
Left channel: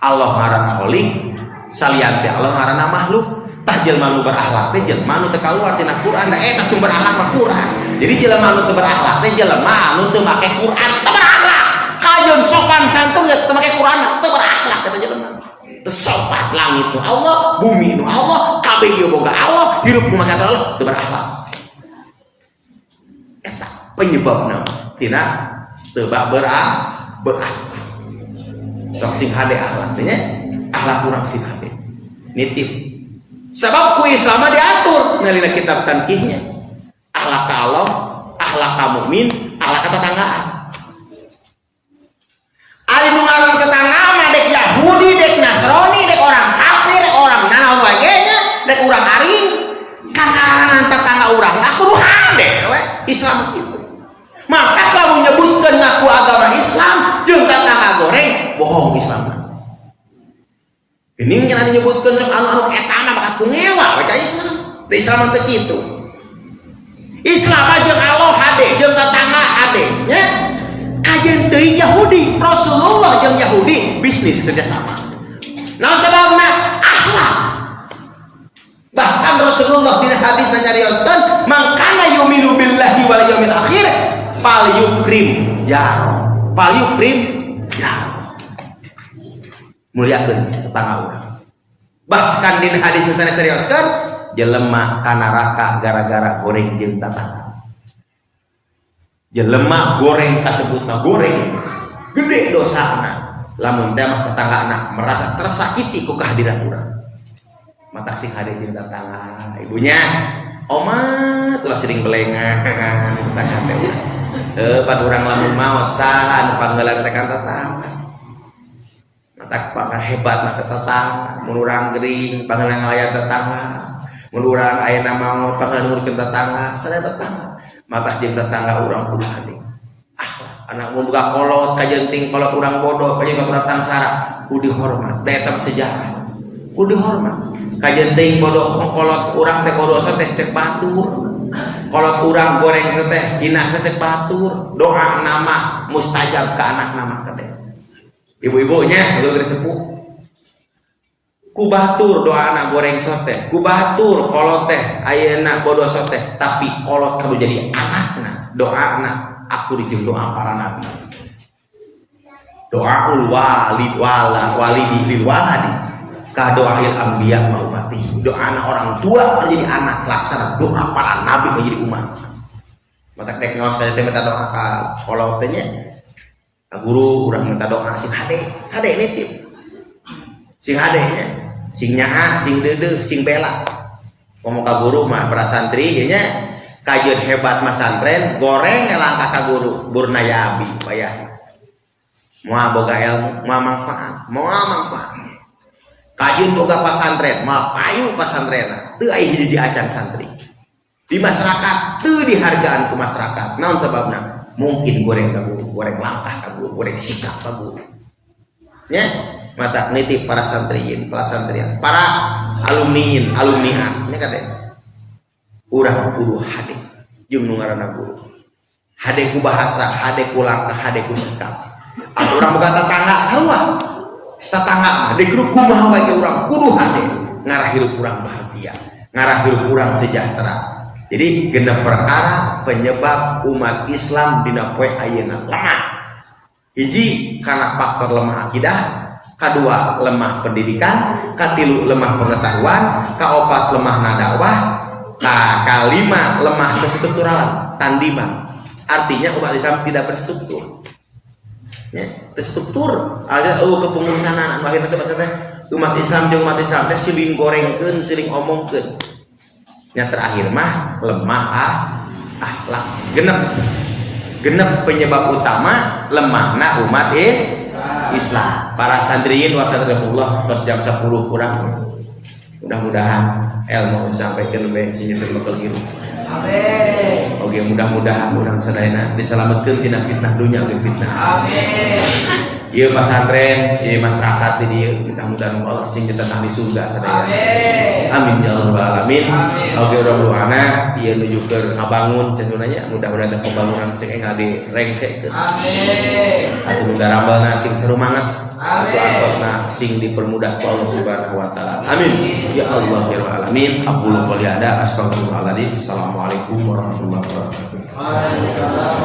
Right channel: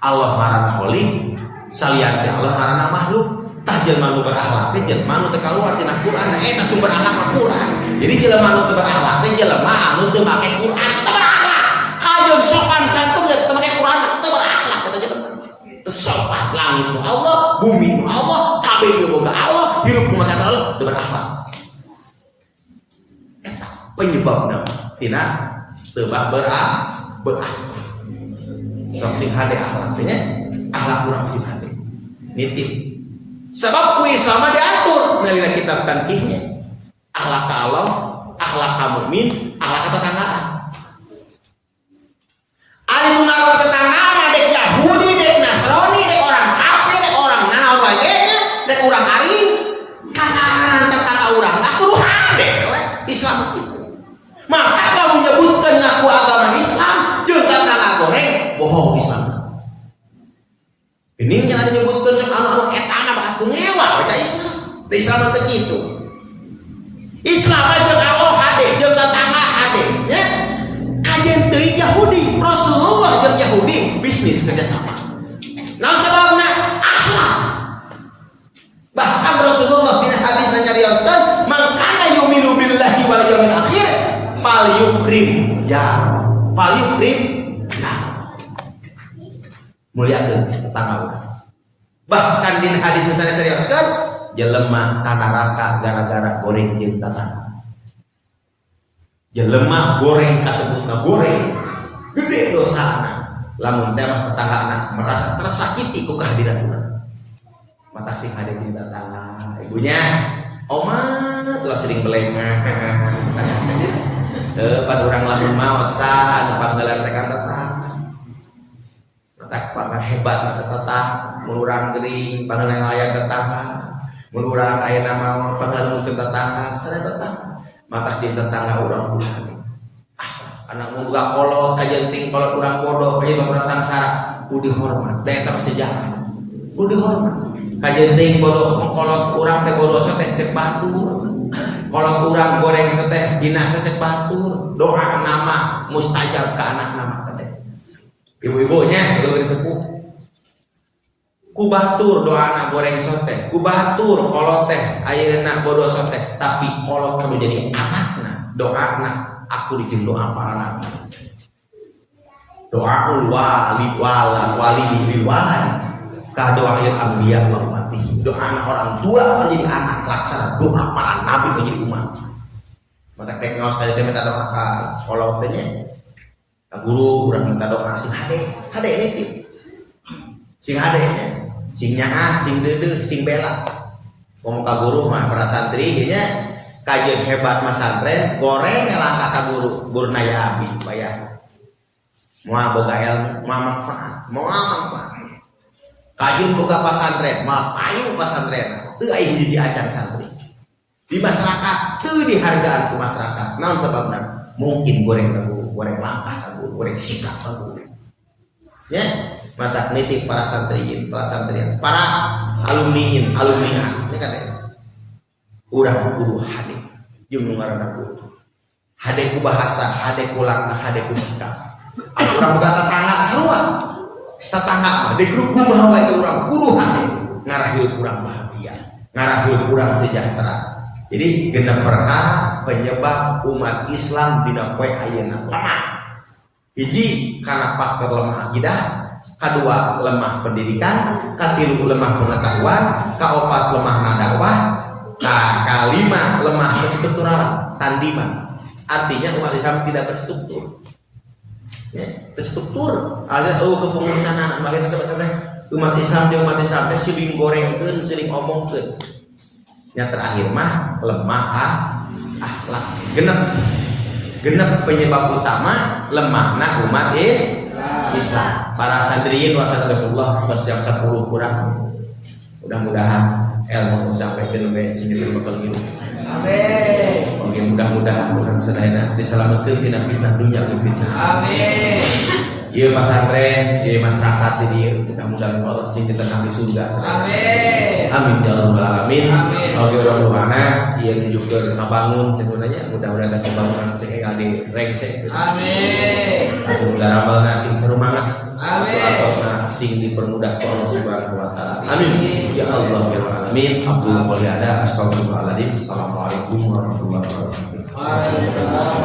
Allah marana khaliq, salian teh Allah marana makhluk. Tah jelema nu berakhlak teh jelema nu teu kaluar tina Quran, eta sumber akhlak mah Quran. Jadi jelema nu teu berakhlak teh jelema nu teu make Quran, teu berakhlak. Kajeun sopan santun teu make Quran, teu berakhlak kata jelema. Sopan langit nu Allah, bumi nu Allah, kabeh ieu boga Allah, hirup nu maka Allah teu berakhlak. Eta penyebabna tina teu berakhlak. Sok sing hade akhlak teh nya, akhlak urang sing hade. Nitif. Sebab ku Islam diatur ngalina kitab tankihnya. Akhlak ka Allah, akhlak ka mukmin, akhlak ka tetanggaan. Ari nu ngaranna tetangga mah dek Yahudi, dek Nasrani, dek orang kafir, dek orang nanaon wae nya, dek urang aring. Kangaranan tetangga urang tah kudu hade we Islam kitu. Maka kalau menyebutkan ngaku agama Islam jeung tetangga goreng bohong Islam. Ini yang disebutkan anu eta mah bakat ngewa ka Islam. Teh Islam teh kitu. Islam jeung Allah hade jeung tetangga hade nya. Kajian teuing Yahudi, Rasulullah jeung Yahudi bisnis kerjasama. Nah sebabna akhlak. Bahkan Rasulullah dina hadis nyarioskeun, "Man kana yu'minu billahi wal yaumil akhir, falyukrim jar." Falyukrim jar. Muliakeun tetangga urang. Bahkan dina hadis nu nyarioskeun, jelema ka neraka gara-gara goreng jeung tetangga. Jelema goreng kasebutna goreng gede dosana lamun teh tetanggana merasa tersakiti ku kehadiran urang. Mata sing hade jeung tetangga ibunya oma tuh sering belengan tetangga teh pada urang lamun maot saha anu panggelan teh ka tetangga mata pangan hebatna ka tetangga mun urang geuring panggelan aya tetangga mun urang ayeuna maot panggelan nguruskeun tetangga sadaya tetangga mata jeung tetangga urang kudu hade. Anak mun boga kolot kajenting kolot urang bodoh kajenting urang sangsara kudu dihormat. Teh eta sejarah. Kudu dihormat. Kajenting bodoh kolot urang teh bodoh teh cek batur. Kolot urang goreng teh hina cek batur. Doa nama mustajab ka anak nama teh. Ibu-ibunya kudu sepuh. Ku batur doa anak goreng sote, ku batur kolot teh ayeuna bodoh sote, tapi kolot kudu jadi anakna, doana aku dijeng doa para nabi. doaul walidi lil waladi ka doail anbiya wa ummati. Doa orang tua kalau jadi anak laksana doa para nabi kalau jadi umat. Mata dek ngaos kaya teh minta doa ka kolot teh nya. Guru urang minta doa sing hade nitip. Sing hade nya, sing nyaha, sing deudeuh, sing bela. Ngomong ka guru mah para santri ge nya kajeun hebat mah santren goreng langkah ka guru burnaya abi bayar. Moal boga ilmu, moal manfaat. Kajeun boga pasantren, moal payu pasantrenna. Teu aya hiji acan santri. Di masyarakat teu dihargaan ku masyarakat. Naon sababna? Mungkin goreng ka guru, goreng langkah ka guru, goreng sikap ka guru. Nya, mata nitip para santriin, para alumniin, alumniha. Ini kata urang kudu hade jeung nu ngaranna guru. Hade ku bahasa, hade ku langkah, hade ku sikap. Urang boga tetangga sarua. Tetangga mah deuk kumaha wae urang kudu hade. Ngarah hirup urang bahagia, ngarah hirup urang sejahtera. Jadi genep perkara penyebab umat Islam dina poe ayeuna lemah. Hiji karena faktor lemah akidah, kadua lemah pendidikan, katilu lemah pengetahuan, kaopat lemah nadakwah, kalima lemah kestruktural tandiman. Artinya umat Islam tidak terstruktur. Ya, terstruktur. Ada kepengurusan umat Islam jeung umat Islam teh siling gorengkeun, siling omongkeun. Yang terakhir mah lemah akhlak. Genep penyebab utama lemahna umat Islam. Para santriin wasallallahu tos jam 10 kurang. Mudah-mudahan ilmu sampaikan bae sing bakal hirup. Amin. Oke, mudah-mudahan urang sadayana diselametkeun tina fitnah dunya jeung fitnah. Amin. Ieu pasantren, ieu masyarakat di dieu mudah-mudahan Allah sing tetang di surga sadayana. Amin. Amin ya rabbal alamin. Oke, rohana ieu nunjukkeun ngabangun cenah nya mudah-mudahan kebangunan sing enggal direngsekkeun. Amin. Atuh darabana sing serumangat. Amin. Kosna sing dipermudah ku Allah Subhanahu wa taala. Amin. Ya Allah ya alamin. Aqulu qouli hadza astaghfirullahaladzim. Assalamualaikum warahmatullahi wabarakatuh. Waalaikumsalam.